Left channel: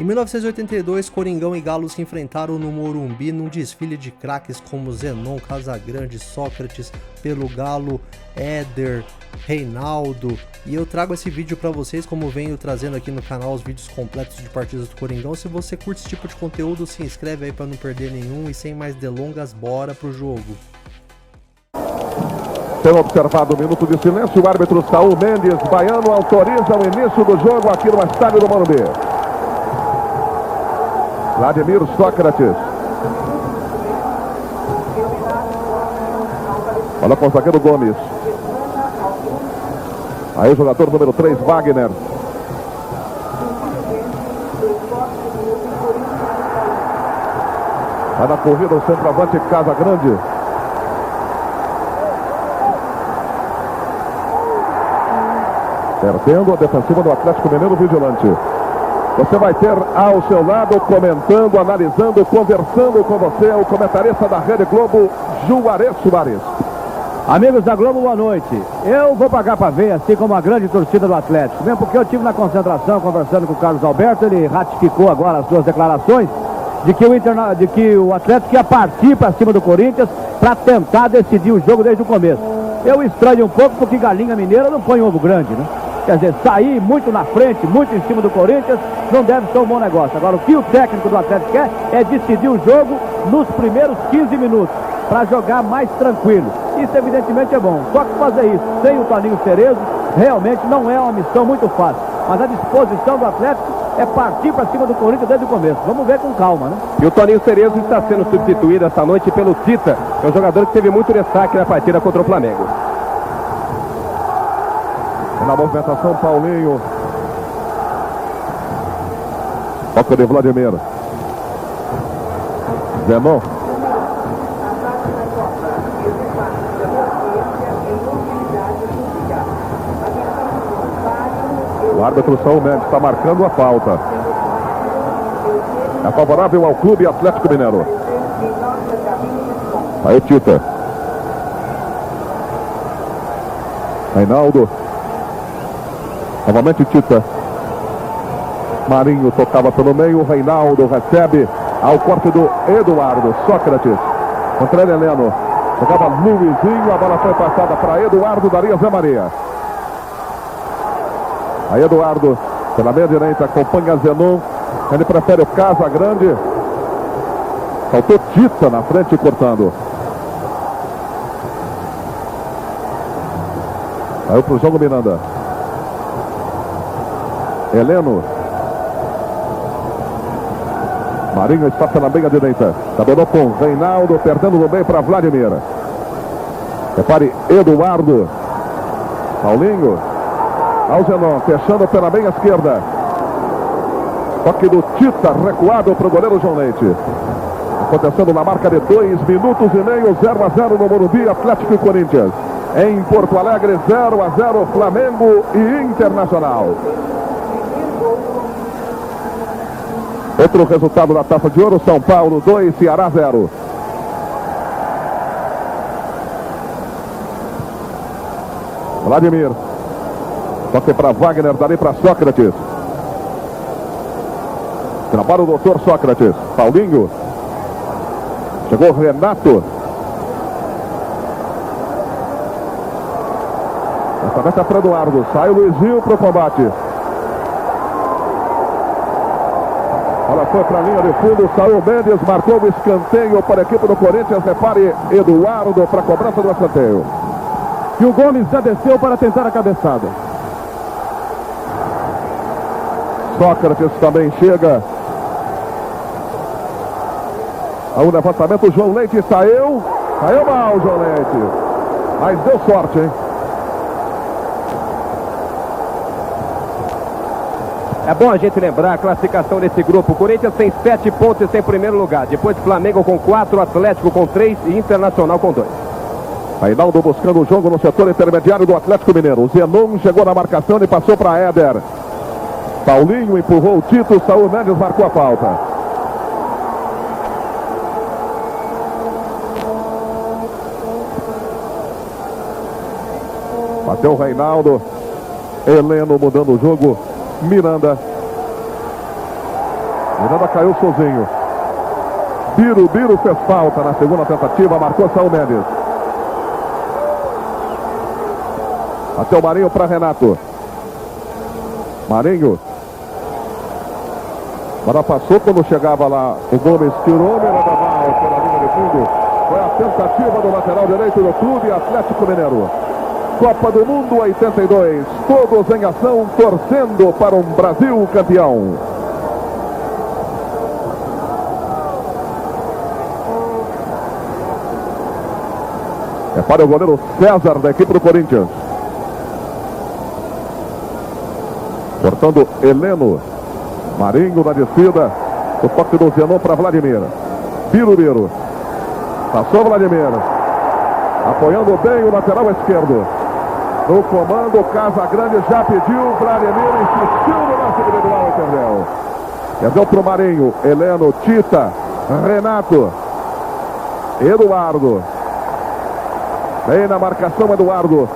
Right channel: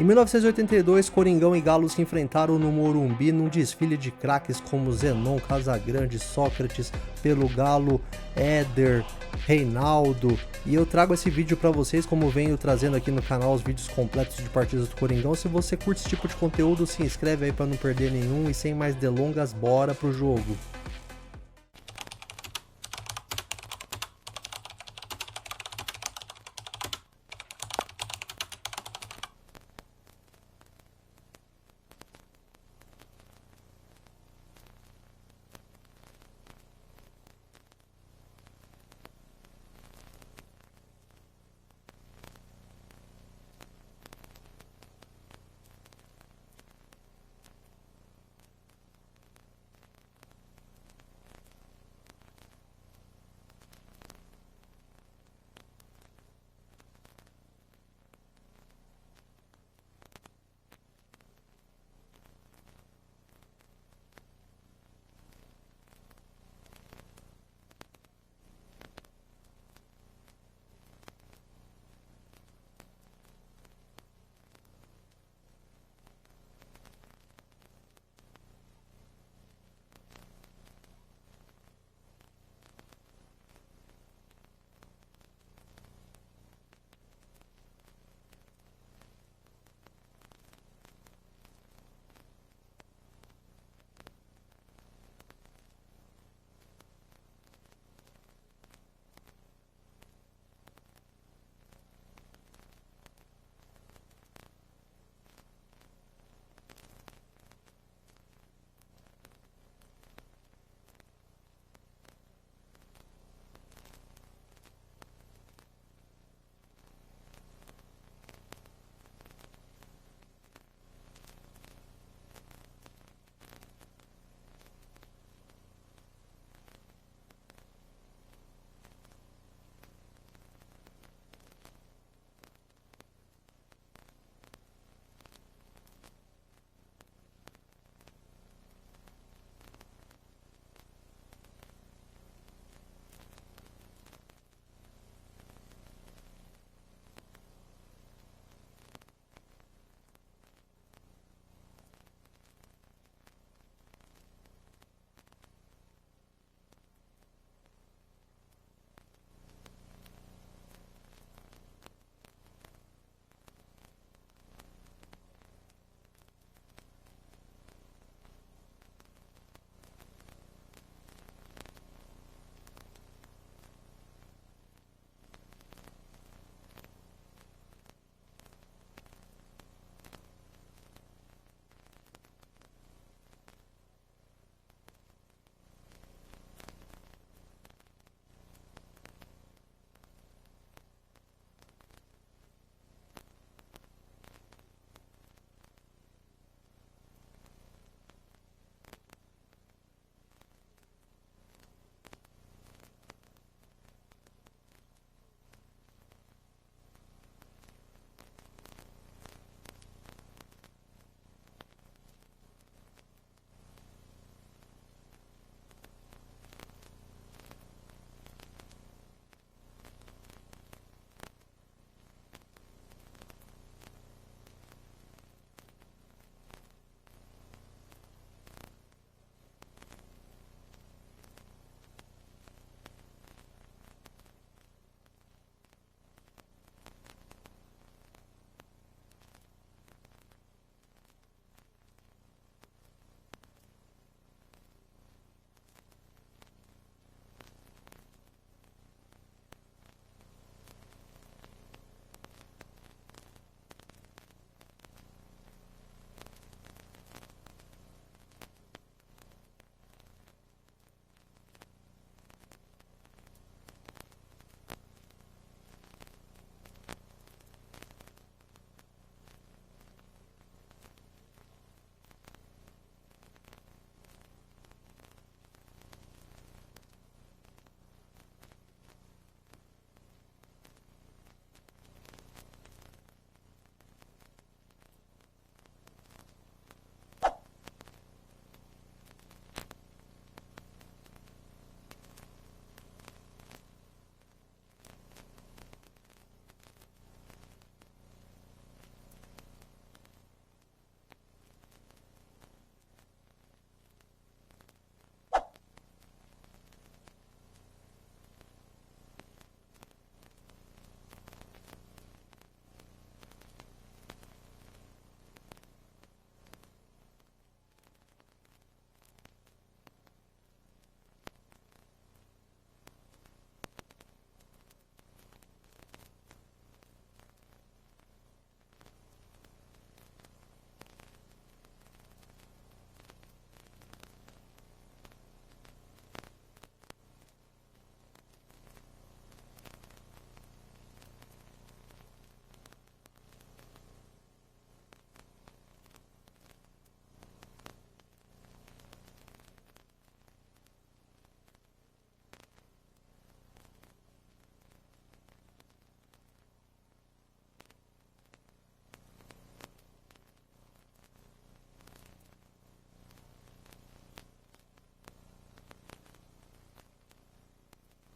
Em 1982, Coringão e Galo se enfrentaram no Morumbi num desfile de craques como Zenon, Casagrande, Sócrates, pelo Galo, Éder, Reinaldo. E eu trago esse vídeo para vocês, como venho trazendo aqui no canal os vídeos completos de partidas do Coringão. Se você curte esse tipo de conteúdo, se inscreve aí para não perder nenhum. E sem mais delongas, bora pro jogo. Tem observado um minuto de silêncio, o árbitro Saul Mendes Baiano autoriza o início do jogo aqui no estádio do Morumbi. Vladimir Sócrates. Olha com o zagueiro Gomes. Aí o jogador número 3, Wagner. Vai na corrida o centroavante Casagrande. Perdendo a defensiva do Atlético Mineiro Vigilante. Você vai ter ao seu lado, comentando, analisando, conversando com você, o comentarista da Rede Globo, Juarez Soares. Amigos da Globo, boa noite. Eu vou pagar para ver, assim como a grande torcida do Atlético, mesmo porque eu estive na concentração conversando com o Carlos Alberto, ele ratificou agora as suas declarações de que o Atlético ia partir para cima do Corinthians para tentar decidir o jogo desde o começo. Eu estranho um pouco porque Galinha Mineira não põe ovo grande, né? Quer dizer, sair muito na frente, muito em cima do Corinthians, não deve ser um bom negócio. Agora, o que o técnico do Atlético quer é decidir o jogo nos primeiros 15 minutos, para jogar mais tranquilo. Isso, evidentemente, é bom. Só que fazer isso sem o Toninho Cerezo, realmente não é uma missão muito fácil. Mas a disposição do Atlético é partir para cima do Corinthians desde o começo. Vamos ver com calma, né? E o Toninho Cerezo está sendo substituído esta noite pelo Tita, que é um jogador que teve muito destaque na partida contra o Flamengo. Na movimentação, Paulinho. Toca de Vladimir. Zenon. O árbitro Saul Mendes está marcando a falta. É favorável ao Clube Atlético Mineiro. Aí o Tita. Reinaldo. Novamente Tita. Marinho tocava pelo meio. Reinaldo recebe ao corte do Eduardo. Sócrates contra ele, Heleno. Jogava Luizinho. A bola foi passada para Eduardo. Daria Zé Maria. Aí Eduardo pela meia direita acompanha Zenon. Ele prefere o Casagrande. Faltou Tita na frente cortando. Aí pro jogo Miranda. Heleno. Marinho está pela meia direita. Tabelou com Reinaldo, perdendo no meio para Vladimir. Repare, Eduardo. Paulinho. Alzenon, fechando pela meia esquerda. Toque do Tita, recuado para o goleiro João Leite. Acontecendo na marca de 2 minutos e meio, 0-0 no Morumbi, Atlético e Corinthians. Em Porto Alegre, 0-0, Flamengo e Internacional. Outro resultado da Taça de Ouro, São Paulo 2, Ceará 0. Vladimir. Toque para Wagner, dali para Sócrates. Trabalha o doutor Sócrates. Paulinho. Chegou Renato. Essa meta para Eduardo. Sai o Luizinho para o combate. Ela foi para a linha de fundo, Saul Mendes marcou o escanteio para a equipe do Corinthians. Repare, Eduardo para a cobrança do escanteio. E o Gomes já desceu para tentar a cabeçada. Sócrates também chega. Ao levantamento, o João Leite saiu. Saiu mal, João Leite. Mas deu sorte, hein? É bom a gente lembrar a classificação desse grupo. O Corinthians tem 7 pontos em primeiro lugar. Depois Flamengo com 4, Atlético com 3 e Internacional com 2. Reinaldo buscando o jogo no setor intermediário do Atlético Mineiro. O Zenon chegou na marcação e passou para Éder. Paulinho empurrou o Tito. Saul Mendes marcou a falta. Bateu o Reinaldo. Heleno mudando o jogo. Miranda. Miranda caiu sozinho. Birubiru fez falta na segunda tentativa, marcou Saul Mendes. Até o Marinho para Renato. Marinho. Agora passou quando chegava lá o Gomes, tirou Miranda mal pela linha de fundo. Foi a tentativa do lateral direito do Clube Atlético Mineiro. Copa do Mundo 82, todos em ação, torcendo para um Brasil campeão. É para o goleiro César da equipe do Corinthians. Cortando Heleno. Marinho na descida. O toque do Zenon para Vladimir. Birubiru. Passou Vladimir. Apoiando bem o lateral esquerdo. No comando, Casagrande já pediu. Vladimir insistiu no lance individual e perdeu. Perdeu para o Marinho. Heleno, Tita, Renato, Eduardo. Vem na marcação Eduardo.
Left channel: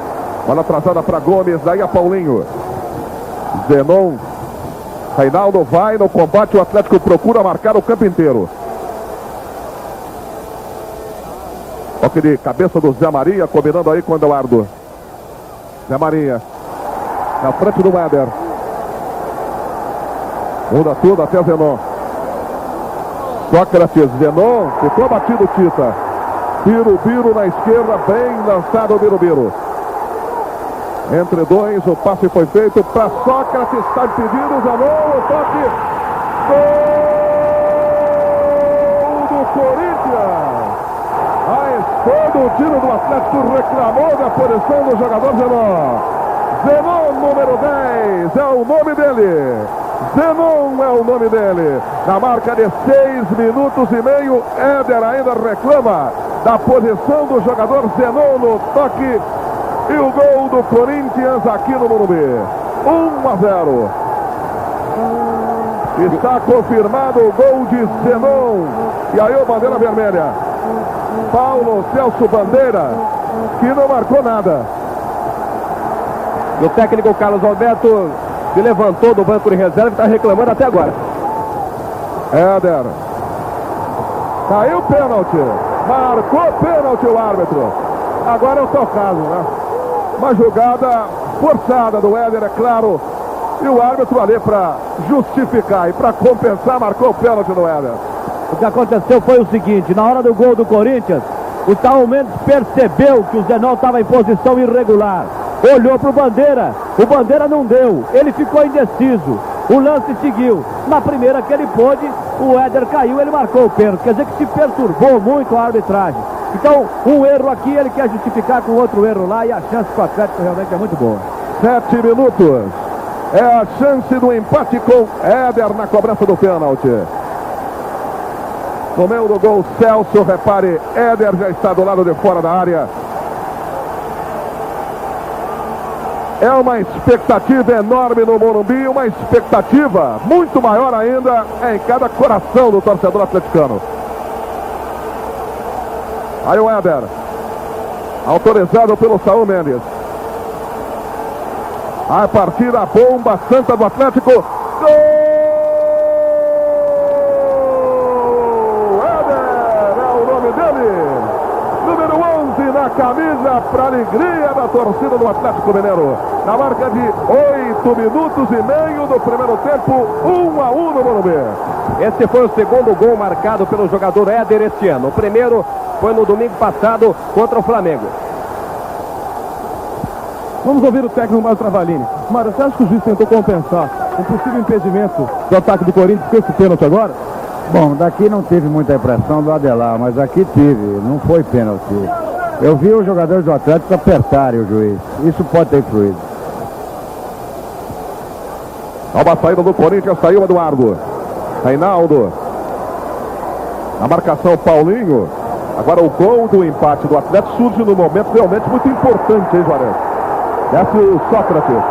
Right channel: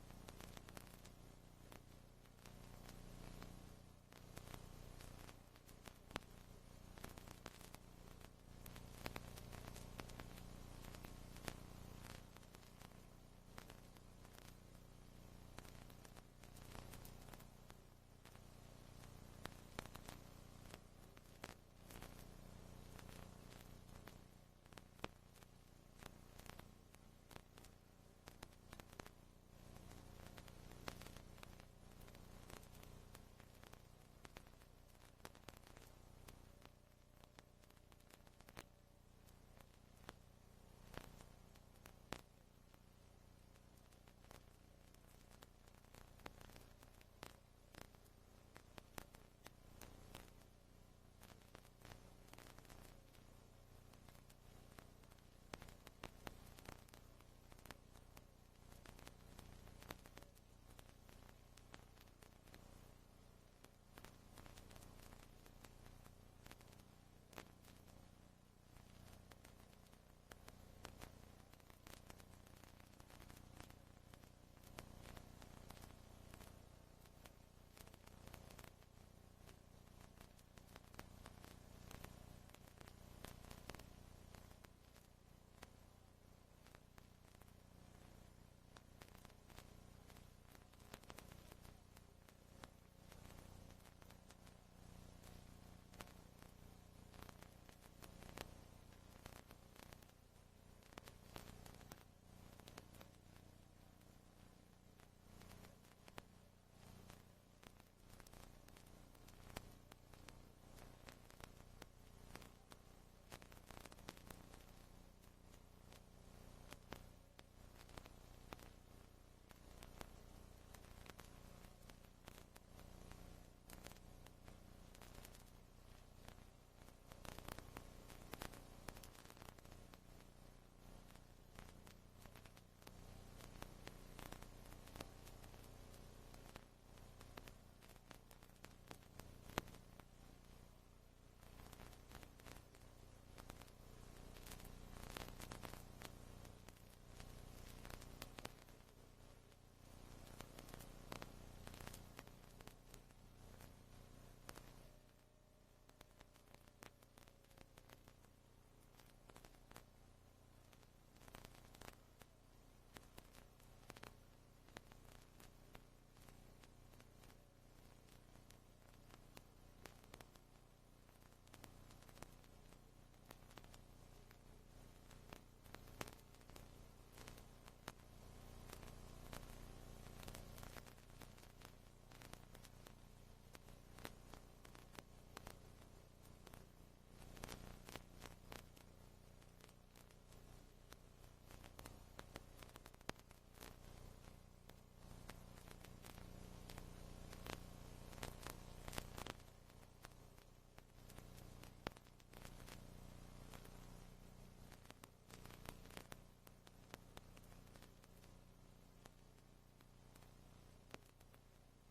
Bola atrasada para Gomes. Daí a Paulinho. Zenon. Reinaldo vai no combate. O Atlético procura marcar o campo inteiro. Toque de cabeça do Zé Maria. Combinando aí com o Eduardo. Zé Maria. Na frente do Éder. Muda tudo até Zenon. Sócrates. Zenon. Ficou batido Tita. Birubiru na esquerda, bem lançado o Birubiru. Entre dois, o passe foi feito para Sócrates, está impedido, Zanon, o toque. Gol do Corinthians. A esquerda, o tiro do Atlético reclamou da posição do jogador Zenon. Zenon, número 10, é o nome dele. Zenon é o nome dele. Na marca de 6 minutos e meio, Éder ainda reclama da posição do jogador Zenon no toque. E o gol do Corinthians aqui no Morumbi. 1-0. Está confirmado o gol de Zenon. E aí o bandeira vermelha. Paulo Celso Bandeira, que não marcou nada. O técnico Carlos Alberto se levantou do banco de reserva e está reclamando até agora. Éder. Caiu o pênalti. Marcou pênalti o árbitro. Agora é o seu caso, né? Uma jogada forçada do Éder, é claro. E o árbitro ali para justificar e para compensar marcou o pênalti no Éder. O que aconteceu foi o seguinte: na hora do gol do Corinthians, o Saul Mendes percebeu que o Zenon estava em posição irregular. Olhou para o Bandeira não deu, ele ficou indeciso. O lance seguiu. Na primeira que ele pôde, o Éder caiu, ele marcou o pênalti. Quer dizer que se perturbou muito a arbitragem. Então, um erro aqui, ele quer justificar com outro erro lá, e a chance para o Atlético realmente é muito boa. 7 minutos. É a chance do empate com Éder na cobrança do pênalti. No meio do gol, Celso, repare, Éder já está do lado de fora da área. É uma expectativa enorme no Morumbi, uma expectativa muito maior ainda em cada coração do torcedor atleticano. Aí o Éder, autorizado pelo Saul Mendes. A partir da bomba santa do Atlético. Gol! Éder é o nome dele. Número 11 na camisa, para alegria da torcida do Atlético Mineiro. Na marca de 8 minutos e meio do primeiro tempo, 1-1 no Morumbi. Esse foi o segundo gol marcado pelo jogador Éder este ano. O primeiro foi no domingo passado contra o Flamengo. Vamos ouvir o técnico Mário Travalini. Mário, você acha que o juiz tentou compensar um possível impedimento do ataque do Corinthians com esse pênalti agora? Bom, daqui não teve muita impressão do Adelar, mas aqui teve, não foi pênalti. Eu vi os jogadores do Atlético apertarem o juiz. Isso pode ter influído. Nova saída do Corinthians, saiu Eduardo. Reinaldo. Na marcação, Paulinho. Agora o gol do empate do Atlético surge num momento realmente muito importante, hein, Juarez? Desce o Sócrates.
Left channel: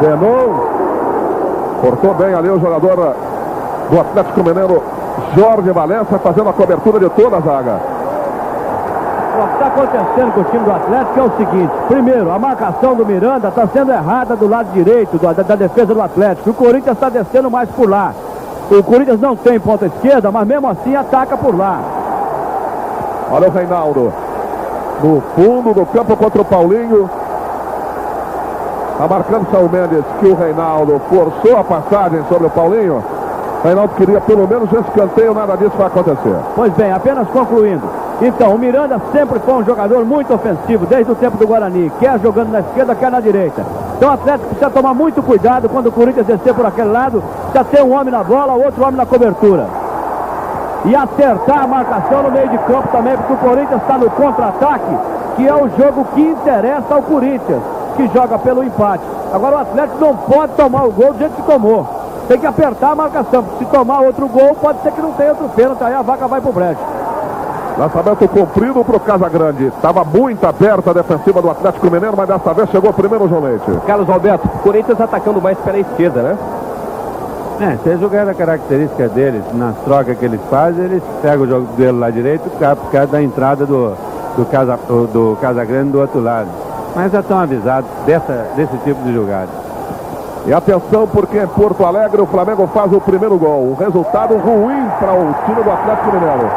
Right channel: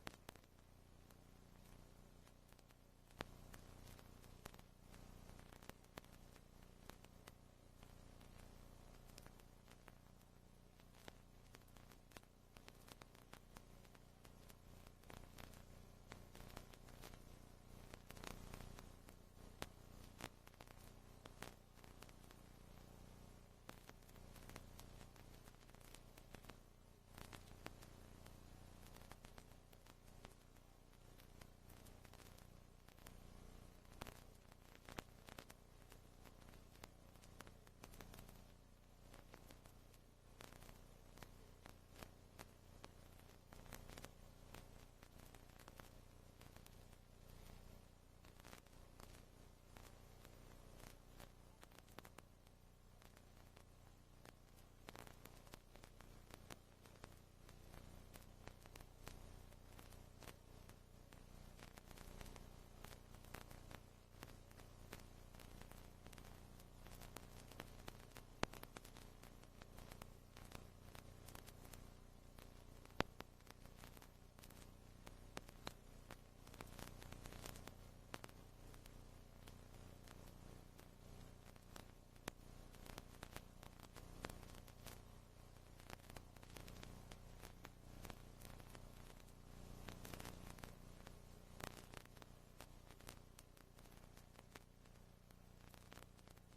Zenon. Cortou bem ali o jogador do Atlético Mineiro, Jorge Valença, fazendo a cobertura de toda a zaga. o que está acontecendo com o time do Atlético é o seguinte. Primeiro, a marcação do Miranda está sendo errada do lado direito da defesa do Atlético. O Corinthians está descendo mais por lá. O Corinthians não tem ponta esquerda, mas mesmo assim ataca por lá. Olha o Reinaldo. No fundo do campo contra o Paulinho. Está marcando o Saul Mendes que o Reinaldo forçou a passagem sobre o Paulinho. O Reinaldo queria pelo menos esse escanteio, nada disso vai acontecer. Pois bem, apenas concluindo. Então, o Miranda sempre foi um jogador muito ofensivo, desde o tempo do Guarani. Quer jogando na esquerda, quer na direita. Então o Atlético precisa tomar muito cuidado quando o Corinthians descer por aquele lado. Precisa ter um homem na bola, outro homem na cobertura. E acertar a marcação no meio de campo também, porque o Corinthians está no contra-ataque, que é o jogo que interessa ao Corinthians, que joga pelo empate. Agora o Atlético não pode tomar o gol do jeito que tomou. Tem que apertar a marcação, porque se tomar outro gol, pode ser que não tenha outro pênalti, aí a vaca vai pro brejo. Lançamento comprido para o Casagrande. Estava muito aberta a defensiva do Atlético Mineiro, mas dessa vez chegou primeiro o João Leite. Carlos Alberto, o Corinthians atacando mais pela esquerda, né? Se eles jogarem a característica deles, nas trocas que eles fazem, eles pegam o jogo dele lá direito por causa da entrada do Casagrande do outro lado. Mas já estão avisados desse tipo de jogada. E atenção, porque em Porto Alegre o Flamengo faz o primeiro gol. Um resultado ruim para o time do Atlético Mineiro.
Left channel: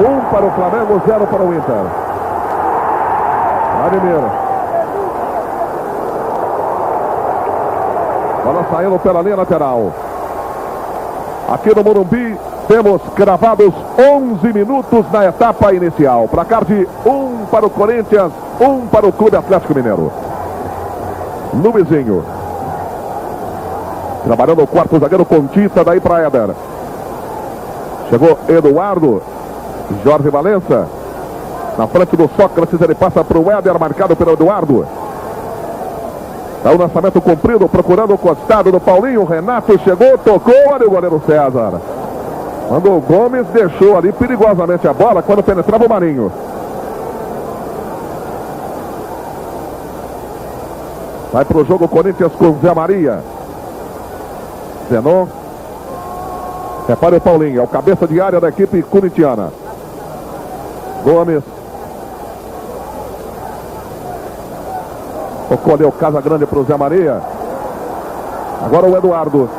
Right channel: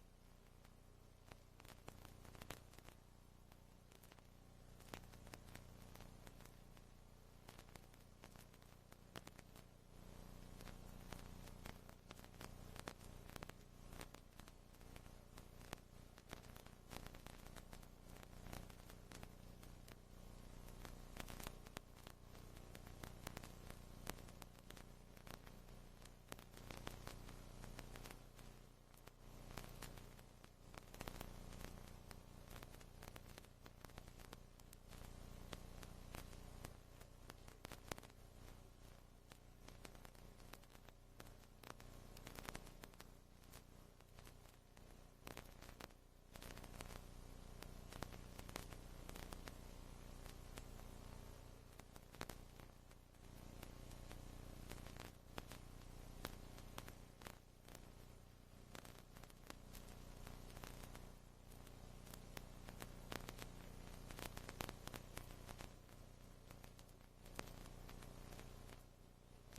1 para o Flamengo, 0 para o Inter. Vladimir. Bola saindo pela linha lateral. Aqui no Morumbi temos cravados 11 minutos na etapa inicial. Placar de 1 para o Corinthians, 1 para o Clube Atlético Mineiro. Luizinho. Trabalhando o quarto zagueiro com Tita, daí para Éder. Chegou Eduardo. Jorge Valença. Na frente do Sócrates, ele passa para o Éder, marcado pelo Eduardo. Dá o lançamento comprido, procurando o costado do Paulinho. Renato chegou, tocou, olha o goleiro César. Quando o Gomes deixou ali perigosamente a bola, quando penetrava o Marinho. Vai para o jogo Corinthians com Zé Maria. Zenon. Repare o Paulinho, é o cabeça de área da equipe corintiana. Gomes. Tocou ali o Casagrande para o Zé Maria. Agora o Eduardo.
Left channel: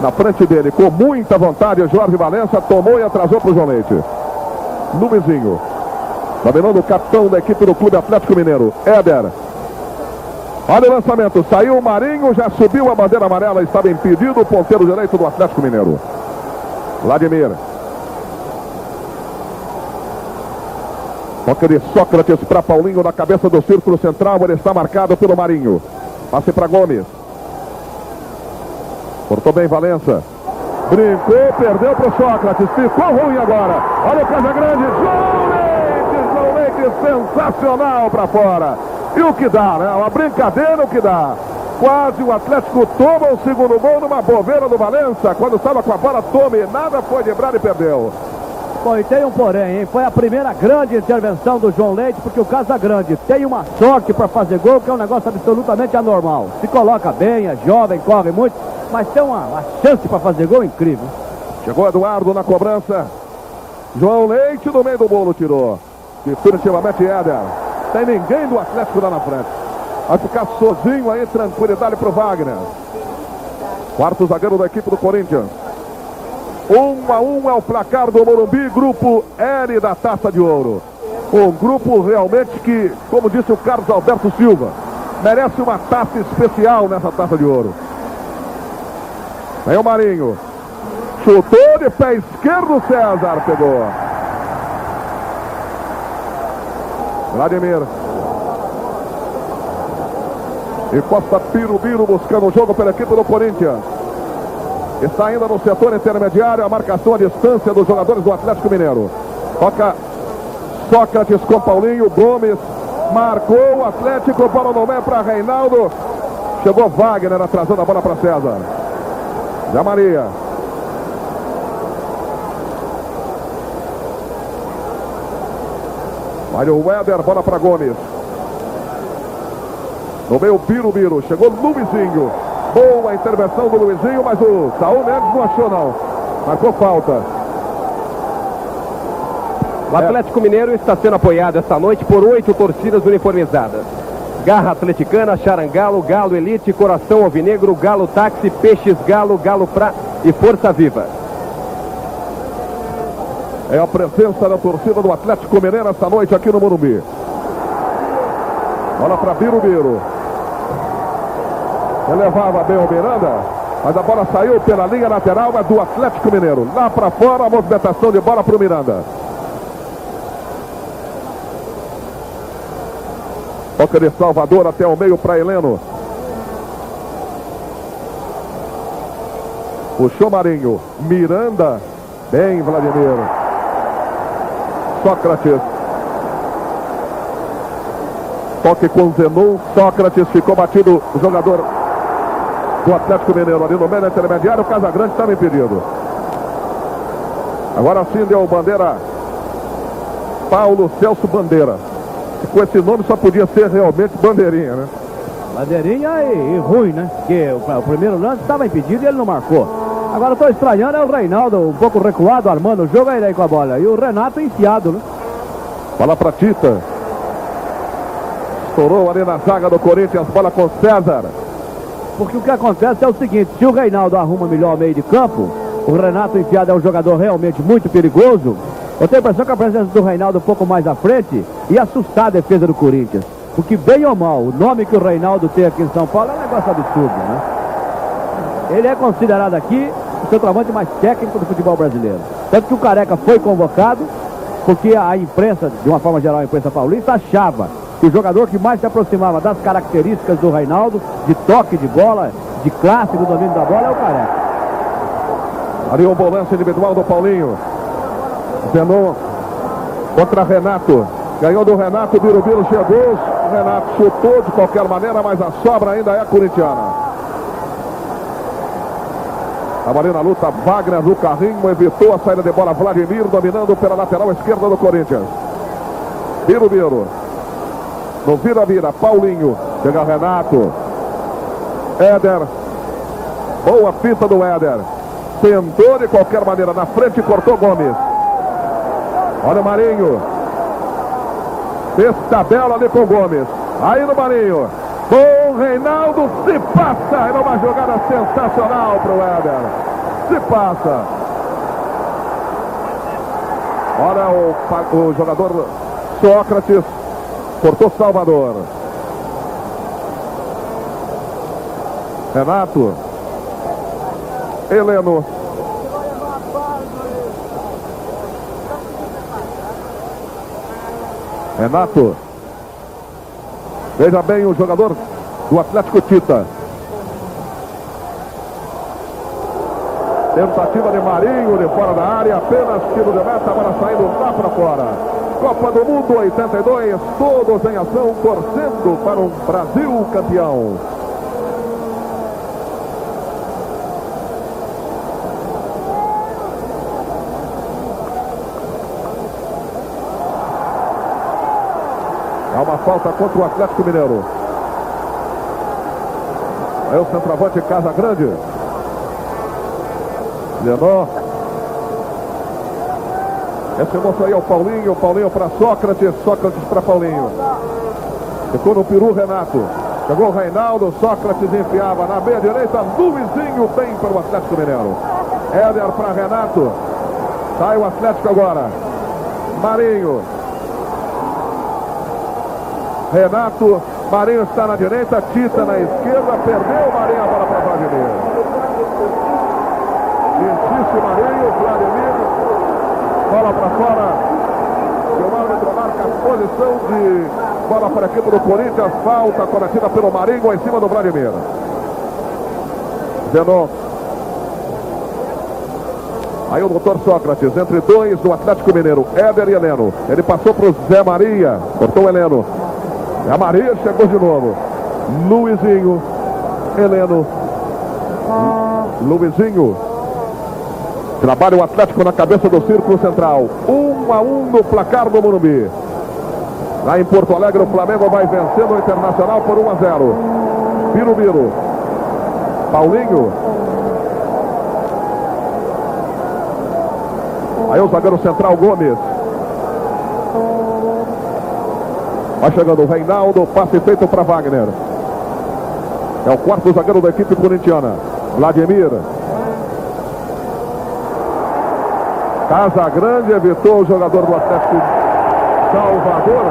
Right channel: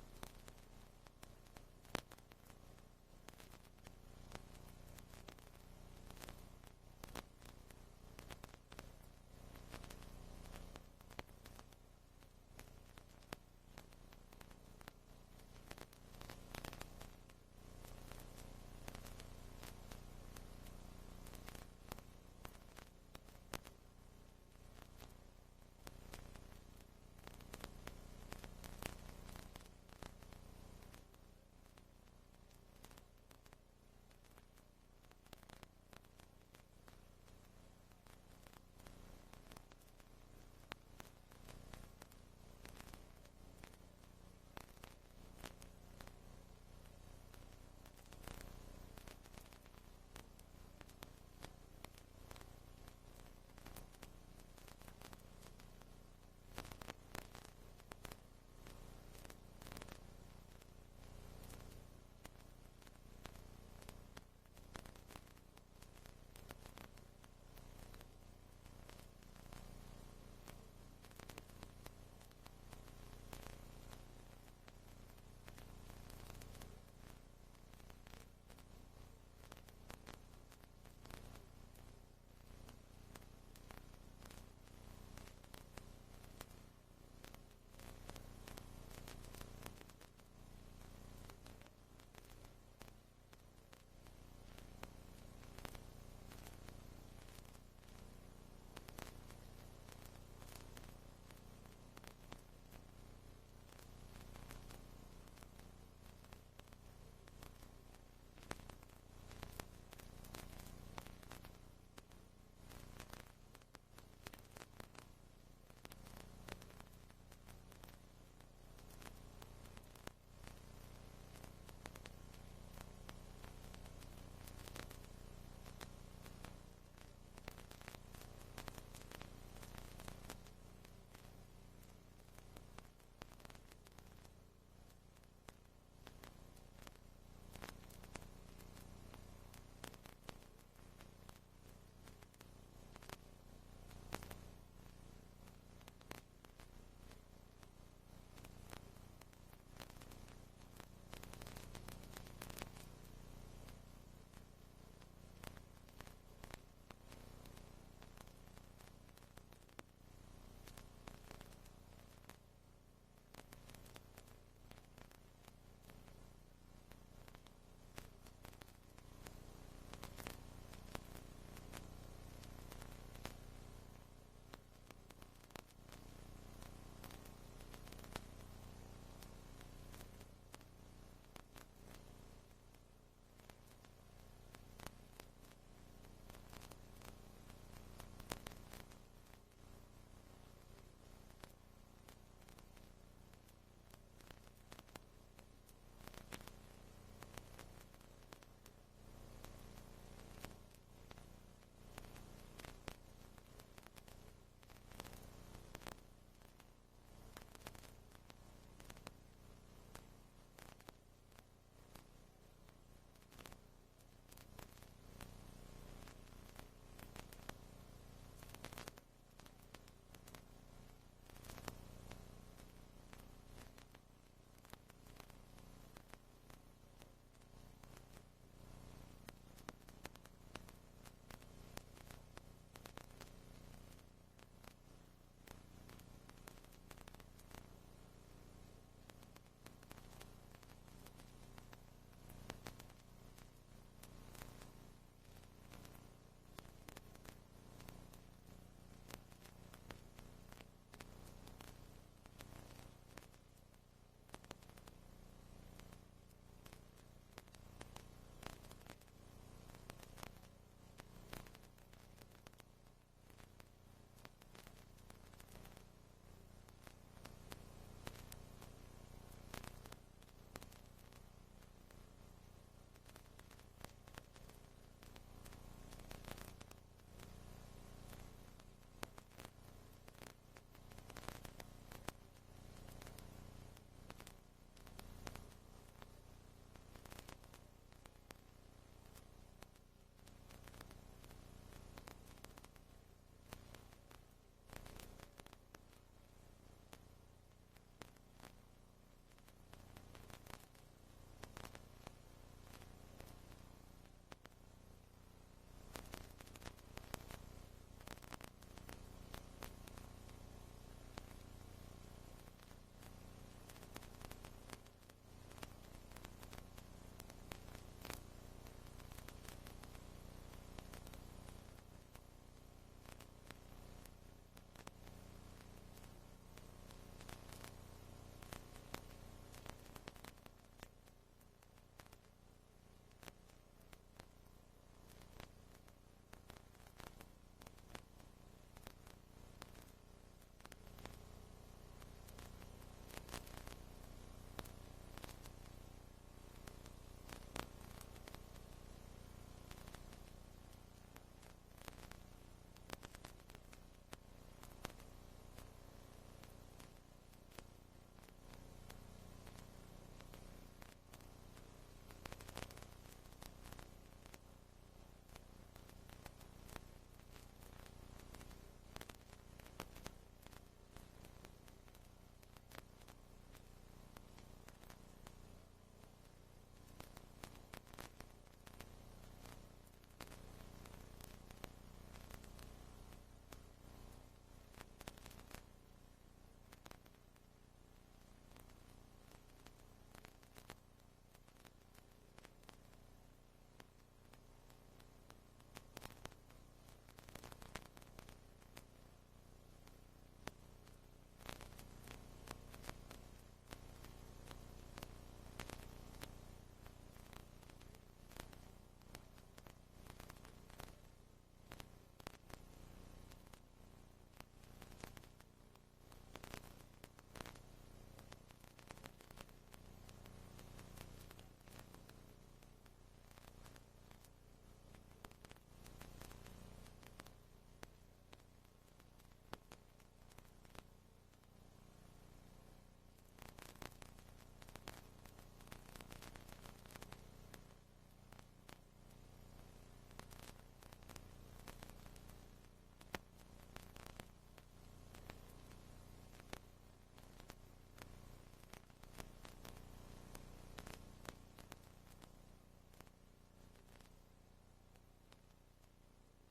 Na frente dele, com muita vontade, o Jorge Valença tomou e atrasou para o João Leite. Luizinho. Dominando o capitão da equipe do Clube Atlético Mineiro. Éder. Olha o lançamento. Saiu o Marinho, já subiu a bandeira amarela. Estava impedido o ponteiro direito do Atlético Mineiro. Vladimir. Toca de Sócrates para Paulinho na cabeça do círculo central. Ele está marcado pelo Marinho. Passe para Gomes. Cortou bem Valença. Brincou, perdeu para o Sócrates. Ficou ruim agora. Olha o Casagrande. João Leite sensacional para fora. E o que dá, né? Uma brincadeira, o que dá. Quase o Atlético toma o segundo gol numa bobeira do Valença. Quando estava com a bola, tome. Nada foi driblar e perdeu. Bom, e tem um porém, hein? Foi a primeira grande intervenção do João Leite, porque o Casagrande tem uma sorte para fazer gol, que é um negócio absolutamente anormal. Se coloca bem, é jovem, corre muito, mas tem uma chance para fazer gol incrível. Chegou Eduardo na cobrança. João Leite no meio do bolo tirou. Definitivamente Éder. Tem ninguém do Atlético lá na frente. Vai ficar sozinho aí, tranquilidade para o Wagner. Quarto zagueiro da equipe do Corinthians. 1-1 é o placar do Morumbi, grupo L da Taça de Ouro. Um grupo realmente que, como disse o Carlos Alberto Silva, merece uma taça especial nessa Taça de Ouro. Vem o Marinho. Chutou de pé esquerdo, César pegou. Vladimir. Encosta Birubiru buscando o jogo pela equipe do Corinthians. Está ainda no setor intermediário, a marcação à distância dos jogadores do Atlético Mineiro. Toca Sócrates com Paulinho. Gomes marcou o Atlético, bola no meio para Reinaldo. Chegou Wagner atrasando a bola para César. Zé Maria. Vai o Éder, bola para Gomes. No meio Birubiru, chegou Luizinho. Boa intervenção do Luizinho, mas o Saul Mendes não achou não. Marcou falta. O Atlético Mineiro está sendo apoiado esta noite por 8 torcidas uniformizadas. Garra Atleticana, Charangalo, Galo Elite, Coração Alvinegro, Galo Táxi, Peixes Galo, Galo Pra e Força Viva. É a presença da torcida do Atlético Mineiro esta noite aqui no Morumbi. Bola para Birubiru. Elevava bem o Miranda, mas a bola saiu pela linha lateral, mas do Atlético Mineiro. Lá para fora, a movimentação de bola para o Miranda. Toca de Salvador até o meio para Heleno. Puxou Marinho. Miranda. Bem, Vladimir. Sócrates. Toque com Zenon. Sócrates ficou batido o jogador do Atlético Mineiro ali no meio intermediário. O Casagrande estava impedido. Agora sim deu bandeira Paulo Celso Bandeira. Com esse nome só podia ser realmente Bandeirinha, né? Bandeirinha e ruim, né? Porque o primeiro lance estava impedido e ele não marcou. Agora eu estou estranhando é o Reinaldo um pouco recuado, armando o jogo aí com a bola. E o Renato enfiado, né? Bola para Tita. Estourou ali na zaga do Corinthians, bola com César. Porque o que acontece é o seguinte, se o Reinaldo arruma melhor o meio de campo, o Renato enfiado é um jogador realmente muito perigoso. Eu tenho a impressão que a presença do Reinaldo um pouco mais à frente ia assustar a defesa do Corinthians. Porque bem ou mal, o nome que o Reinaldo tem aqui em São Paulo é um negócio absurdo, né? Ele é considerado aqui o centroavante mais técnico do futebol brasileiro. Tanto que o Careca foi convocado, porque a imprensa, de uma forma geral a imprensa paulista, achava que o jogador que mais se aproximava das características do Reinaldo, de toque de bola, de classe do domínio da bola, é o Careca. Ali o volante individual do Paulinho. Zenon contra Renato. Ganhou do Renato, Birubiru chegou. O Renato chutou de qualquer maneira, mas a sobra ainda é corintiana. Estava ali na luta, Wagner no carrinho, evitou a saída de bola. Vladimir dominando pela lateral esquerda do Corinthians. Birubiru. No vira-vira, Paulinho. Chega Renato. Éder. Boa fita do Éder. Tentou de qualquer maneira na frente e cortou Gomes. Olha o Marinho. Fez tabela ali com o Gomes. Aí no Marinho. Bom, Reinaldo se passa. É uma jogada sensacional para o Éder. Se passa. Olha o jogador Sócrates. Cortou Salvador. Renato. Heleno. Renato. Veja bem o jogador do Atlético, Tita. Tentativa de Marinho de fora da área. Apenas tiro de meta. Agora saindo lá para fora. Copa do Mundo 82. Todos em ação, torcendo para um Brasil campeão. Há uma falta contra o Atlético Mineiro. Aí o centroavante Casagrande. Lenó. Esse moço aí é o Paulinho. O Paulinho para Sócrates. Sócrates para Paulinho. Ficou no peru Renato. Chegou o Reinaldo. Sócrates enfiava na meia direita. Luizinho bem para o Atlético Mineiro. Éder para Renato. Sai o Atlético agora. Marinho. Renato, Marinho está na direita, Tita na esquerda, perdeu Marinho, a bola para Vladimir. Insiste Marinho, Vladimir, bola para fora. O árbitro marca a posição de bola para a equipe do Corinthians, falta cometida pelo Marinho em cima do Vladimir. Zenon. Aí o doutor Sócrates, entre dois do Atlético Mineiro, Éder e Heleno. Ele passou para o Zé Maria, cortou o Heleno. A Maria chegou de novo. Luizinho. Heleno. Luizinho. Trabalha o Atlético na cabeça do círculo central. 1-1 no placar do Morumbi. Lá em Porto Alegre o Flamengo vai vencendo o Internacional por 1-0. Birubiru. Paulinho. Aí o zagueiro central Gomes. Vai chegando o Reinaldo, passe feito para Wagner. É o quarto zagueiro da equipe corintiana. Vladimir. Casagrande evitou o jogador do Atlético Salvador.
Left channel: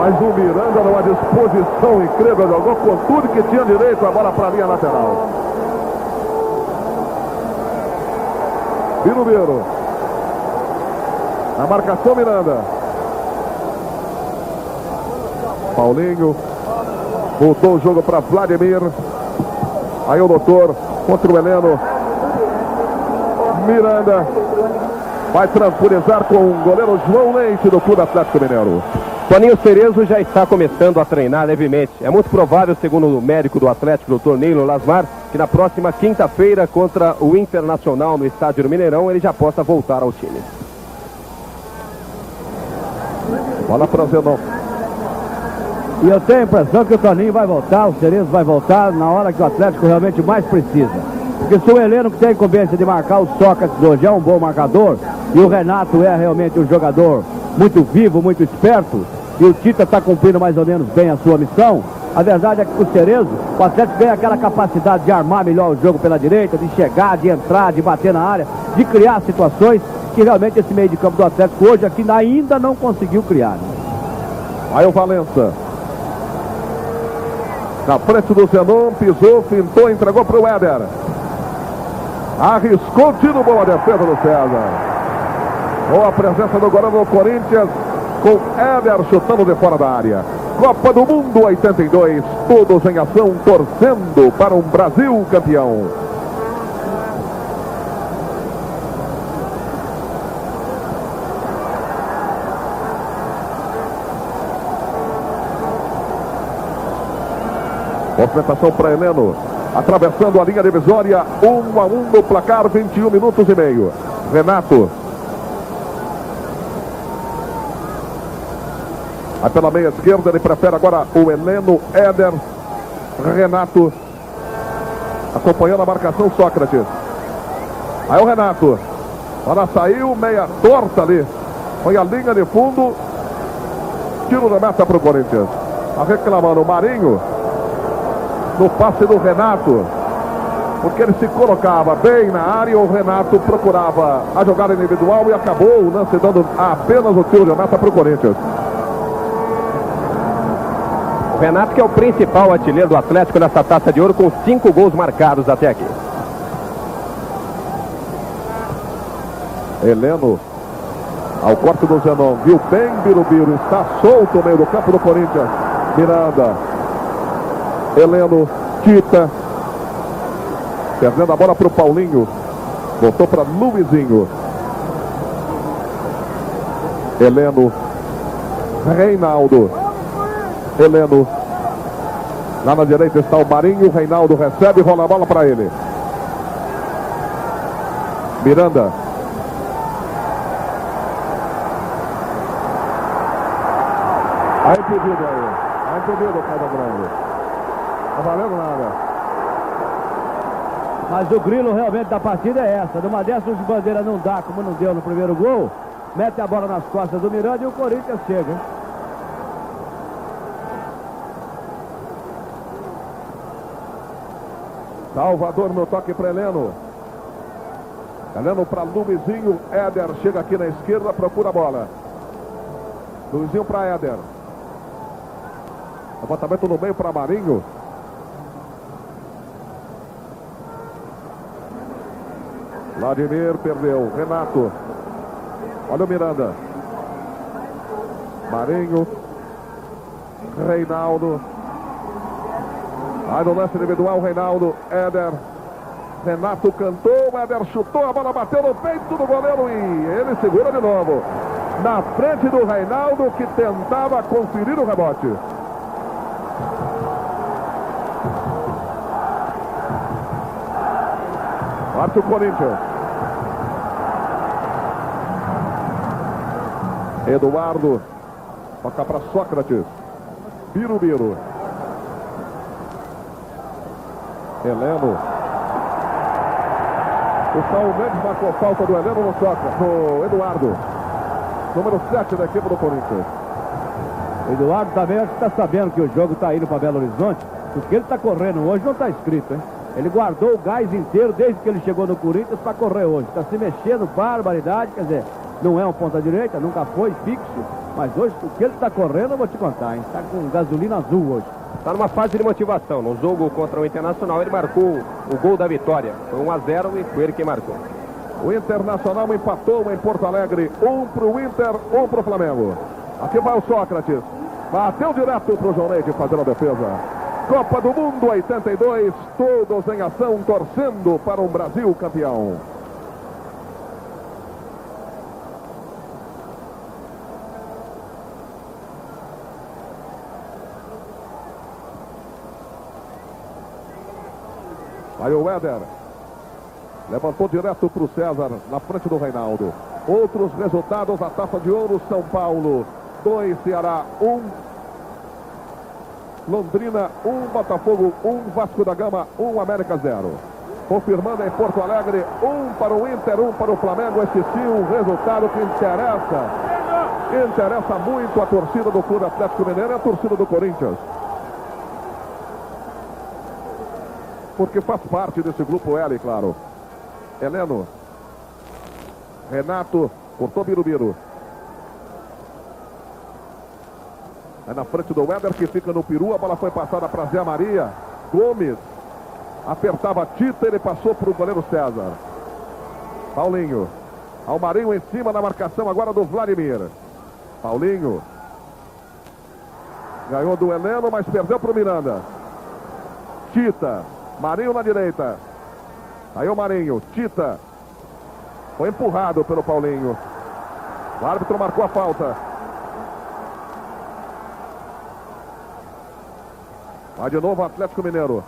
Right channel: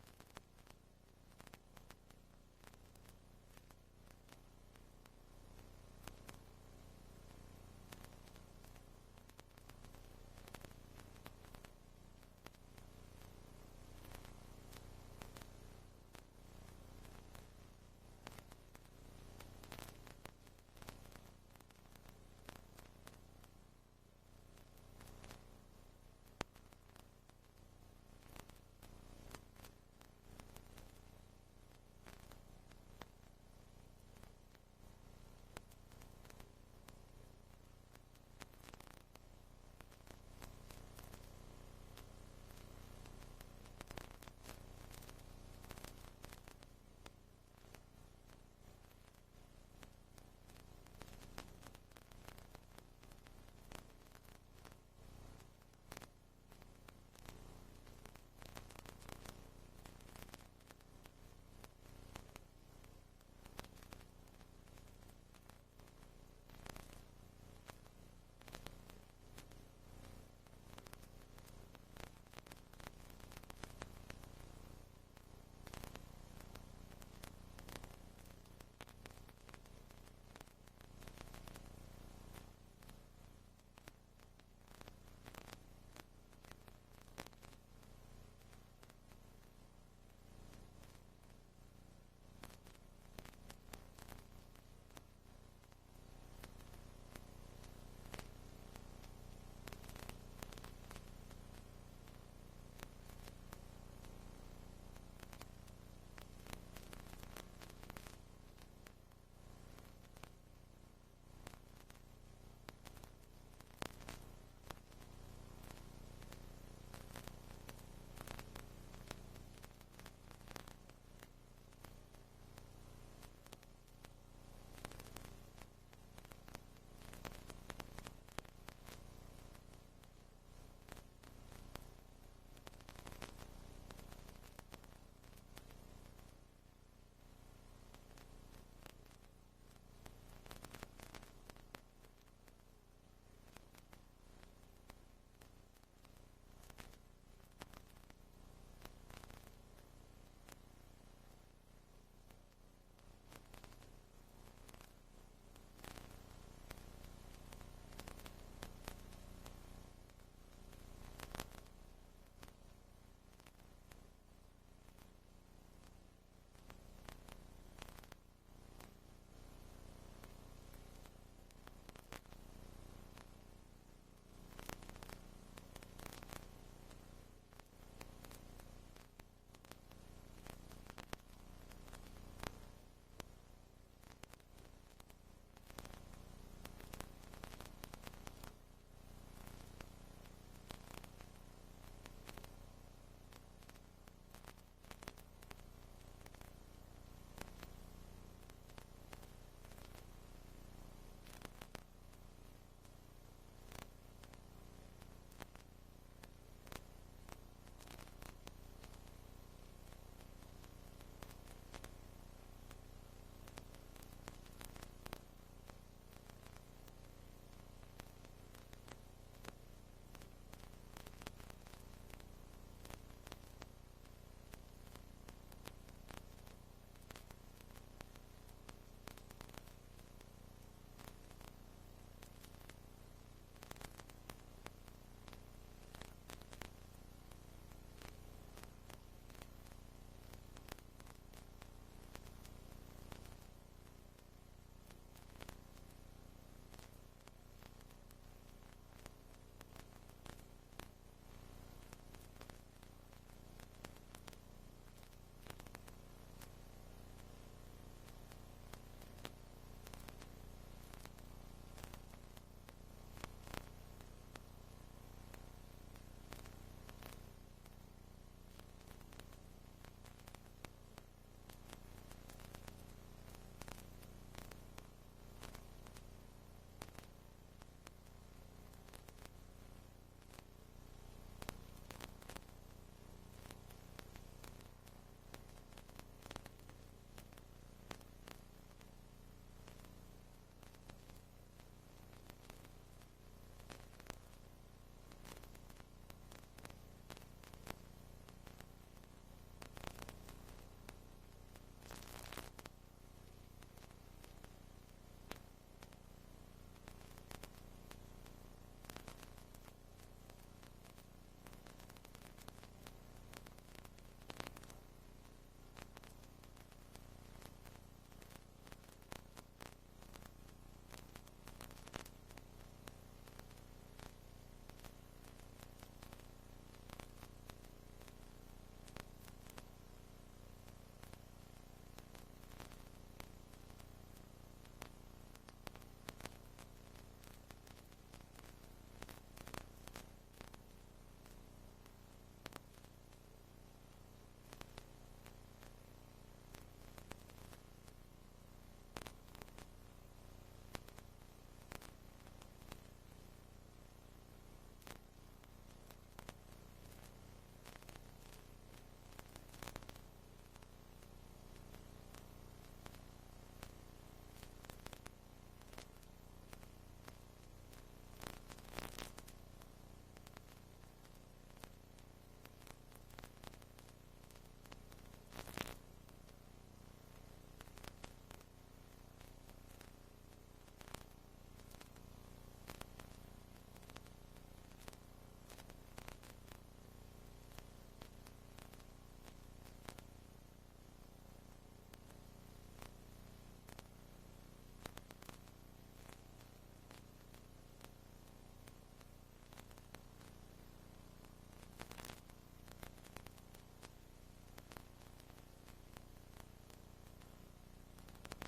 Mas o Miranda numa disposição incrível, jogou com tudo que tinha direito, a bola para a linha lateral. Birubiru. Na marcação, Miranda. Paulinho. Voltou o jogo para Vladimir. Aí o doutor contra o Heleno. Miranda vai tranquilizar com o goleiro João Leite do Clube Atlético Mineiro. Toninho Cerezo já está começando a treinar levemente. É muito provável, segundo o médico do Atlético, Dr. Neilo Lasmar, que na próxima quinta-feira contra o Internacional no estádio do Mineirão, ele já possa voltar ao time. Bola para Zenon. E eu tenho a impressão que o Toninho vai voltar, o Cerezo vai voltar na hora que o Atlético realmente mais precisa. Porque se o Heleno, que tem a incumbência de marcar o Sócrates hoje, é um bom marcador, e o Renato é realmente um jogador muito vivo, muito esperto, e o Tita está cumprindo mais ou menos bem a sua missão, a verdade é que com o Cerezo, o Atlético tem aquela capacidade de armar melhor o jogo pela direita, de chegar, de entrar, de bater na área, de criar situações que realmente esse meio de campo do Atlético hoje aqui ainda não conseguiu criar. Aí o Valença. Na frente do Zenon, pisou, fintou, entregou para o Éder. Arriscou o tiro, boa defesa do César. Boa presença do goleiro do Corinthians, com Éder chutando de fora da área. Copa do Mundo 82, todos em ação, torcendo para um Brasil campeão. Movimentação para Heleno. Atravessando a linha divisória, 1-1 no placar, 21 minutos e meio. Renato. Aí pela meia esquerda, ele prefere agora o Heleno, Éder, Renato. Acompanhando a marcação, Sócrates. Aí o Renato. Ela saiu, meia torta ali. Foi a linha de fundo. Tiro da meta para o Corinthians. Tá reclamando o Marinho. No passe do Renato, porque ele se colocava bem na área, o Renato procurava a jogada individual e acabou o lance dando apenas o tiro de meta para o Corinthians. O Renato, que é o principal artilheiro do Atlético nessa Taça de Ouro, com 5 gols marcados até aqui. Heleno, ao corte do Zenon, viu bem Birubiru, está solto no meio do campo do Corinthians. Miranda. Heleno, Tita, perdendo a bola para o Paulinho, voltou para Luizinho. Heleno, Reinaldo, Heleno, lá na direita está o Marinho, Reinaldo recebe, rola a bola para ele. Miranda. Aí impedido aí, impedido, Casagrande. Não valendo nada. Mas o grilo realmente da partida é essa. Numa dessas de bandeira não dá, como não deu no primeiro gol. Mete a bola nas costas do Miranda e o Corinthians chega. Salvador no toque para Heleno. Heleno para Luizinho. Éder chega aqui na esquerda, procura a bola. Luizinho para Éder. Levantamento no meio para Marinho. Vladimir perdeu. Renato. Olha o Miranda. Marinho. Reinaldo. Aí no lance individual, Reinaldo. Éder. Renato cantou. Éder chutou. A bola bateu no peito do goleiro e ele segura de novo. Na frente do Reinaldo, que tentava conferir o rebote. Parte o Corinthians. Eduardo. Toca para Sócrates. Birubiru. Heleno. O Saul Mendes marcou falta do Heleno no Sócrates. No Eduardo. Número 7 da equipe do Corinthians. O Eduardo também acho que está sabendo que o jogo está indo para Belo Horizonte. O que ele está correndo hoje não está escrito, hein? Ele guardou o gás inteiro desde que ele chegou no Corinthians para correr hoje. Está se mexendo, barbaridade, quer dizer, não é um ponta-direita, nunca foi fixo. Mas hoje, o que ele está correndo, eu vou te contar, hein? Está com gasolina azul hoje. Está numa fase de motivação. No jogo contra o Internacional, ele marcou o gol da vitória. Foi 1-0 e foi ele quem marcou. O Internacional empatou em Porto Alegre. 1 para o Inter, 1 para o Flamengo. Aqui vai o Sócrates. Bateu direto para o João Neide fazer a defesa. Copa do Mundo 82, todos em ação, torcendo para um Brasil campeão. Aí o Éder levantou direto para o César, na frente do Reinaldo. Outros resultados, a Taça de Ouro, São Paulo 2, Ceará 1. Londrina 1, Botafogo 1, Vasco da Gama 1, América 0. Confirmando em Porto Alegre, 1 para o Inter, 1 para o Flamengo. Esse sim um resultado que interessa muito a torcida do Clube Atlético Mineiro e a torcida do Corinthians. Porque faz parte desse grupo L, claro. Heleno. Renato, cortou Birubiru. É na frente do Éder, que fica no peru. A bola foi passada para Zé Maria. Gomes apertava Tita, ele passou para o goleiro César. Paulinho. Almarinho em cima na marcação agora do Vladimir. Paulinho. Ganhou do Heleno, mas perdeu para o Miranda. Tita. Marinho na direita. Aí o Marinho. Tita. Foi empurrado pelo Paulinho. O árbitro marcou a falta. Vai de novo o Atlético Mineiro.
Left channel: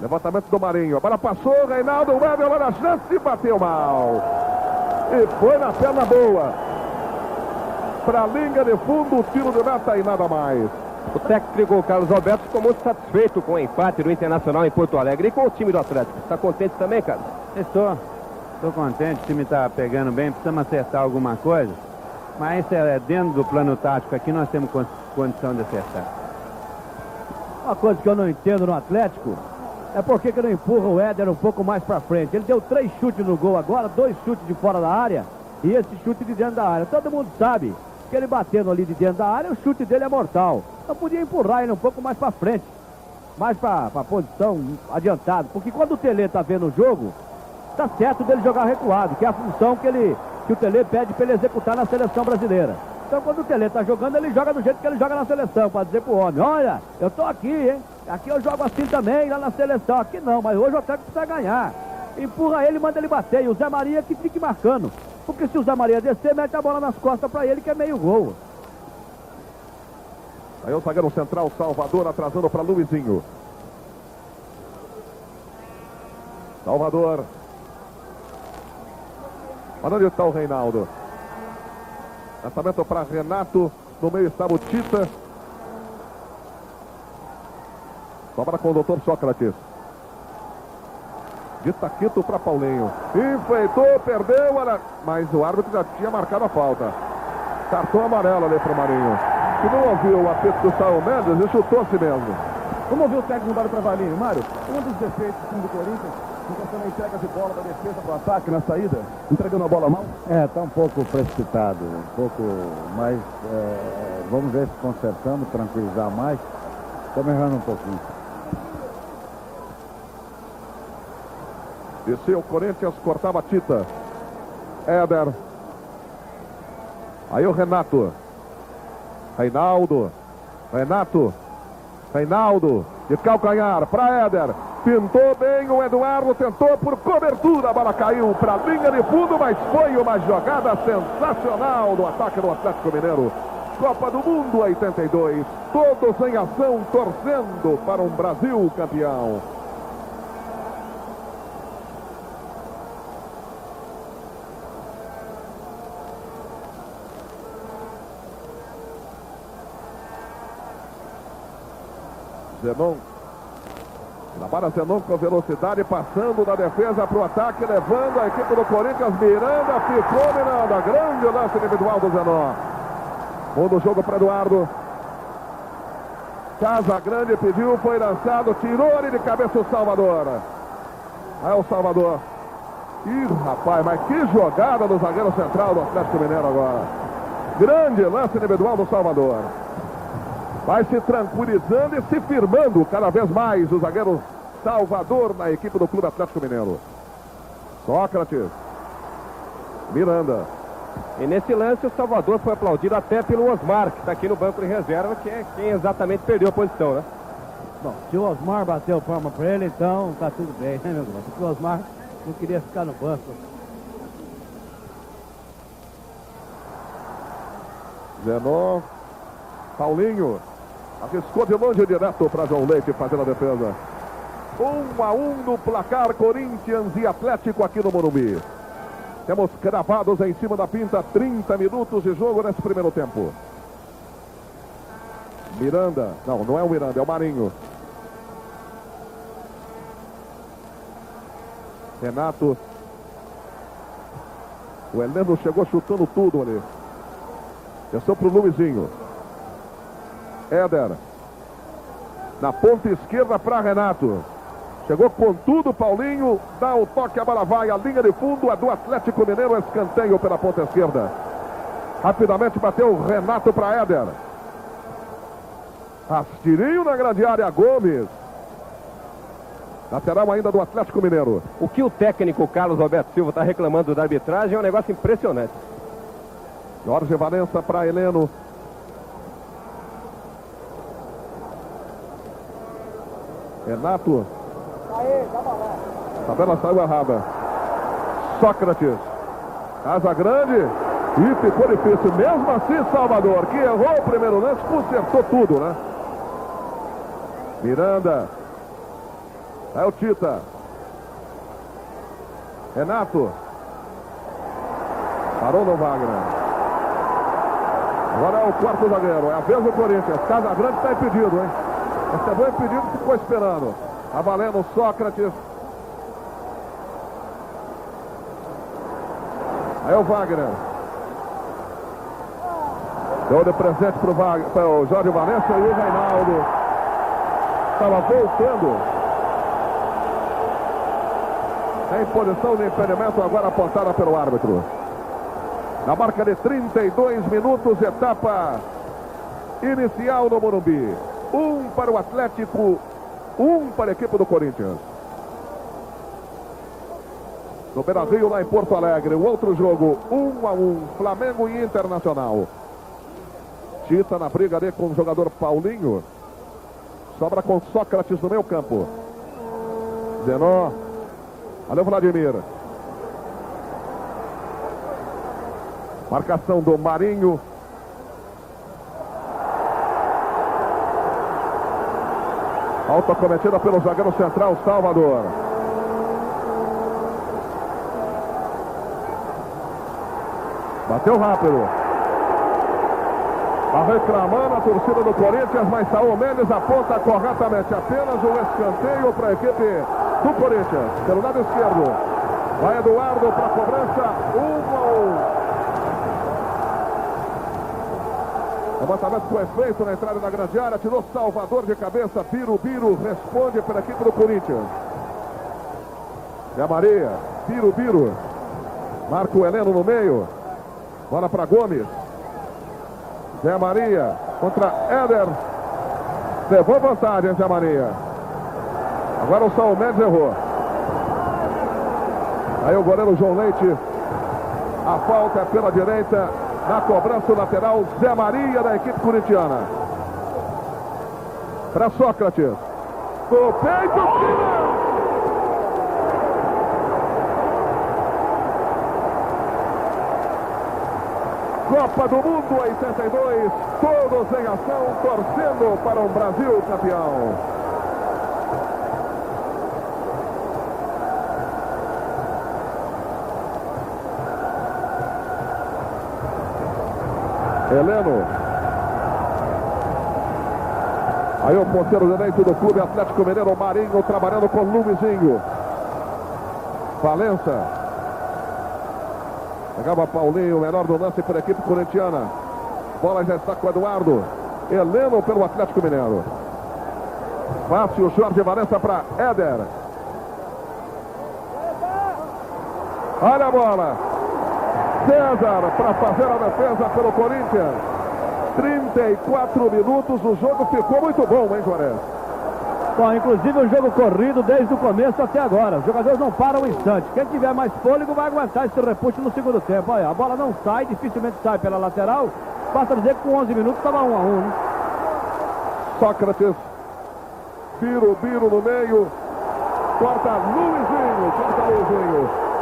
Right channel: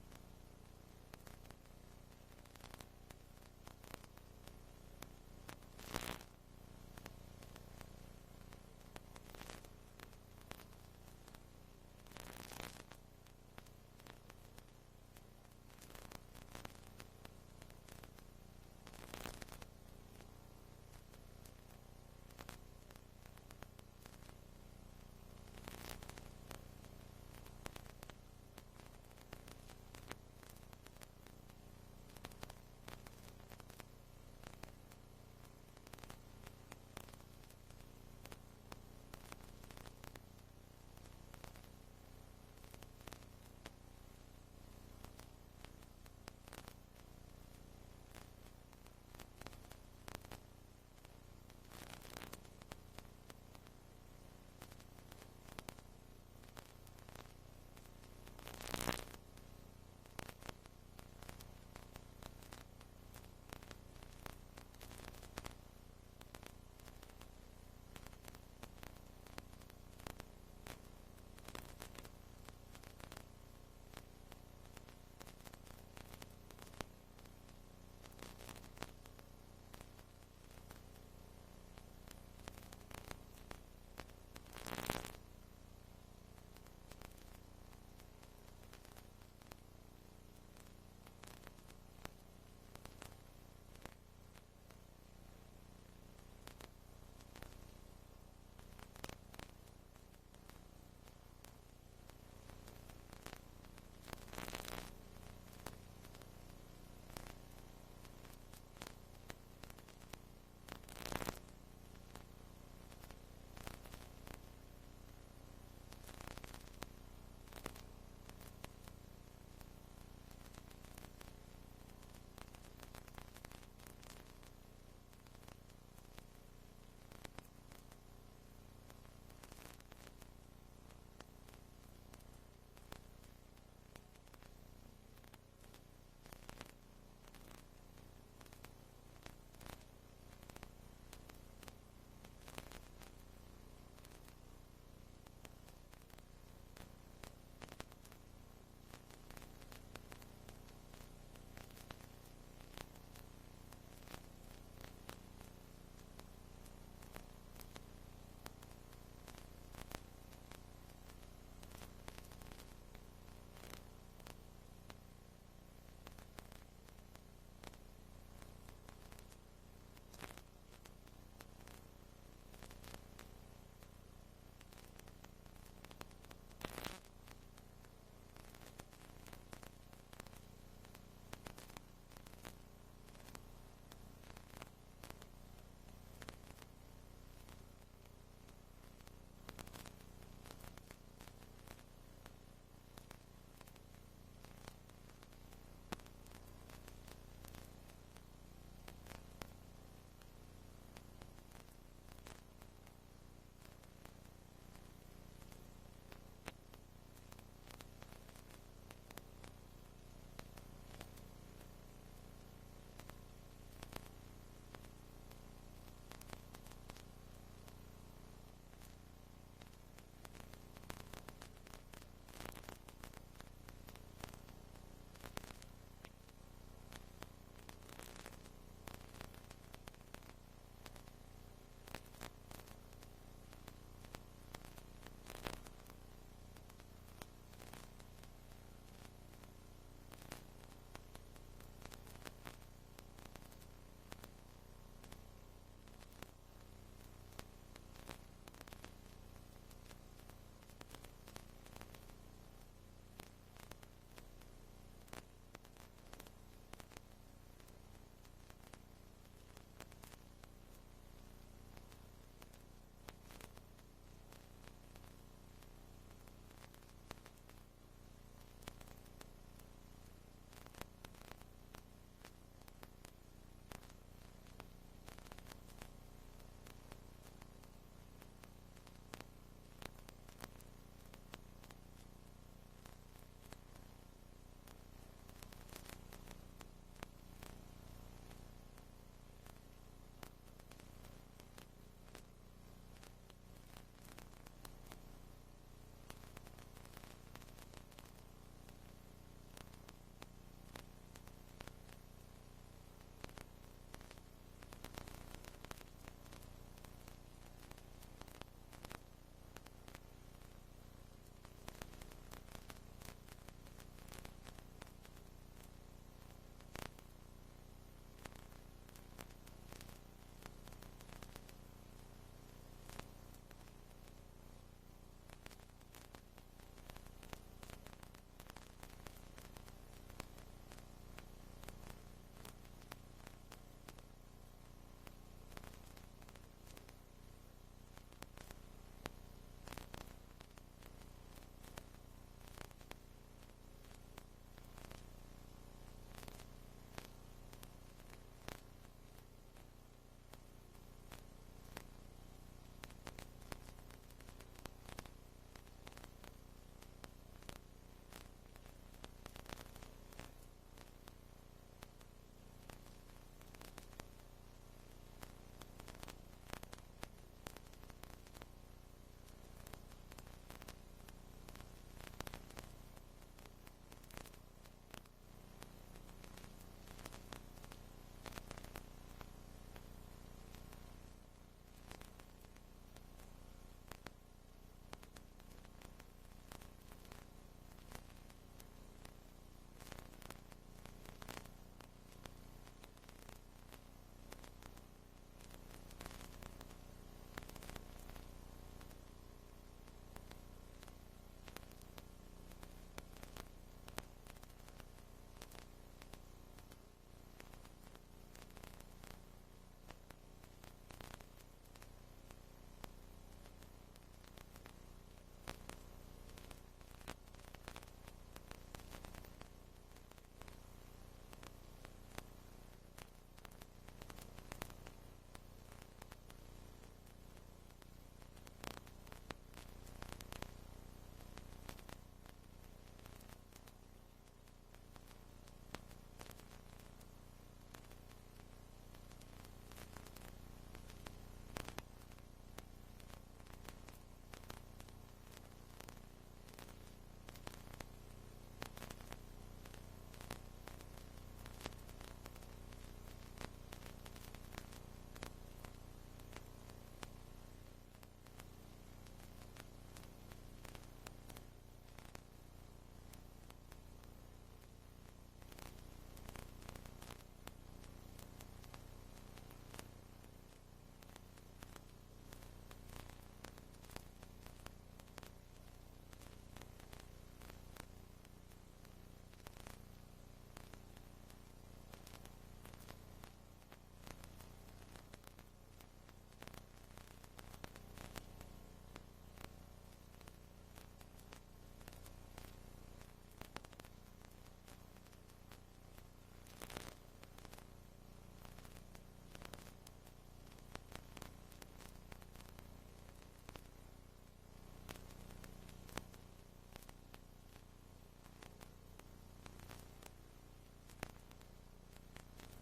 Levantamento do Marinho. A bola passou, Reinaldo, o Éder na chance e bateu mal. E foi na perna boa. Para a linha de fundo, o tiro de meta e nada mais. O técnico Carlos Alberto ficou muito satisfeito com o empate do Internacional em Porto Alegre e com o time do Atlético. Está contente também, Carlos? Estou contente, o time está pegando bem, precisamos acertar alguma coisa. Mas dentro do plano tático aqui nós temos condição de acertar. Uma coisa que eu não entendo no Atlético é por que não empurra o Éder um pouco mais para frente. Ele deu 3 chutes no gol agora, 2 chutes de fora da área e esse chute de dentro da área. Todo mundo sabe que ele batendo ali de dentro da área, o chute dele é mortal. Então podia empurrar ele um pouco mais para frente, mais para a posição adiantada. Porque quando o Tele tá vendo o jogo, tá certo dele jogar recuado, que é a função que o Tele pede para ele executar na seleção brasileira. Então quando o Tele tá jogando, ele joga do jeito que ele joga na seleção, para dizer pro homem, olha, eu tô aqui, hein? Aqui eu jogo assim também, lá na seleção. Aqui não, mas hoje o Atlético precisa ganhar. Empurra ele, manda ele bater. E o Zé Maria que fique marcando. Porque se o Zé Maria descer, mete a bola nas costas para ele, que é meio gol. Aí o zagueiro central, Salvador, atrasando para Luizinho. Salvador. Mas onde está o Reinaldo? Lançamento para Renato. No meio estava o Tita. Sobra com o doutor Sócrates. De Taquito para Paulinho. Enfeitou, perdeu. Mas o árbitro já tinha marcado a falta. Cartão amarelo ali para o Marinho. Que não ouviu o apito do Saul Mendes e chutou a si mesmo. Vamos ouvir o técnico Mário Travaglini. Mário, um dos defeitos do time do Corinthians, em questão da entrega de bola da defesa para o ataque na saída, entregando a bola mal? Está um pouco precipitado, um pouco mais, vamos ver se consertando, tranquilizar mais. Estamos errando um pouquinho. Desceu o Corinthians, cortava a Tita. Éder. Aí o Renato. Reinaldo. Reinaldo. De calcanhar para Éder. Pintou bem o Eduardo. Tentou por cobertura. A bola caiu para a linha de fundo. Mas foi uma jogada sensacional do ataque do Atlético Mineiro. Copa do Mundo 82. Todos em ação, torcendo para um Brasil campeão. Zenon. Trabalha Zenon com velocidade, passando da defesa para o ataque, levando a equipe do Corinthians. Miranda, ficou Miranda. Grande lance individual do Zenon. Bom do jogo para Eduardo. Casagrande pediu, foi lançado, tirou ali de cabeça o Salvador. Aí o Salvador. Ih, rapaz, mas que jogada do zagueiro central do Atlético Mineiro agora. Grande lance individual do Salvador. Vai se tranquilizando e se firmando cada vez mais o zagueiro Salvador na equipe do Clube Atlético Mineiro. Sócrates. Miranda. E nesse lance o Salvador foi aplaudido até pelo Osmar, que está aqui no banco de reserva, que é quem exatamente perdeu a posição, né? Bom, se o Osmar bateu palma para ele, então tá tudo bem, né, meu irmão? Porque o Osmar não queria ficar no banco. Zenon. Paulinho. Arriscou de longe direto para João Leite fazendo a defesa. 1-1 no placar, Corinthians e Atlético aqui no Morumbi. Temos cravados em cima da pinta, 30 minutos de jogo nesse primeiro tempo. Miranda, não é o Miranda, é o Marinho. Renato. O Heleno chegou chutando tudo ali. Desceu para o Luizinho. Éder. Na ponta esquerda para Renato. Chegou com tudo, Paulinho, dá o toque, a bola vai, a linha de fundo, a do Atlético Mineiro, escanteio pela ponta esquerda. Rapidamente bateu o Renato para Éder. Rastirinho na grande área, Gomes. Lateral ainda do Atlético Mineiro. O que o técnico Carlos Alberto Silva está reclamando da arbitragem é um negócio impressionante. Jorge Valença para Heleno. Renato. A tabela saiu errada. Sócrates. Casagrande. E ficou difícil. Mesmo assim, Salvador, que errou o primeiro lance, consertou tudo, né? Miranda. É o Tita. Renato. Parou no Wagner. Agora é o quarto zagueiro. É a vez do Corinthians. Casagrande está impedido, hein? Recebeu impedido e ficou esperando. Tá valendo Sócrates. Aí o Wagner. Deu de presente para o Jorge Valença e o Reinaldo. Estava voltando. Em posição de impedimento agora apontada pelo árbitro. Na marca de 32 minutos, etapa inicial no Morumbi. 1 para o Atlético, 1 para a equipe do Corinthians. No Beira-Rio, lá em Porto Alegre, o outro jogo, 1-1, Flamengo e Internacional. Tita na briga ali com o jogador Paulinho. Sobra com Sócrates no meio campo. Zenon. Valeu, Vladimir. Marcação do Marinho. Falta cometida pelo zagueiro central, Salvador. Bateu rápido. Está reclamando a torcida do Corinthians, mas Saúl Mendes aponta corretamente. Apenas o escanteio para a equipe do Corinthians. Pelo lado esquerdo. Vai Eduardo para a cobrança. 1-1. Levantamento foi feito na entrada da grande área. Tirou Salvador de cabeça. Birubiru responde pela equipe do Corinthians. Zé Maria. Birubiru. Marca o Heleno no meio. Bola para Gomes. Zé Maria contra Éder. Levou vantagem, Zé Maria. Agora o Saúl Mendes errou. Aí o goleiro João Leite. A falta é pela direita. Na cobrança lateral, Zé Maria da equipe corintiana. Para Sócrates. Do peito, tira! Copa do Mundo 82, todos em ação, torcendo para um Brasil campeão. Heleno. Aí o ponteiro direito do Clube Atlético Mineiro, Marinho, trabalhando com Luizinho. Valença. Pegava Paulinho, o menor do lance para a equipe corintiana. Bola já está com o Eduardo. Heleno pelo Atlético Mineiro. Fácil, Jorge Valença para Éder. Olha a bola. César para fazer a defesa pelo Corinthians. 34 minutos, o jogo ficou muito bom, hein, Juarez? Bom, inclusive o jogo corrido desde o começo até agora. Os jogadores não param um instante. Quem tiver mais fôlego vai aguentar esse repuxo no segundo tempo. Olha, a bola não sai, dificilmente sai pela lateral. Basta dizer que com 11 minutos estava 1 a 1, né? Sócrates. Biro no meio. Corta Luizinho.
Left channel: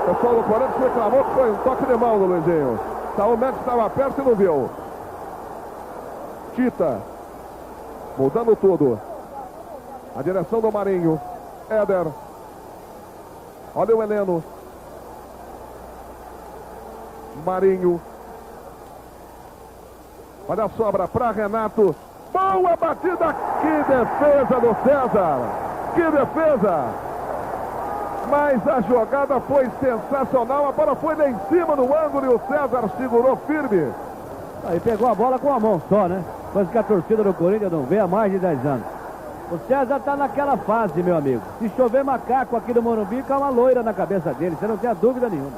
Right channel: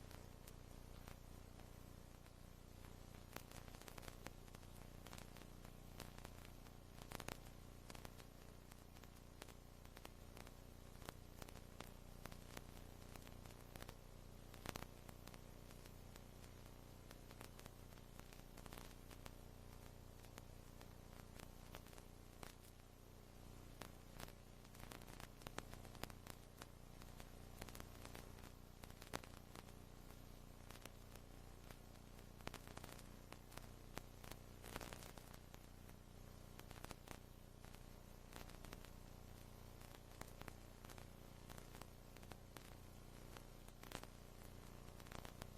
O pessoal do Corinthians reclamou que foi um toque de mão do Luizinho. O Mendes estava perto e não viu. Tita. Mudando tudo. A direção do Marinho. Éder. Olha o Heleno. Marinho. Olha a sobra para Renato. Boa batida. Que defesa do César. Que defesa. Mas a jogada foi sensacional. A bola foi lá em cima no ângulo e o César segurou firme. Aí pegou a bola com a mão só, né? Coisa que a torcida do Corinthians não vê há mais de 10 anos. O César está naquela fase, meu amigo. Se chover macaco aqui no Morumbi, cai uma loira na cabeça dele. Você não tem dúvida nenhuma.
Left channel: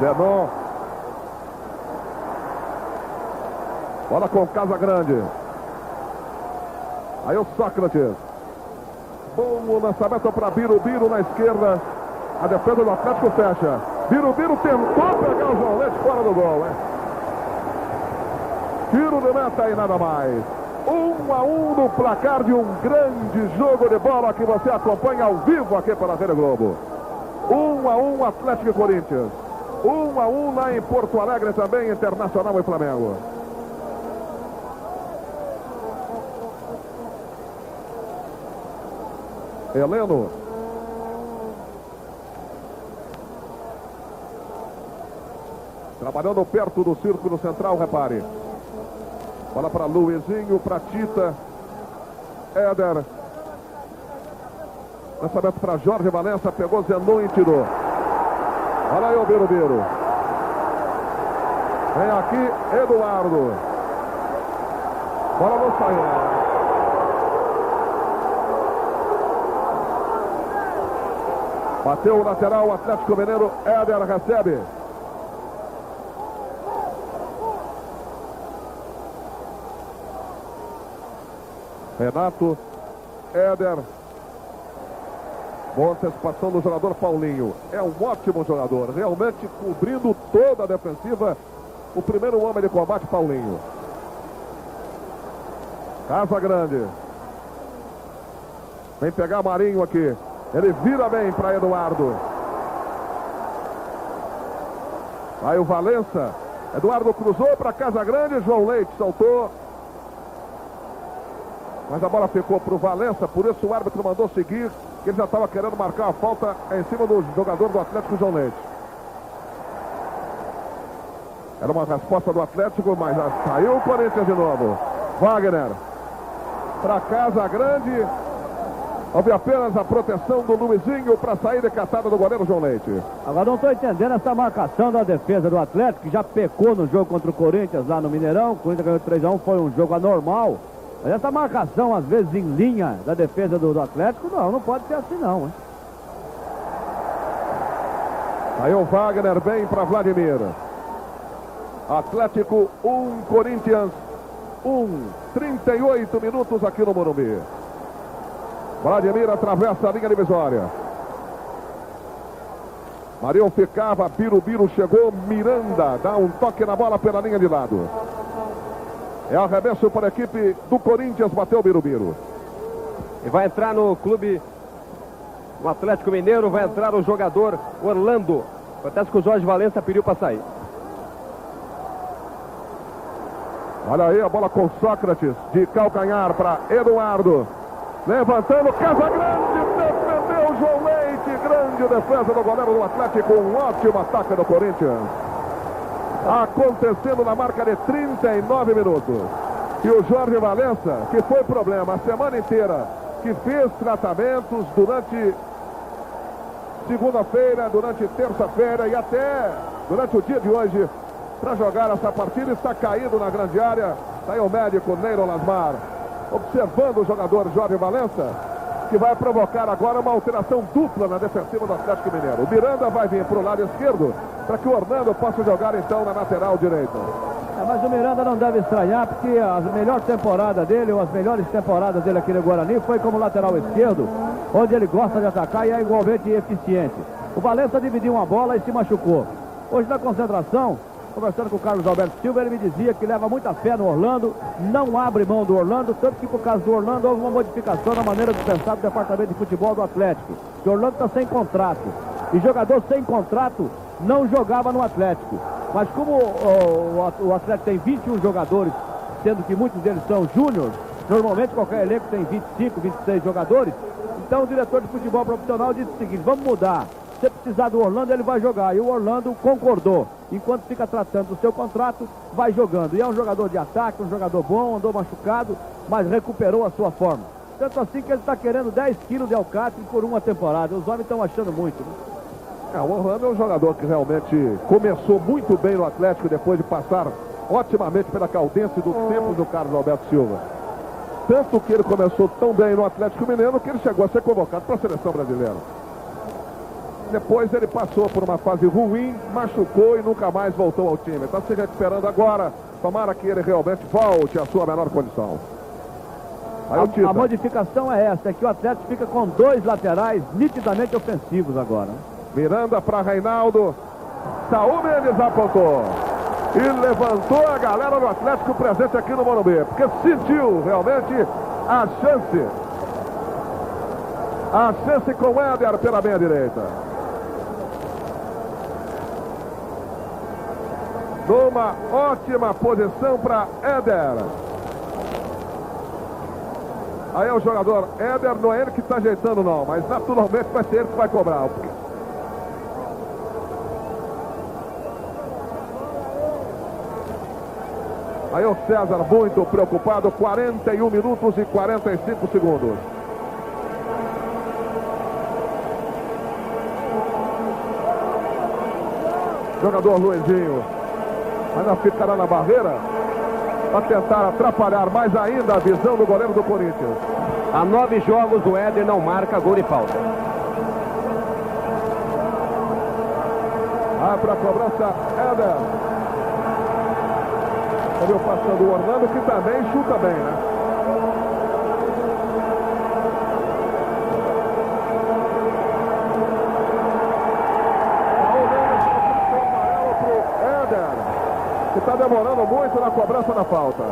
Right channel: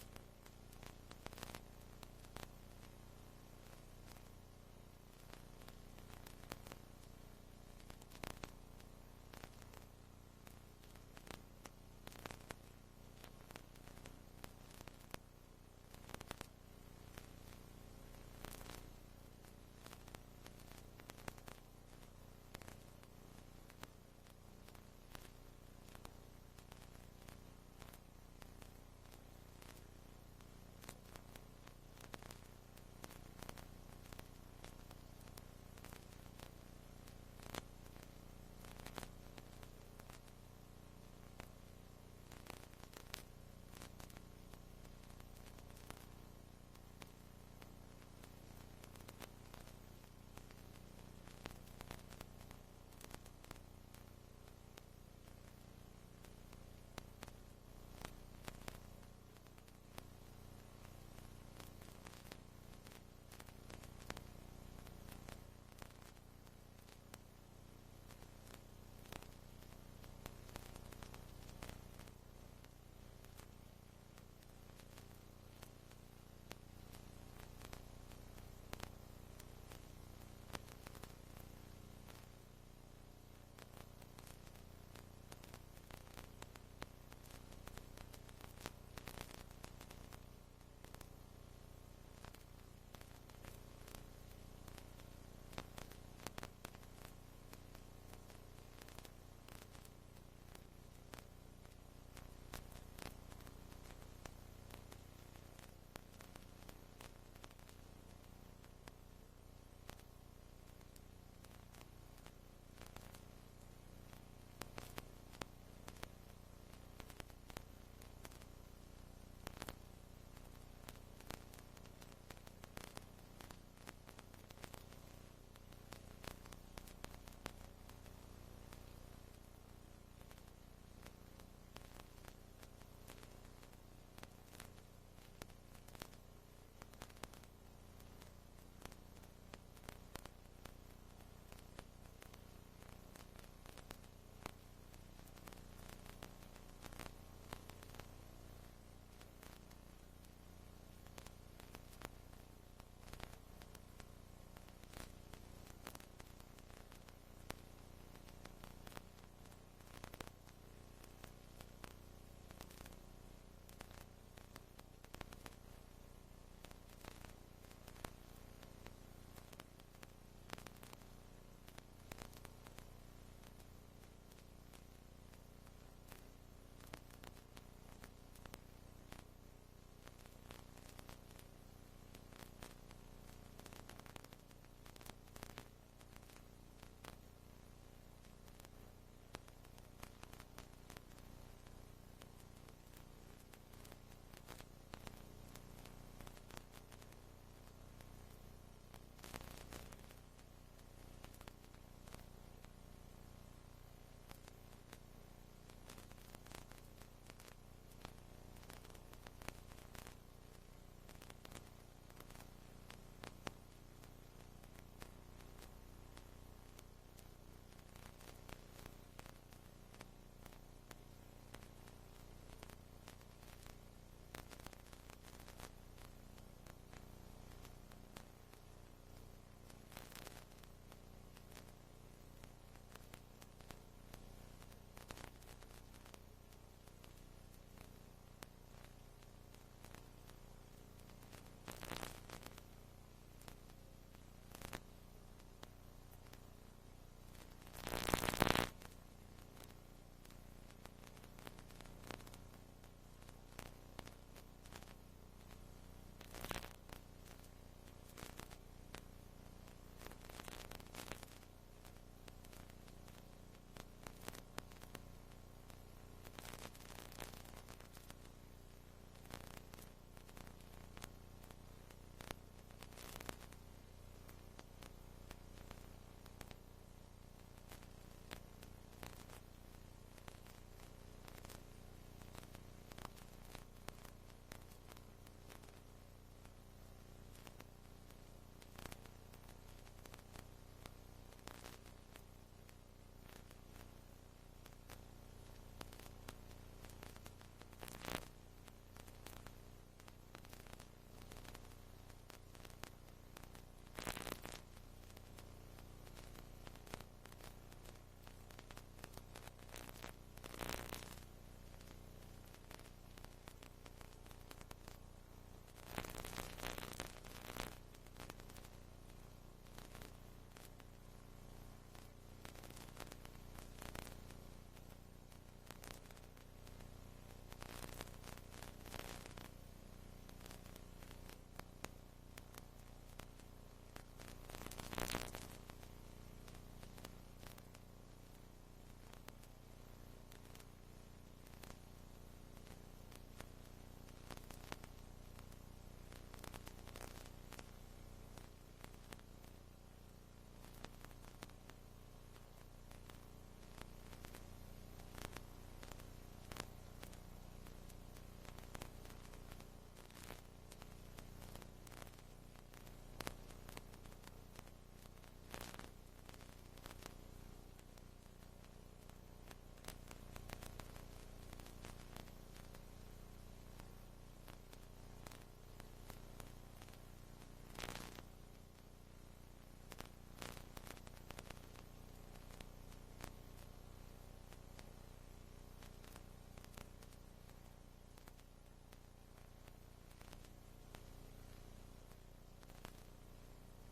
Zenon. Bola com Casa Grande. Aí o Sócrates. Bom lançamento para Biro na esquerda. A defesa do Atlético fecha. Biro tentou pegar o João Leite fora do gol, hein? Tiro de meta e nada mais. 1 a 1 no placar de um grande jogo de bola que você acompanha ao vivo aqui pela Rede Globo. 1 a 1 Atlético e Corinthians. 1 a 1 lá em Porto Alegre também, Internacional e Flamengo. Heleno. Trabalhando perto do círculo central, repare. Bola para Luizinho, para Tita. Éder. Lançamento para Jorge Valença, pegou Zenon e tirou. Olha aí o Biro. Vem aqui, Eduardo. Bola não saiu. Bateu o lateral, o Atlético Mineiro. Éder recebe. Renato. Éder. Boa antecipação do jogador Paulinho. É um ótimo jogador. Realmente cobrindo toda a defensiva. O primeiro homem de combate, Paulinho. Casa Grande. Vem pegar Marinho aqui. Ele vira bem para Eduardo. Aí o Valença. Eduardo cruzou para Casa Grande. João Leite saltou. Mas a bola ficou para o Valença. Por isso o árbitro mandou seguir. Ele já estava querendo marcar a falta em cima do jogador do Atlético, João Leite. Era uma resposta do Atlético, mas já saiu o Corinthians de novo. Wagner. Para Casa Grande. Houve apenas a proteção do Luizinho para sair de caçada do goleiro João Leite. Agora não estou entendendo essa marcação da defesa do Atlético, que já pecou no jogo contra o Corinthians lá no Mineirão. O Corinthians ganhou 3 a 1, foi um jogo anormal. Mas essa marcação, às vezes, em linha da defesa do Atlético, não pode ser assim não, hein? Aí o Wagner bem para Vladimir. Atlético 1, Corinthians 1. 38 minutos aqui no Morumbi. Vladimir atravessa a linha divisória. Marinho ficava, Biro chegou, Miranda dá um toque na bola pela linha de lado. É arremesso para a equipe do Corinthians, bateu o Biro. E vai entrar no clube, no Atlético Mineiro, vai entrar o jogador Orlando. Acontece que o Jorge Valença pediu para sair. Olha aí a bola com Sócrates, de calcanhar para Eduardo. Levantando, Casa Grande, defendeu João Leite. Grande defesa do goleiro do Atlético, um ótimo ataque do Corinthians. Acontecendo na marca de 39 minutos. E o Jorge Valença, que foi problema a semana inteira, que fez tratamentos durante segunda-feira, durante terça-feira e até durante o dia de hoje, para jogar essa partida, está caído na grande área. Está aí o médico Neiro Lasmar, observando o jogador Jorge Valença, que vai provocar agora uma alteração dupla na defensiva do Atlético Mineiro. O Miranda vai vir para o lado esquerdo, para que o Orlando possa jogar então na lateral direita. Mas o Miranda não deve estranhar, porque a melhor temporada dele, ou as melhores temporadas dele aqui no Guarani, foi como lateral esquerdo, onde ele gosta de atacar e é igualmente eficiente. O Valença dividiu uma bola e se machucou. Hoje na concentração, conversando com o Carlos Alberto Silva, ele me dizia que leva muita fé no Orlando, não abre mão do Orlando, tanto que por causa do Orlando houve uma modificação na maneira de pensar do departamento de futebol do Atlético. O Orlando está sem contrato, e jogador sem contrato não jogava no Atlético. Mas como o Atlético tem 21 jogadores, sendo que muitos deles são júniores, normalmente qualquer elenco tem 25, 26 jogadores, então o diretor de futebol profissional disse o seguinte: vamos mudar. Se precisar do Orlando, ele vai jogar. E o Orlando concordou. Enquanto fica tratando do seu contrato, vai jogando. E é um jogador de ataque, um jogador bom, andou machucado, mas recuperou a sua forma. Tanto assim que ele está querendo 10 quilos de alcatre por uma temporada. Os homens estão achando muito, né? O Orlando é um jogador que realmente começou muito bem no Atlético, depois de passar otimamente pela Caldense do tempo do Carlos Alberto Silva. Tanto que ele começou tão bem no Atlético Mineiro que ele chegou a ser convocado para a seleção brasileira. Depois ele passou por uma fase ruim, machucou e nunca mais voltou ao time. Está se recuperando agora. Tomara que ele realmente volte à sua menor condição. A modificação é essa, é que o Atlético fica com 2 laterais nitidamente ofensivos agora. Miranda para Reinaldo. Saúl Mendes apontou. E levantou a galera do Atlético presente aqui no Morumbi, porque sentiu realmente a chance. A chance com o Éder pela meia direita. Numa ótima posição para Éder. Aí é o jogador Éder, não é ele que está ajeitando não, mas naturalmente vai ser ele que vai cobrar. Aí o César muito preocupado, 41 minutos e 45 segundos. Jogador Luizinho ainda ficará na barreira para tentar atrapalhar mais ainda a visão do goleiro do Corinthians. Há 9 jogos o Éder não marca gol de falta. Para a cobrança, Éder. Olha o passando do Orlando, que também chuta bem, né? Que está demorando muito na cobrança da falta.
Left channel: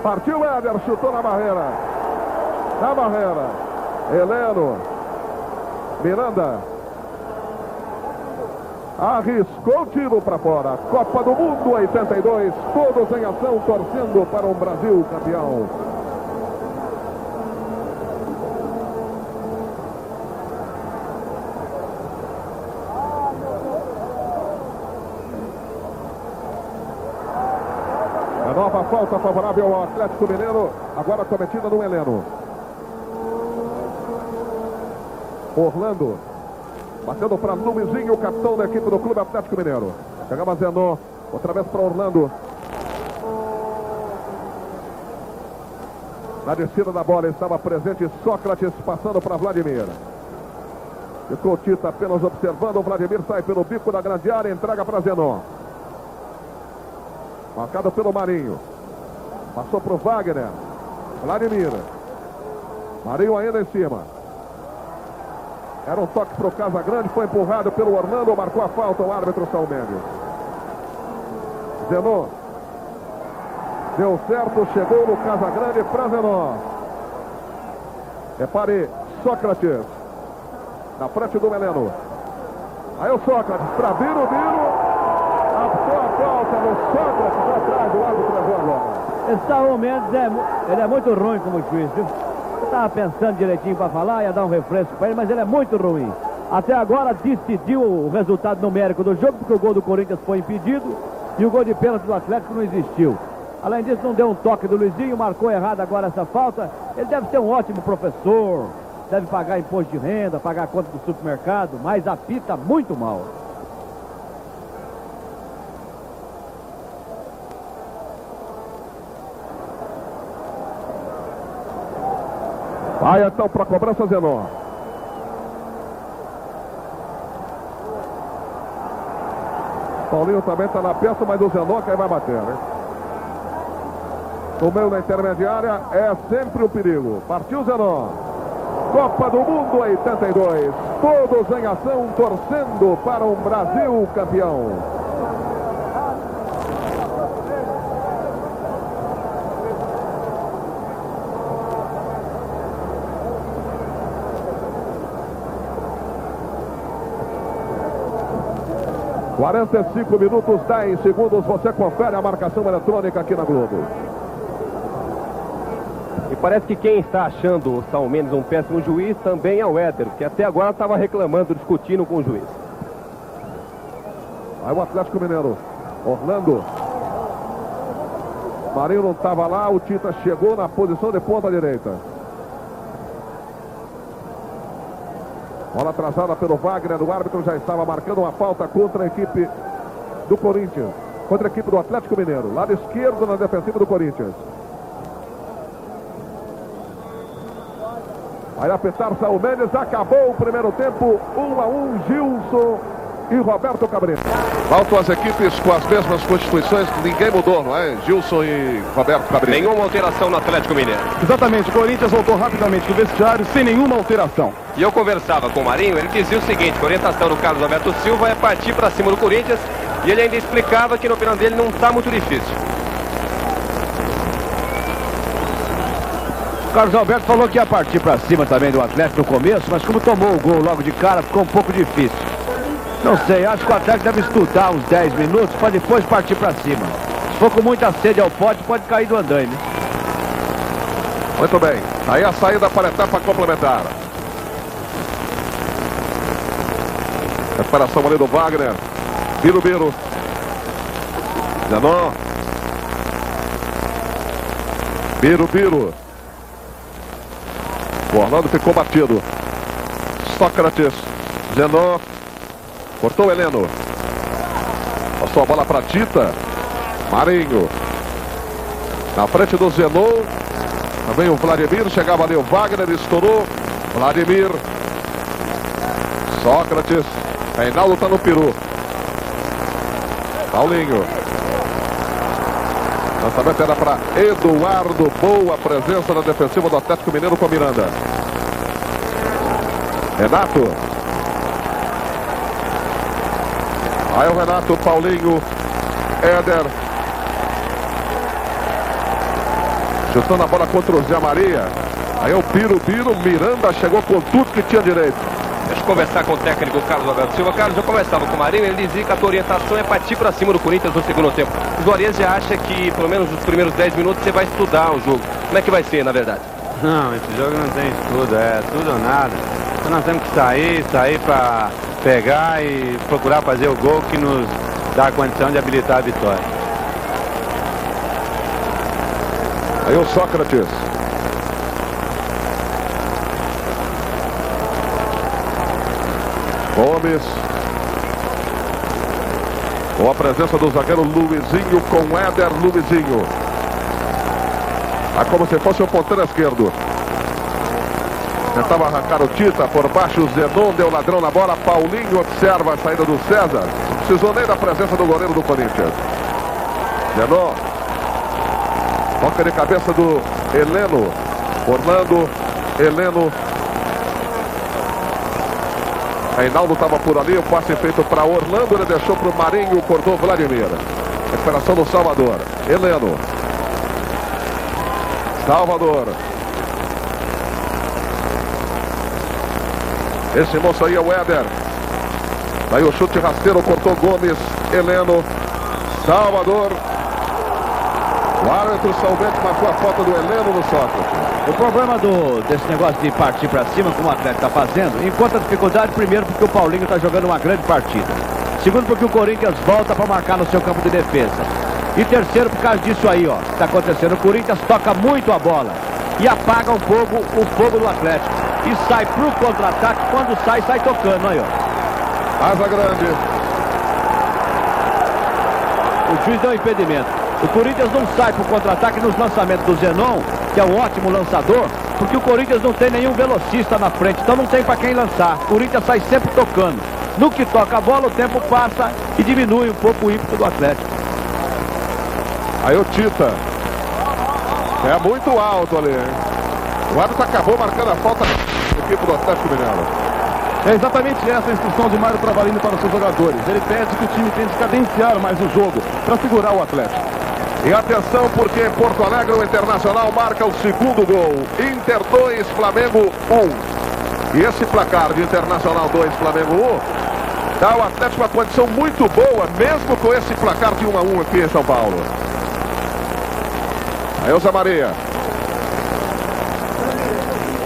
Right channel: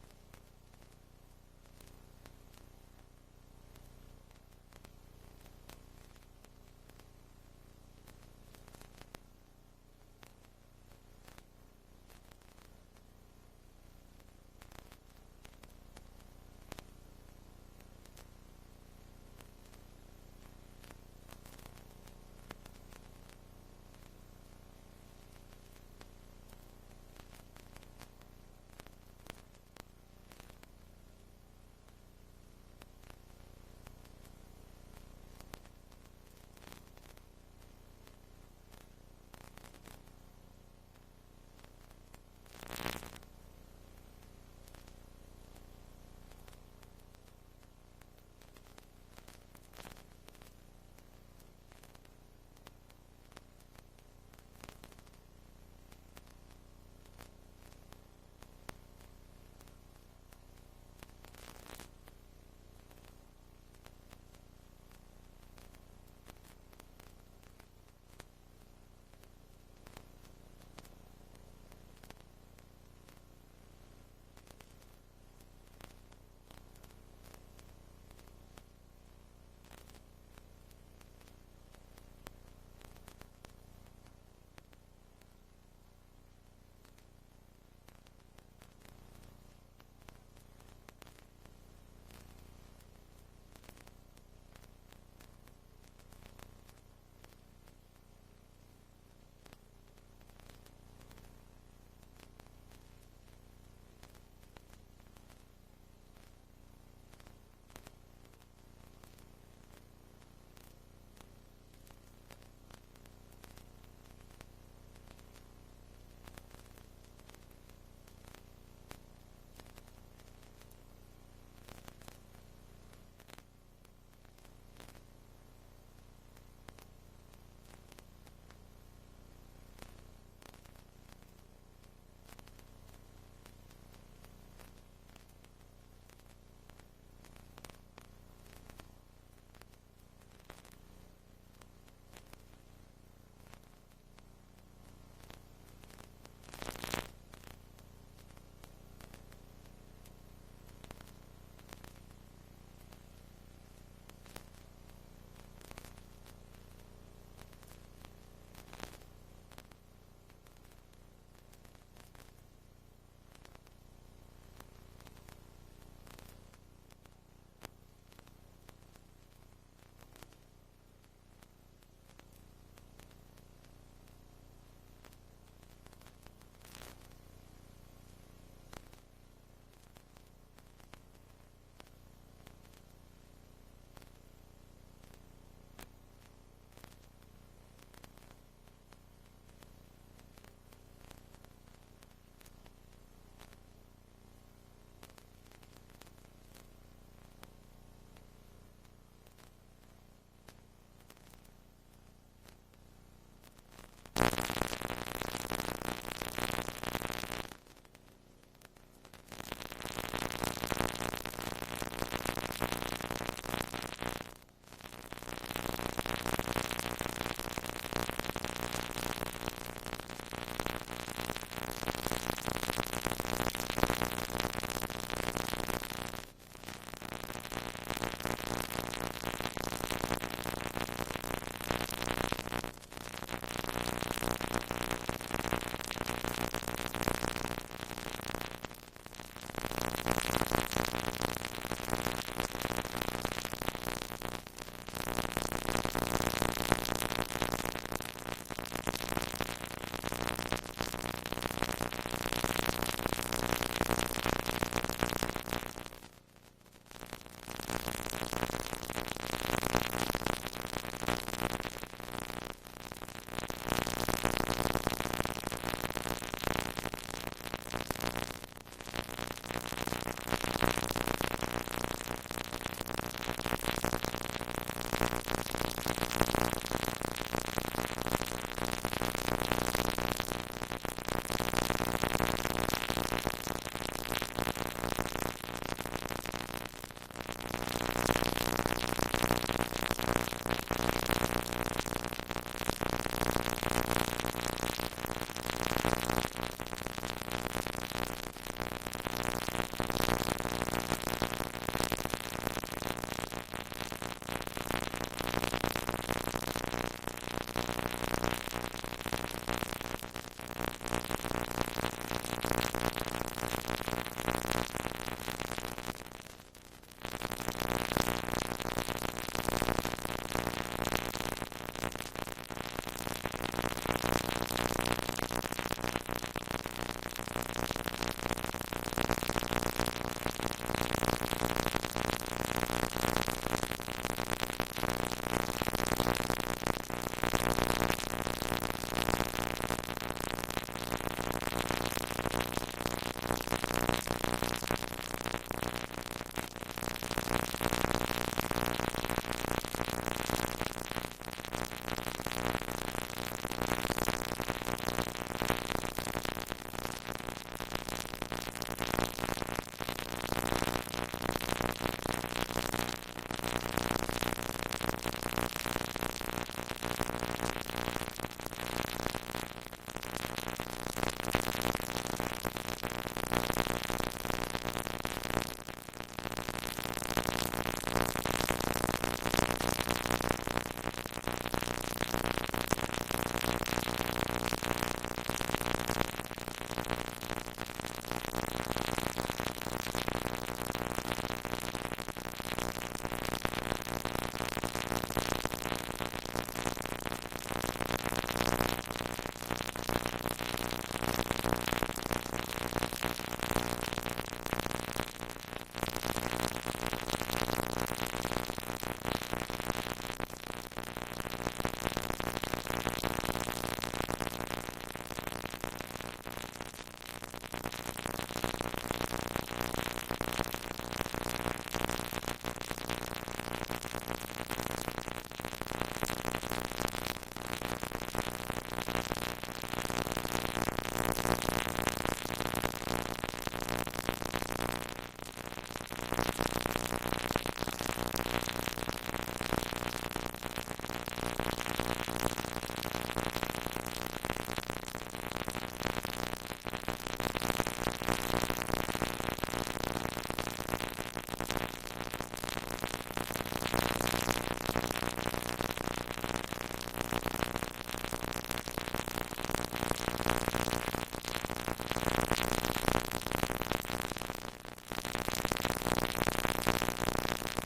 Partiu Éder, chutou na barreira. Na barreira. Heleno. Miranda. Arriscou o tiro para fora. Copa do Mundo 82. Todos em ação, torcendo para um Brasil campeão. Nova falta favorável ao Atlético Mineiro, agora cometida no Heleno. Orlando, batendo para Luizinho, o capitão da equipe do Clube Atlético Mineiro. Chegava Zenon, outra vez para Orlando. Na descida da bola estava presente Sócrates, passando para Vladimir. Ficou Tita apenas observando, o Vladimir sai pelo bico da grande área, entrega para Zenon. Marcado pelo Marinho. Passou para o Wagner. Vladimir. Marinho ainda em cima. Era um toque para o Casagrande. Foi empurrado pelo Orlando. Marcou a falta o árbitro Saúl Mendes. Zenon. Deu certo. Chegou no Casagrande para Zenon. Repare. Sócrates. Na frente do Heleno. Aí o Sócrates. Para Biro. Apontou a falta no Sócrates atrás do árbitro levou agora. Esse Saúl Mendes ele é muito ruim como juiz, viu? Eu estava pensando direitinho para falar, ia dar um refresco para ele, mas ele é muito ruim. Até agora decidiu o resultado numérico do jogo, porque o gol do Corinthians foi impedido e o gol de pênalti do Atlético não existiu. Além disso, não deu um toque do Luizinho, marcou errado agora essa falta. Ele deve ser um ótimo professor, deve pagar imposto de renda, pagar a conta do supermercado, mas apita muito mal. Vai então para a cobrança, Zenon. Paulinho também está na peça, mas o Zenon que aí vai bater, né? No meio da intermediária é sempre um perigo. Partiu Zenon. Copa do Mundo 82. Todos em ação, torcendo para um Brasil campeão. – 45 minutos, 10 segundos. Você confere a marcação eletrônica aqui na Globo. E parece que quem está achando o Saul Mendes um péssimo juiz também é o Éder, que até agora estava reclamando, discutindo com o juiz. Aí o Atlético Mineiro. Orlando. Marinho não estava lá, o Tita chegou na posição de ponta direita. Bola atrasada pelo Wagner, o árbitro já estava marcando uma falta contra a equipe do Corinthians. Contra a equipe do Atlético Mineiro. Lado esquerdo na defensiva do Corinthians. Vai apertar Saul Mendes, acabou o primeiro tempo, 1-1, Gilson e Roberto Cabreira. Voltam as equipes com as mesmas constituições, ninguém mudou, não é? Gilson e Roberto Cabreira. Nenhuma alteração no Atlético Mineiro. Exatamente, o Corinthians voltou rapidamente do vestiário, sem nenhuma alteração. E eu conversava com o Marinho, ele dizia o seguinte, que a orientação do Carlos Alberto Silva é partir para cima do Corinthians, e ele ainda explicava que na opinião dele não está muito difícil. Carlos Alberto falou que ia partir para cima também do Atlético no começo, mas como tomou o gol logo de cara, ficou um pouco difícil. Não sei, acho que o Atlético deve estudar uns 10 minutos para depois partir para cima. Se for com muita sede ao pote, pode cair do andaime. Muito bem, aí a saída para a etapa complementar. Recuperação ali do Wagner. Birubiru. Zenon. Birubiru. O Orlando ficou batido. Sócrates. Zenon. Cortou o Heleno. Passou a bola para Tita. Marinho. Na frente do Zenon. Também o Vladimir. Chegava ali o Wagner. Estourou. Vladimir. Sócrates. Reinaldo está no peru. Paulinho. Lançamento era para Eduardo. Boa presença na defensiva do Atlético Mineiro com Miranda. Renato. Aí o Renato, Paulinho, Éder. Chutando a bola contra o Zé Maria. Aí o Birubiru, Miranda chegou com tudo que tinha direito. Deixa eu conversar com o técnico Carlos Alberto Silva. Carlos, eu conversava com o Marinho, ele dizia que a tua orientação é partir para cima do Corinthians no segundo tempo. O Juarez já acha que pelo menos nos primeiros 10 minutos você vai estudar o jogo. Como é que vai ser, na verdade? Não, esse jogo não tem estudo, é tudo ou nada. Então nós temos que sair para pegar e procurar fazer o gol que nos dá a condição de habilitar a vitória. Aí o Sócrates. Gomes. Com a presença do zagueiro Luizinho com Éder. Luizinho. Como se fosse o ponteiro esquerdo. Tentava arrancar o Tita por baixo. O Zenon deu ladrão na bola. Paulinho observa a saída do César. Não precisou nem da presença do goleiro do Corinthians. Zenon. Toca de cabeça do Heleno. Orlando. Heleno. Reinaldo estava por ali, o passe feito para Orlando, ele deixou para o Marinho, cortou Vladimir. Recuperação do Salvador. Heleno. Salvador. Esse moço aí é o Éder. Daí o chute rasteiro, cortou Gomes. Heleno. Salvador. O árbitro Salvete marcou a falta do Heleno no Sócrates. O problema desse negócio de partir para cima, como o Atlético está fazendo, encontra dificuldade, primeiro, porque o Paulinho está jogando uma grande partida. Segundo, porque o Corinthians volta para marcar no seu campo de defesa. E terceiro, por causa disso aí, ó, está acontecendo. O Corinthians toca muito a bola e apaga o fogo do Atlético. E sai para o contra-ataque, quando sai tocando, aí, ó. Asa grande. O juiz deu um impedimento. O Corinthians não sai para o contra-ataque nos lançamentos do Zenon, que é um ótimo lançador, porque o Corinthians não tem nenhum velocista na frente, então não tem para quem lançar. O Corinthians sai sempre tocando. No que toca a bola, o tempo passa e diminui um pouco o ímpeto do Atlético. Aí o Tita. É muito alto ali, hein? O árbitro acabou marcando a falta do equipe do Atlético Mineiro. É exatamente essa a instrução de Mário Travalini para os seus jogadores. Ele pede que o time tente cadenciar mais o jogo para segurar o Atlético. E atenção, porque em Porto Alegre o Internacional marca o segundo gol. Inter 2, Flamengo 1. E esse placar de Internacional 2, Flamengo 1, dá ao Atlético uma condição muito boa, mesmo com esse placar de 1-1 aqui em São Paulo. Aí o Zé Maria.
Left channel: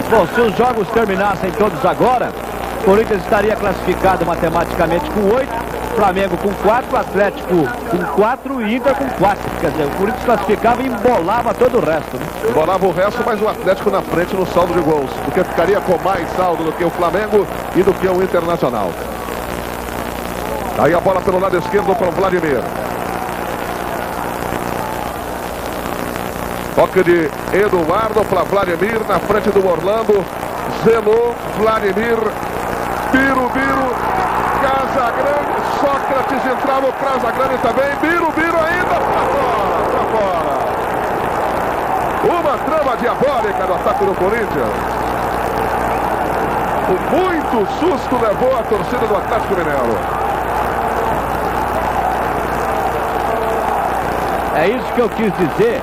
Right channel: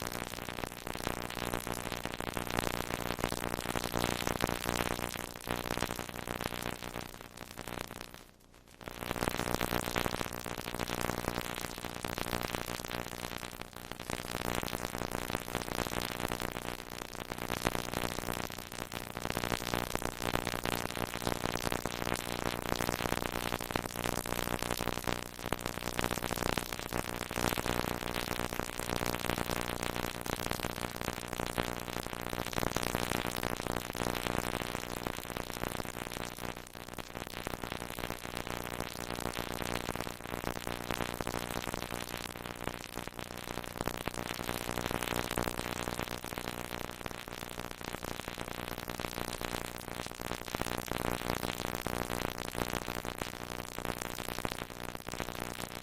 Bom, se os jogos terminassem todos agora, o Corinthians estaria classificado matematicamente com 8, Flamengo com 4, Atlético com 4 e Inter com 4. Quer dizer, o Corinthians classificava e embolava todo o resto, né? Embolava o resto, mas o Atlético na frente no saldo de gols, porque ficaria com mais saldo do que o Flamengo e do que o Internacional. Aí a bola pelo lado esquerdo para o Vladimir. Toque de Eduardo para Vladimir na frente do Orlando. Zelou, Vladimir, Biro, Casagrande, Sócrates entrava o Casagrande também. Biro ainda para fora. Uma trama diabólica no ataque do Corinthians. Muito susto levou a torcida do Atlético Mineiro. É isso que eu quis dizer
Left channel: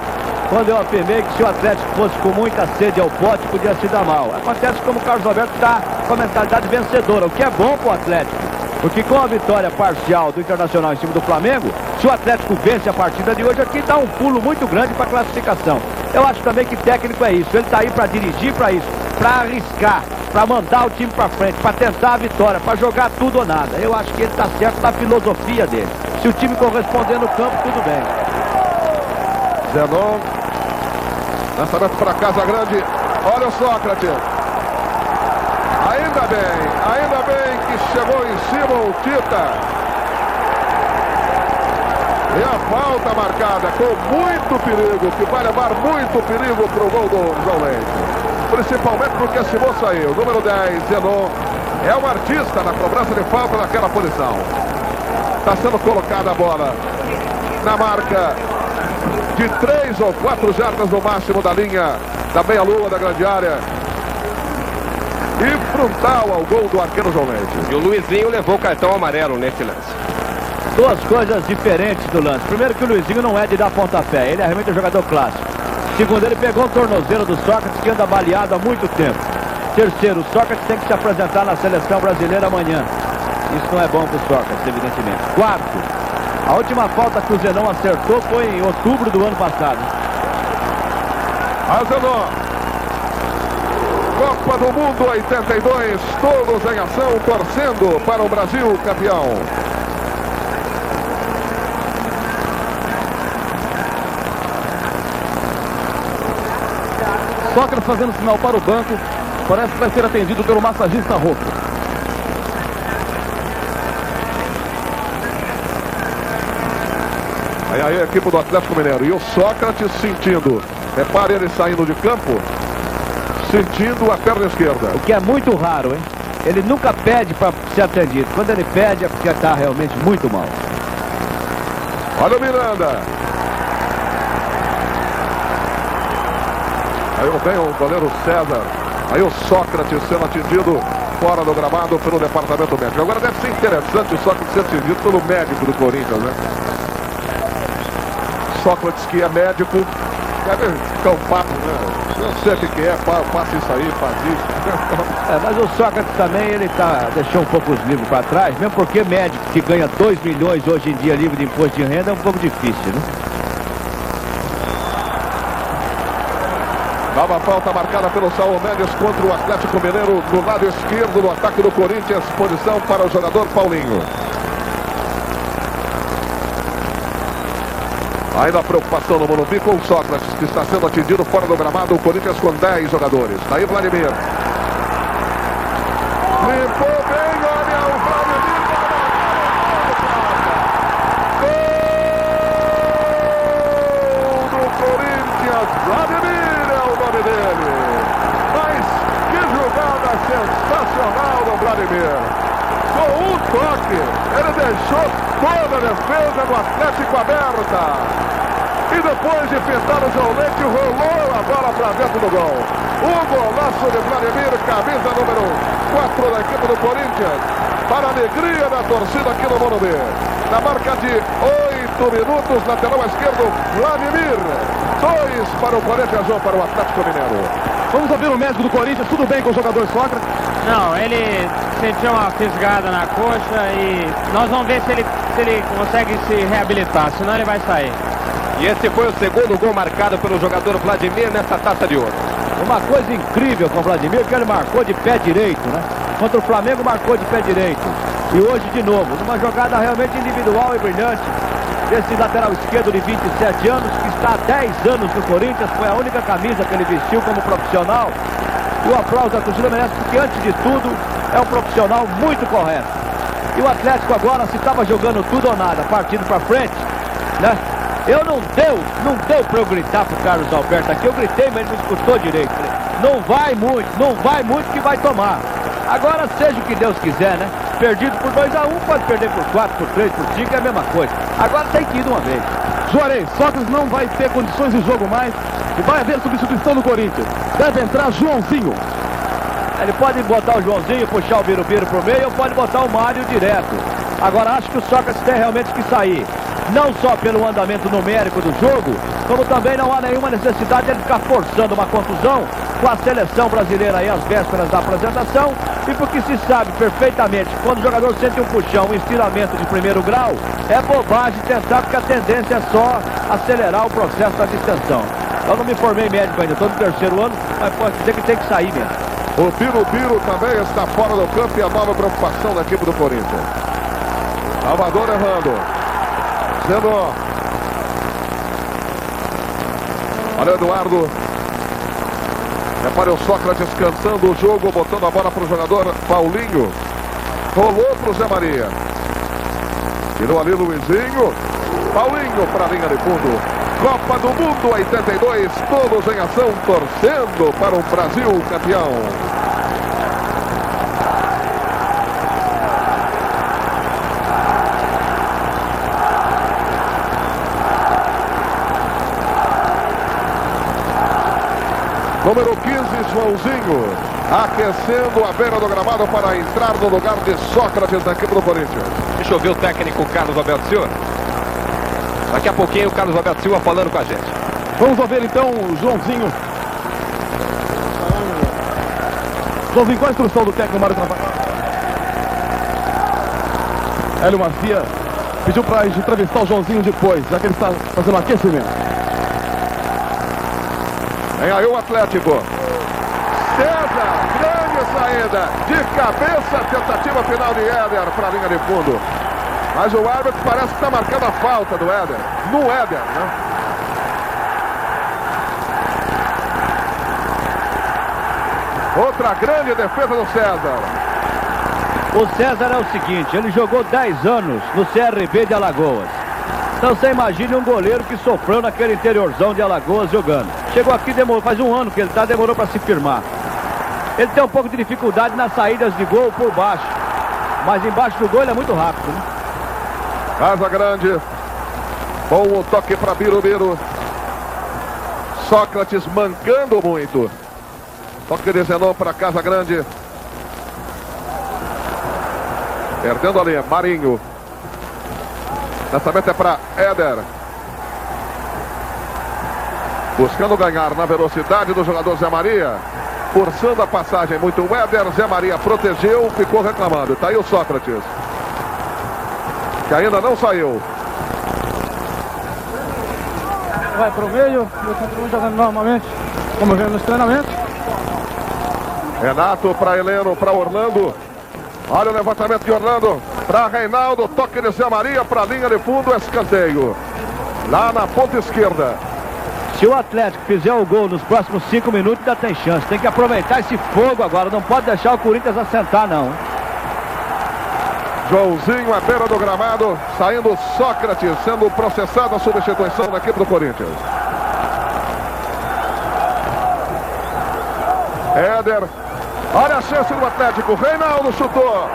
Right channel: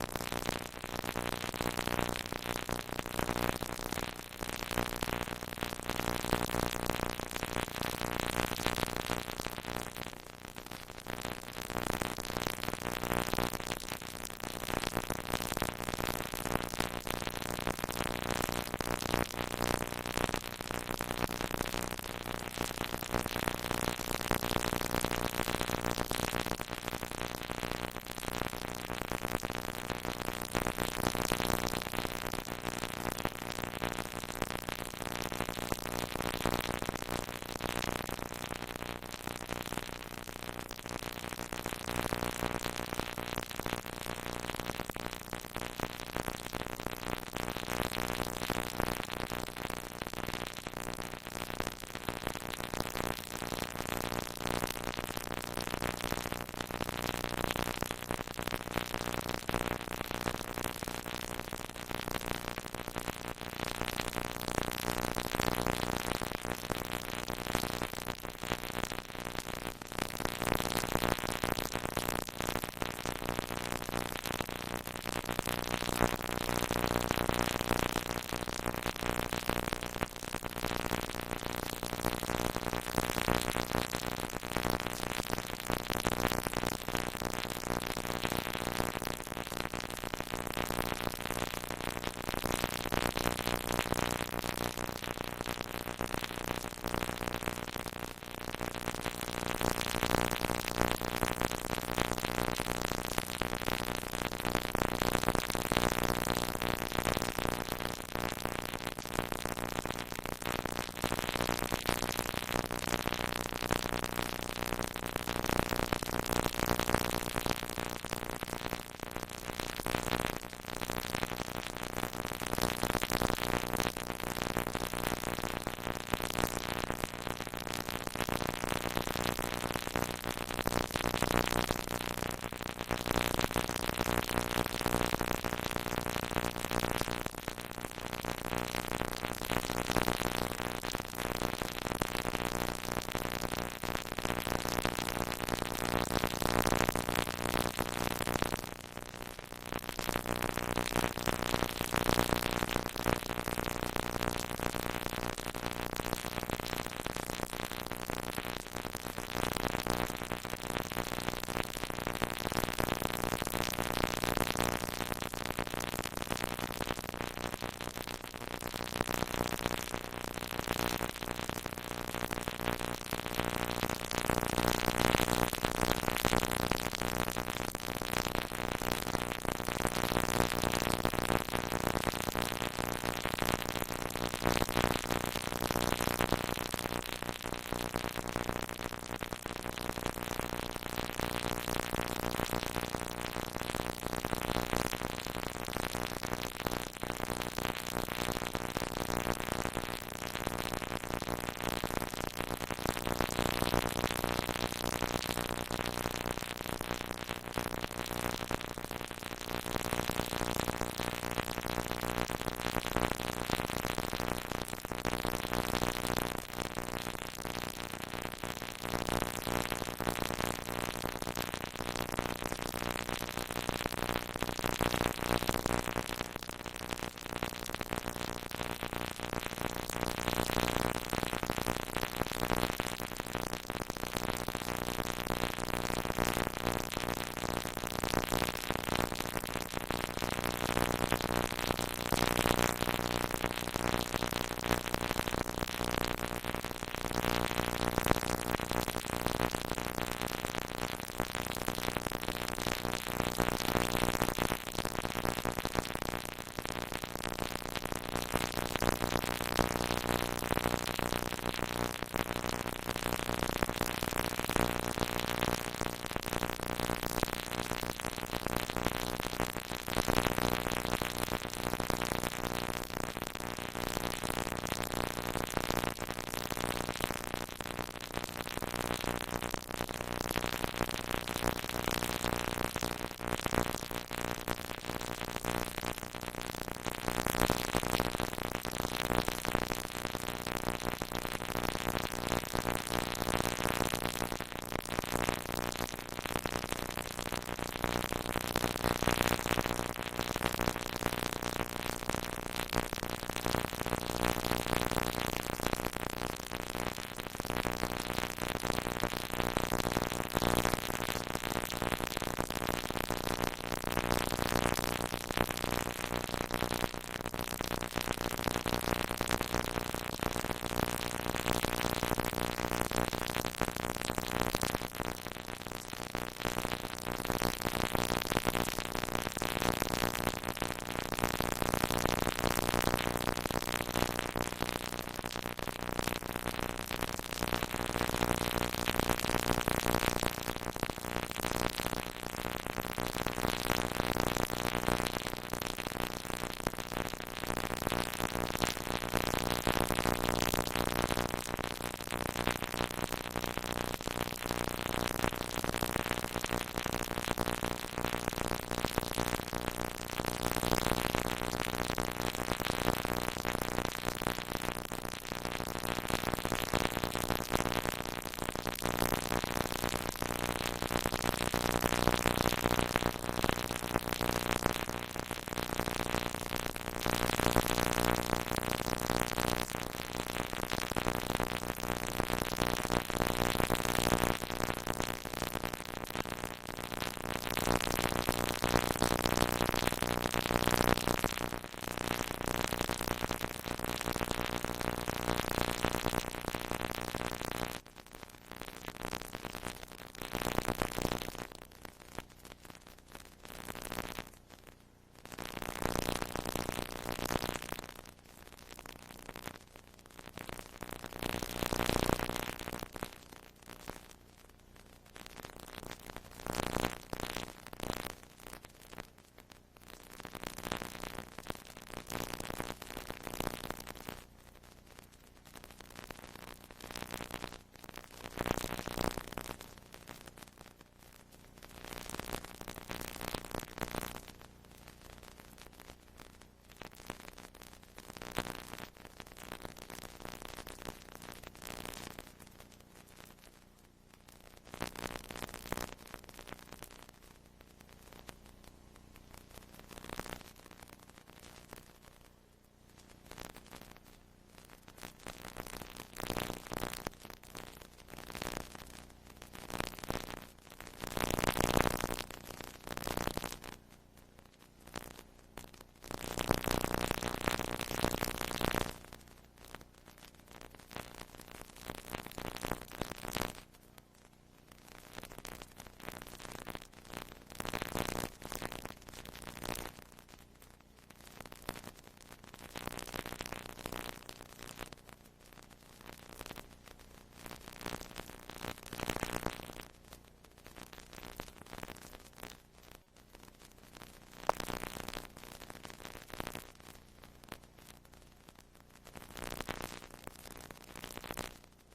quando eu afirmei que se o Atlético fosse com muita sede ao pote, podia se dar mal. Acontece como o Carlos Alberto está com a mentalidade vencedora, o que é bom para o Atlético. Porque com a vitória parcial do Internacional em cima do Flamengo, se o Atlético vence a partida de hoje aqui, dá um pulo muito grande para a classificação. Eu acho também que técnico é isso, ele está aí para dirigir para isso, para arriscar, para mandar o time para frente, para tentar a vitória, para jogar tudo ou nada. Eu acho que ele está certo na filosofia dele. Se o time corresponder no campo, tudo bem. Zenon, lançamento para Casagrande, olha o Sócrates. Ainda bem que chegou em cima o Tita. E a falta marcada com muito perigo, que vai levar muito perigo para o gol do João Leite. Principalmente porque esse moço aí, o número 10, Zenon, é um artista na cobrança de falta naquela posição. Está sendo colocada a bola na marca de 3 ou 4 jardas no máximo da linha da meia-lua da grande área. E frontal ao gol do arqueiro João Leite. E o Luizinho levou o cartão amarelo nesse lance. Duas coisas diferentes do lance. Primeiro que o Luizinho não é de dar pontapé, ele é realmente um jogador clássico. Segundo, ele pegou o tornozelo do Sócrates, que anda baleado há muito tempo. Terceiro, o Sócrates tem que se apresentar na seleção brasileira amanhã. Isso não é bom para o Sócrates, evidentemente. Quarto, a última falta que o Zenon acertou foi em outubro do ano passado. A Zenon. Copa do Mundo 82, todos em ação, torcendo para o Brasil campeão. Sócrates fazendo sinal para o banco, parece que vai ser atendido pelo massagista Rocco. Aí a equipe do Atlético Mineiro. E o Sócrates sentindo. Repare ele saindo de campo, sentindo a perna esquerda. O que é muito raro, hein? Ele nunca pede para ser atendido. Quando ele pede é porque está realmente muito mal. Olha o Miranda. Aí vem o goleiro César. Aí o Sócrates sendo atendido fora do gramado pelo departamento médico. Agora deve ser interessante o Sócrates ser atendido pelo médico do Corinthians, né? Sócrates, que é médico, deve ficar um papo, né? Não sei o que é, passa isso aí, faz isso. Mas o Sócrates também, ele deixou um pouco os livros para trás, mesmo porque médico que ganha 2 milhões hoje em dia livre de imposto de renda é um pouco difícil, né? Nova falta marcada pelo Saul Mendes contra o Atlético Mineiro no lado esquerdo do ataque do Corinthians. Posição para o jogador Paulinho. Ainda a preocupação no Morumbi com o Sócrates, que está sendo atendido fora do gramado. O Corinthians com 10 jogadores. Está aí Vladimir. Limpou bem, olha o Vladimir. Gol do Corinthians. Vladimir é o nome dele. Vladimir. Com um toque, ele deixou toda a defesa do Atlético aberta. E depois de pintar o João Leite, rolou a bola para dentro do gol. O golaço de Vladimir, camisa número 4 da equipe do Corinthians. Para a alegria da torcida aqui no Morumbi. Na marca de 8 minutos, lateral esquerdo, Vladimir. 2 para o Corinthians, 1 para o Atlético Mineiro. Vamos ouvir o médico do Corinthians, tudo bem com o jogador Sócrates? Não, ele sentiu uma fisgada na coxa e nós vamos ver se ele consegue se reabilitar, senão ele vai sair. E esse foi o segundo gol marcado pelo jogador Vladimir nessa Taça de Ouro. Uma coisa incrível com o Vladimir, que ele marcou de pé direito, né? Contra o Flamengo marcou de pé direito. E hoje de novo, numa jogada realmente individual e brilhante. Esse lateral esquerdo de 27 anos, que está há 10 anos no Corinthians, foi a única camisa que ele vestiu como profissional. E o aplauso da torcida merece, porque antes de tudo, é um profissional muito correto. E o Atlético agora, se estava jogando tudo ou nada, partindo para frente, né? Não deu para eu gritar pro Carlos Alberto aqui, eu gritei, mas ele não escutou direito. Não vai muito que vai tomar. Agora seja o que Deus quiser, né? Perdido por 2-1, pode perder por 4, por 3, por 5, é a mesma coisa. Agora tem que ir de uma vez. Juarez, Sócrates não vai ter condições de jogo mais e vai haver substituição no Corinthians. Deve entrar Joãozinho. Ele pode botar o Joãozinho, puxar o Birubiru pro meio, ou pode botar o Mário direto. Agora acho que o Sócrates tem realmente que sair. Não só pelo andamento numérico do jogo, como também não há nenhuma necessidade de ele ficar forçando uma contusão com a seleção brasileira aí às vésperas da apresentação, e porque se sabe perfeitamente que quando o jogador sente um puxão, um estiramento de primeiro grau, é bobagem tentar, porque a tendência é só acelerar o processo da distensão. Eu não me formei médico ainda, estou no 3º ano, mas posso dizer que tem que sair mesmo. O Birubiru também está fora do campo e a nova preocupação da equipe do Corinthians. Salvador errando. Zenon. Olha o Eduardo. Repare o Sócrates cantando o jogo, botando a bola para o jogador Paulinho. Rolou para o Zé Maria. Tirou ali Luizinho. Paulinho para a linha de fundo. Copa do Mundo 82, todos em ação, torcendo para o Brasil campeão. Número 15, Joãozinho, aquecendo a beira do gramado para entrar no lugar de Sócrates na equipe do Corinthians. Deixa eu ver o técnico Carlos Alberto Silva. Daqui a pouquinho o Carlos Alberto Silva falando com a gente. Vamos ouvir então o Joãozinho. Joãozinho, qual a instrução do técnico Mário Travassos? Hélio Marcia pediu para a gente entrevistar o Joãozinho depois, já que ele está fazendo aquecimento. Vem aí o Atlético. César, grande saída. De cabeça, tentativa final de Éder para a linha de fundo. Mas o árbitro parece que está marcando a falta do Éder. No Éder, né? Outra grande defesa do César. O César é o seguinte, ele jogou 10 anos no CRB de Alagoas. Então você imagine um goleiro que sofreu naquele interiorzão de Alagoas jogando. Chegou aqui, demorou, faz um ano que ele está, demorou para se firmar. Ele tem um pouco de dificuldade nas saídas de gol por baixo. Mas embaixo do gol ele é muito rápido, né? Casa Grande. Bom o toque para Birubiru. Sócrates mancando muito. Toque de Zenon para Casa Grande. Perdendo ali, Marinho. Lançamento é para Éder. Buscando ganhar na velocidade do jogador Zé Maria. Forçando a passagem muito o Éder. Zé Maria protegeu, ficou reclamando. Está aí o Sócrates, que ainda não saiu. Vai para o meio, eu continuo jogando normalmente, como vendo nos treinamentos. Renato para Heleno, para Orlando. Olha o levantamento de Orlando. Para Reinaldo, toque de Zé Maria para a linha de fundo, escanteio. Lá na ponta esquerda. Se o Atlético fizer o gol nos próximos 5 minutos, ainda tem chance. Tem que aproveitar esse fogo agora. Não pode deixar o Corinthians assentar, não. Joãozinho à beira do gramado. Saindo Sócrates, sendo processado a substituição da equipe do Corinthians. Éder Olha a chance do Atlético. Reinaldo chutou.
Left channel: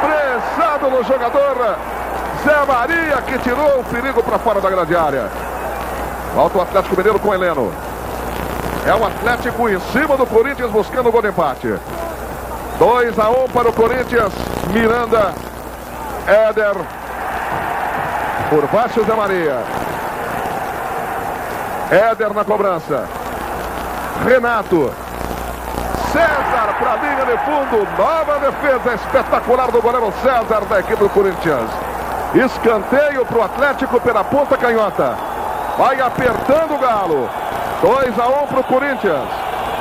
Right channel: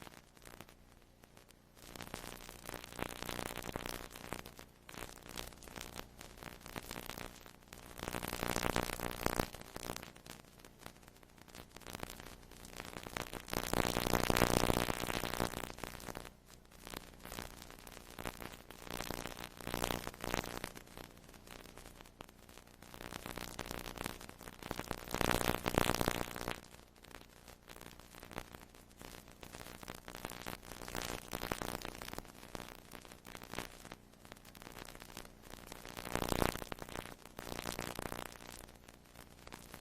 Pressado no jogador Zé Maria, que tirou o perigo para fora da grande área. Volta o Atlético Mineiro com Heleno. É o Atlético em cima do Corinthians buscando o gol de empate. 2-1 para o Corinthians. Miranda, Éder. Por baixo Zé Maria. Éder na cobrança. Renato. César para a linha de fundo. Nova defesa espetacular do goleiro César da equipe do Corinthians. Escanteio para o Atlético pela ponta canhota. Vai apertando o Galo. 2-1 para o Corinthians.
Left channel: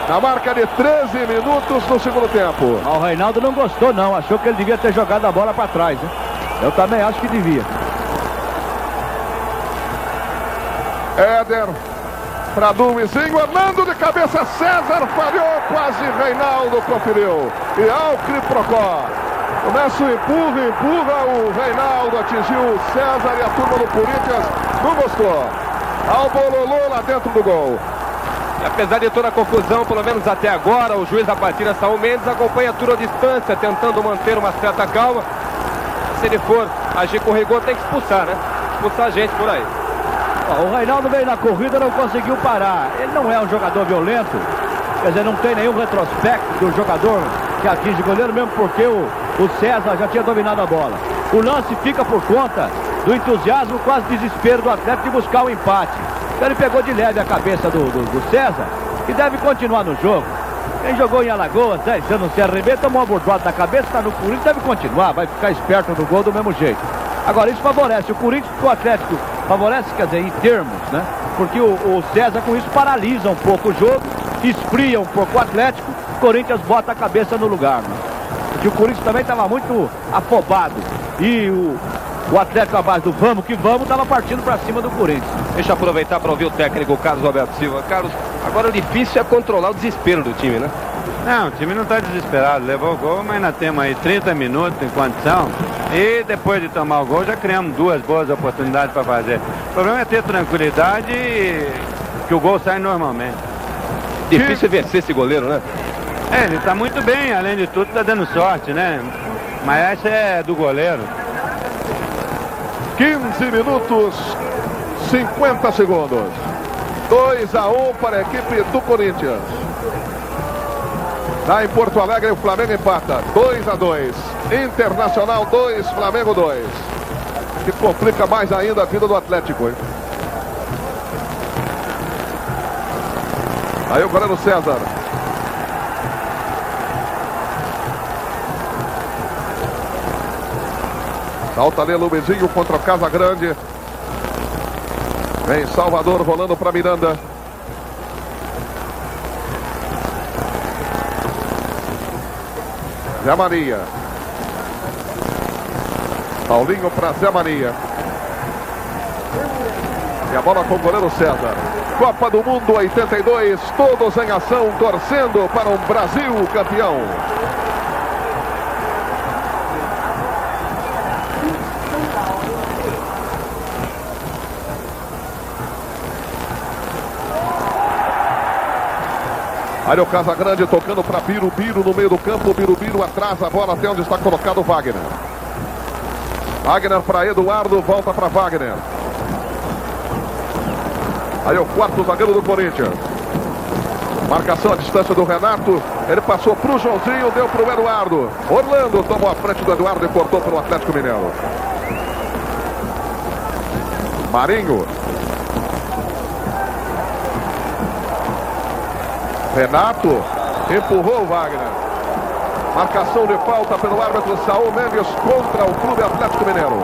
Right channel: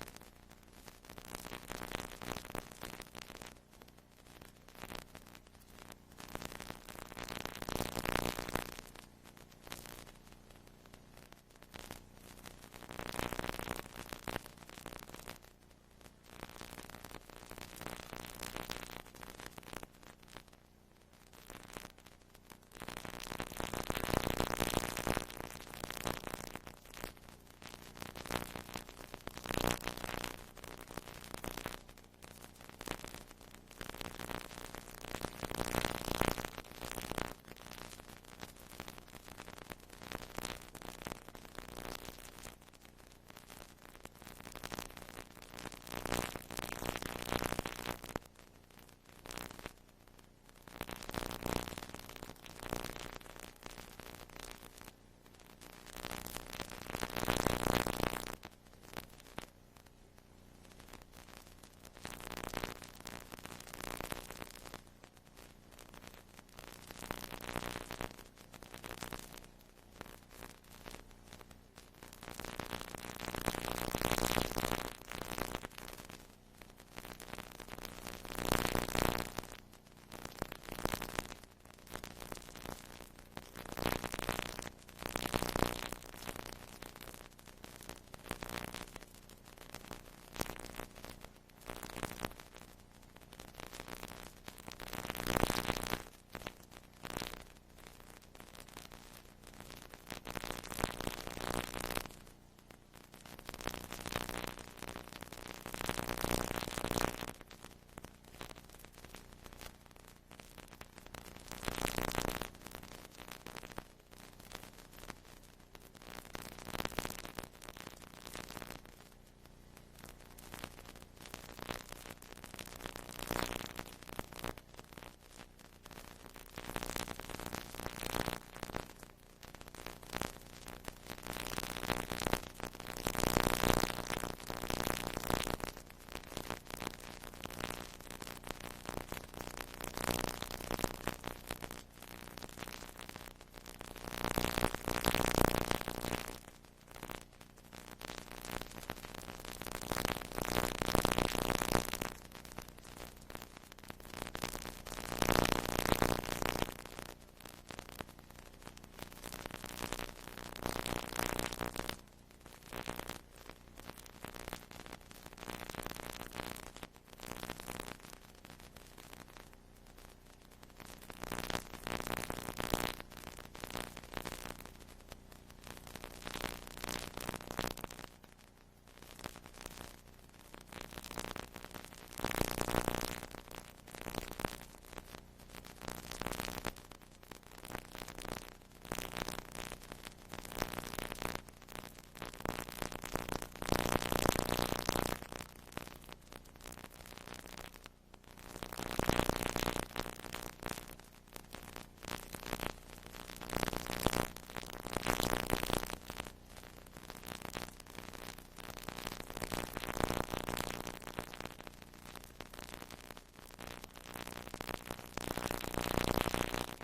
Na marca de 13 minutos no segundo tempo. O Reinaldo não gostou não. Achou que ele devia ter jogado a bola para trás, hein? Eu também acho que devia. Éder. Para Duizinho, Armando de cabeça, César falhou, quase Reinaldo conferiu. E ao Criprocó. Começa o empurra, o Reinaldo atingiu o César e a turma do Corinthians não gostou. Ao bololô lá dentro do gol. E apesar de toda a confusão, pelo menos até agora, o juiz da partida, Saul Mendes, acompanha tudo à distância, tentando manter uma certa calma. Se ele for agir com rigor, tem que expulsar, né? Expulsar a gente por aí. O Reinaldo veio na corrida e não conseguiu parar. Ele não é um jogador violento. Quer dizer, não tem nenhum retrospecto do jogador que atinge o goleiro, mesmo porque o César já tinha dominado a bola. O lance fica por conta do entusiasmo, quase desespero do Atlético de buscar o empate. Então ele pegou de leve a cabeça do César, que deve continuar no jogo. Quem jogou em Alagoas, 10 anos no CRB, tomou uma bordoada na cabeça, está no Corinthians, deve continuar, vai ficar esperto no gol do mesmo jeito. Agora, isso favorece o Corinthians, porque o Atlético favorece, quer dizer, em termos, né? Porque o César, com isso, paralisa um pouco o jogo, esfria um pouco o Atlético, o Corinthians bota a cabeça no lugar, né? Porque o Corinthians também estava muito afobado. E o Atlético, à base do vamos que vamos, estava partindo para cima do Corinthians. Deixa eu aproveitar para ouvir o técnico Carlos Alberto Silva. Carlos, agora o difícil é controlar o desespero do time, né? Não, o time não está desesperado, levou o gol, mas nós temos aí 30 minutos em condição e depois de tomar o gol já criamos duas boas oportunidades para fazer. O problema é ter tranquilidade e que o gol sai normalmente. Difícil vencer esse goleiro, né? Ele está muito bem, além de tudo está dando sorte, né? Mas essa é do goleiro. 15 minutos, 50 segundos. 2-1 para a equipe do Corinthians. Lá em Porto Alegre, o Flamengo empata. 2-2. Internacional 2, Flamengo 2. Que complica mais ainda a vida do Atlético, hein? Aí o goleiro César. Salta ali Luizinho contra o Casagrande. Vem Salvador rolando para Miranda. Zé Maria. Paulinho para Zé Maria. E a bola com o goleiro César. Copa do Mundo 82, todos em ação, torcendo para um Brasil campeão. Aí o Casagrande tocando para Birubiru no meio do campo. Birubiru atrasa a bola até onde está colocado o Wagner. Wagner para Eduardo, volta para Wagner. Aí o quarto zagueiro do Corinthians. Marcação à distância do Renato. Ele passou para o Joãozinho, deu para o Eduardo. Orlando tomou a frente do Eduardo e cortou para o Atlético Mineiro. Marinho. Renato empurrou o Wagner. Marcação de falta pelo árbitro Saul Mendes contra o Clube Atlético Mineiro.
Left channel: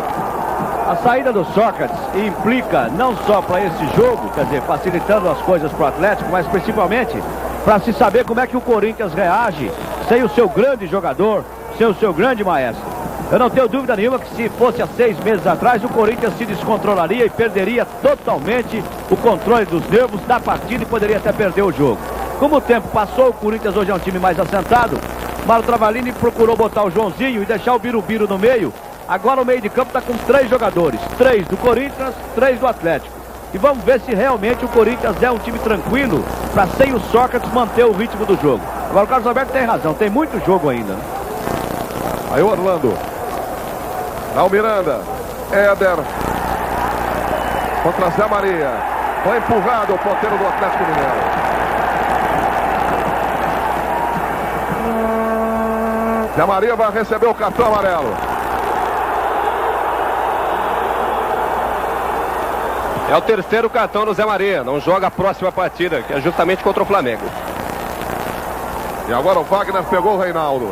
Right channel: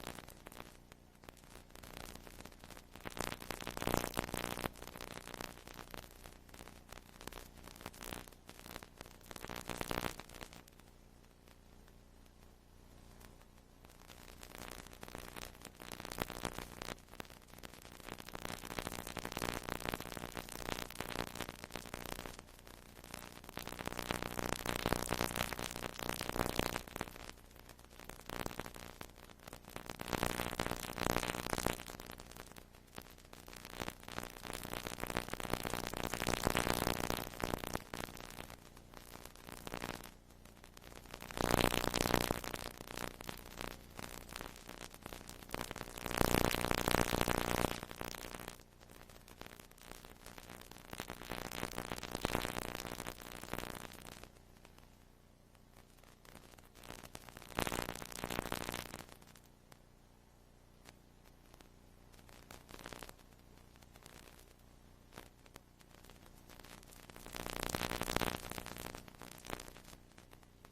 A saída do Sócrates implica não só para esse jogo, quer dizer, facilitando as coisas para o Atlético, mas principalmente para se saber como é que o Corinthians reage sem o seu grande jogador, sem o seu grande maestro. Eu não tenho dúvida nenhuma que se fosse há 6 meses atrás, o Corinthians se descontrolaria e perderia totalmente o controle dos nervos da partida e poderia até perder o jogo. Como o tempo passou, o Corinthians hoje é um time mais assentado. Mário Travalini procurou botar o Joãozinho e deixar o Birubiru no meio. Agora o meio de campo está com 3 jogadores. 3 do Corinthians, 3 do Atlético. E vamos ver se realmente o Corinthians é um time tranquilo para sem o Sócrates manter o ritmo do jogo. Agora o Carlos Alberto tem razão, tem muito jogo ainda. Né? Aí o Orlando. Dá o Miranda. Éder. Contra Zé Maria. Foi empurrado o ponteiro do Atlético Mineiro. Zé Maria vai receber o cartão amarelo. É o terceiro cartão do Zé Maria. Não joga a próxima partida, que é justamente contra o Flamengo. E agora o Wagner pegou o Reinaldo.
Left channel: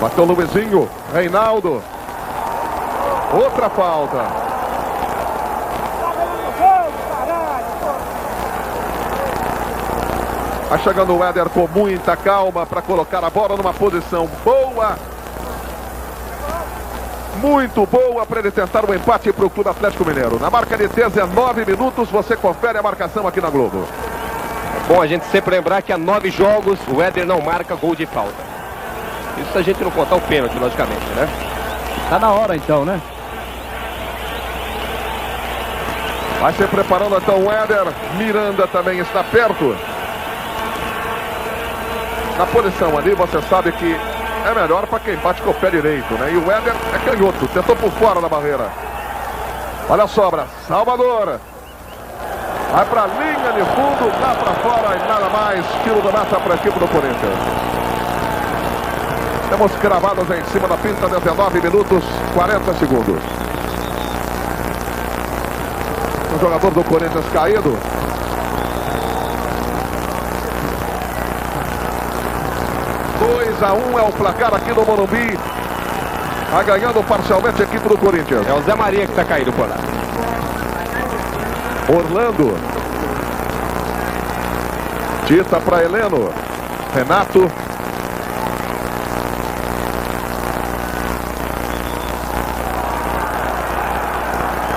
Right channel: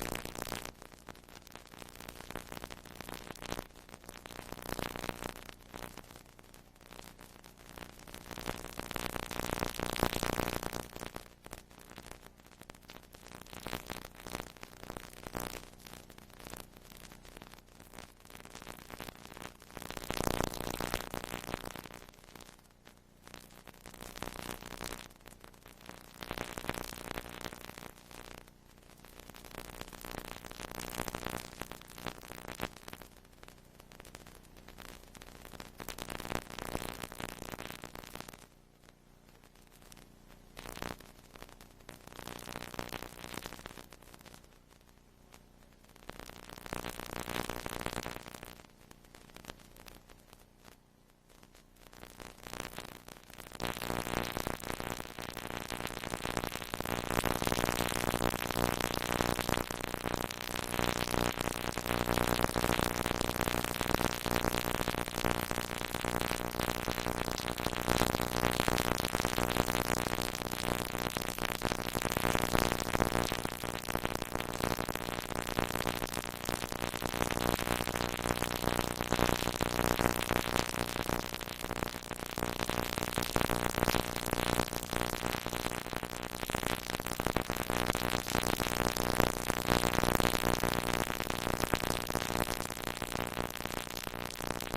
Bateu o Luizinho. Reinaldo. Outra falta. Vai chegando o Éder com muita calma para colocar a bola numa posição boa. Muito boa para ele tentar um empate para o Clube Atlético Mineiro. Na marca de 19 minutos, você confere a marcação aqui na Globo. É bom a gente sempre lembrar que há 9 jogos o Éder não marca gol de falta. Isso se a gente não contar o pênalti, logicamente, né? Tá na hora então, né? Vai se preparando então o Éder. Miranda também está perto. Na posição ali, você sabe que é melhor para quem bate com o pé direito, né? E o Éder é canhoto, tentou por fora da barreira. Olha a sobra, Salvador. Vai para a linha de fundo, dá para fora e nada mais. Tiro do mata para a equipe do Corinthians. Temos cravados em cima da pinta, 19 minutos, 40 segundos. O jogador do Corinthians caído. (2 a 1) é o placar aqui no Morumbi. Está ganhando parcialmente a equipe do Corinthians. É o Zé Maria que está caído por lá. Orlando. Tita para Heleno. Renato.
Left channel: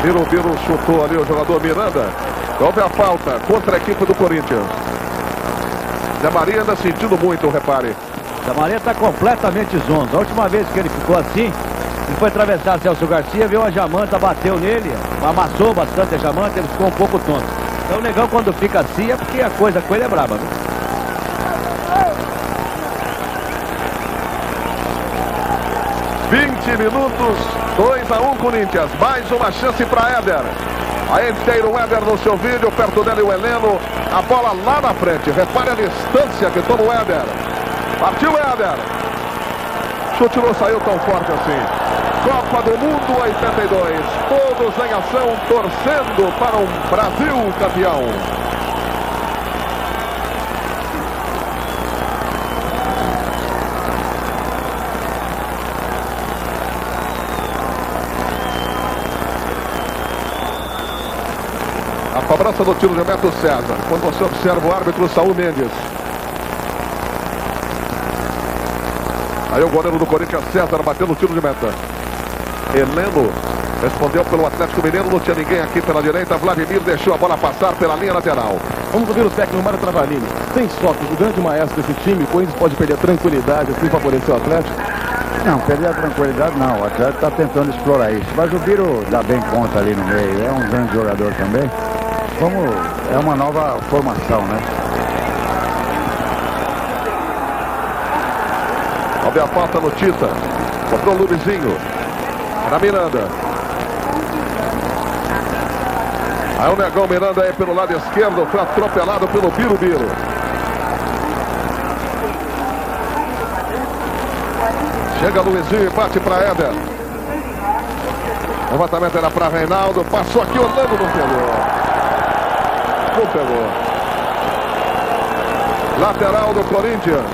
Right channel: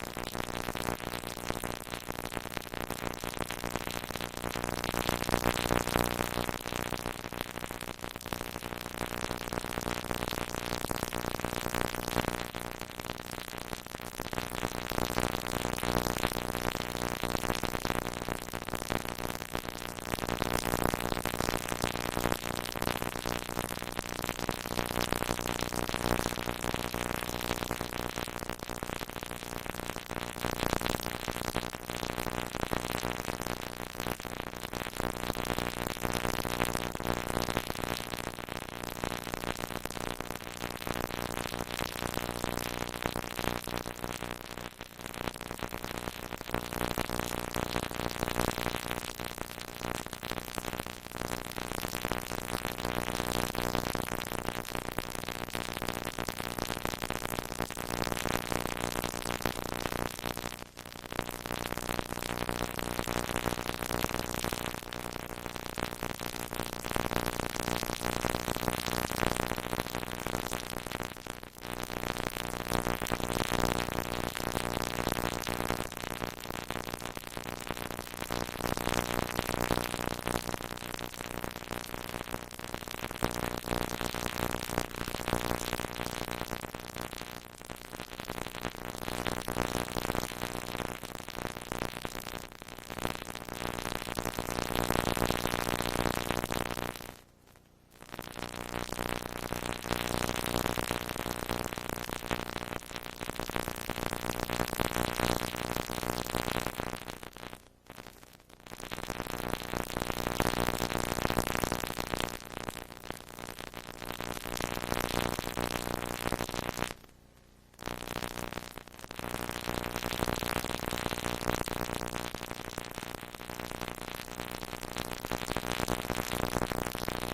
Biro chutou ali o jogador Miranda. Houve a falta contra a equipe do Corinthians. Zé Maria anda sentindo muito, repare. Zé Maria está completamente zonzo. A última vez que ele ficou assim, ele foi atravessar Celso Garcia, viu a Jamanta, bateu nele, amassou bastante a Jamanta, ele ficou um pouco tonto. Então o negão quando fica assim é porque a coisa com ele é braba, viu? (20 minutos, 2 a 1 Corinthians. Mais uma chance para Éder. Aí inteiro o Éder no seu vídeo, perto dele o Heleno. A bola lá na frente. Repare a distância que toma o Éder. Partiu o Éder. Chute não saiu tão forte assim. Copa do Mundo 82. Todos em ação, torcendo para um Brasil campeão. A cobrança do tiro de Beto César. Quando você observa o árbitro Saul Mendes. Aí o goleiro do Corinthians, César, batendo o tiro de meta. Heleno respondeu pelo Atlético Mineiro. Não tinha ninguém aqui pela direita. Vladimir deixou a bola passar pela linha lateral. Vamos ouvir o técnico Mário Travalini. Sem Sócrates, o grande maestro desse time, o Corinthians pode perder a tranquilidade, assim favorecer o Atlético? Não, perder a tranquilidade não. O Atlético está tentando explorar isso. Mas o Biro dá bem conta ali no meio. É um grande jogador também. É uma nova formação, né? Houve a falta no Tita. Sobrou o Luizinho. Para Miranda. Aí o negão Miranda aí pelo lado esquerdo. Foi atropelado pelo Biro. Chega Luizinho e bate para Éder. O levantamento era para Reinaldo. Passou aqui, Orlando não pegou. Não pegou. Lateral do Corinthians.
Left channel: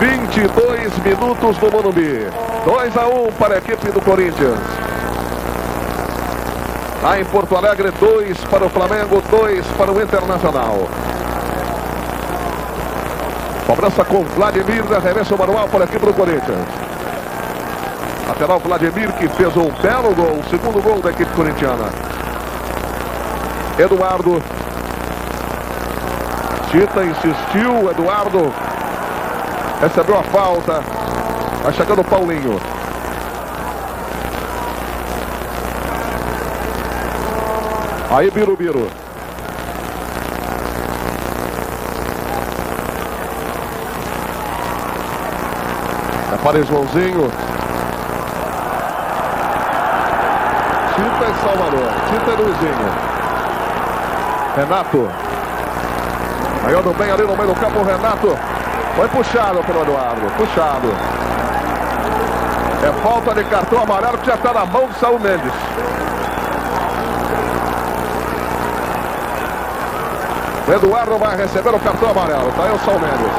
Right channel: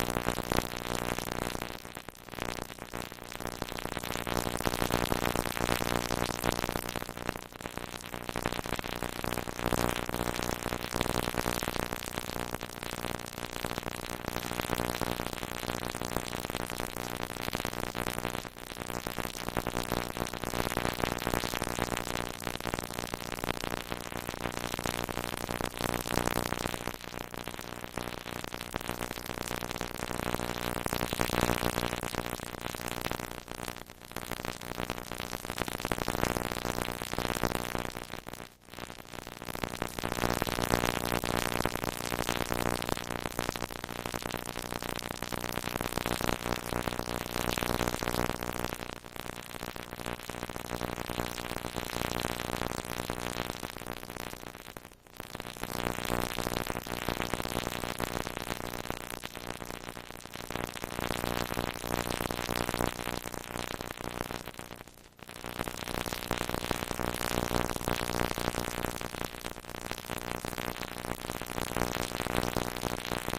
22 minutos no Morumbi. 2 a 1 para a equipe do Corinthians. Lá em Porto Alegre, 2 para o Flamengo, 2 para o Internacional. Cobrança com Vladimir, arremesso manual para a equipe do Corinthians. Lateral Vladimir, que fez um belo gol, o segundo gol da equipe corintiana. Eduardo. Tita insistiu, Eduardo recebeu a falta. Vai chegando o Paulinho. Aí Birubiru. É para Joãozinho. Tita e Salvador. Tita e Luizinho. Renato. Ganhando bem ali no meio do campo, o Renato. Foi puxado pelo Eduardo. Puxado. É falta de cartão amarelo que já está na mão do Saul Mendes. O Eduardo vai receber o cartão amarelo. Tá aí o Saul Mendes.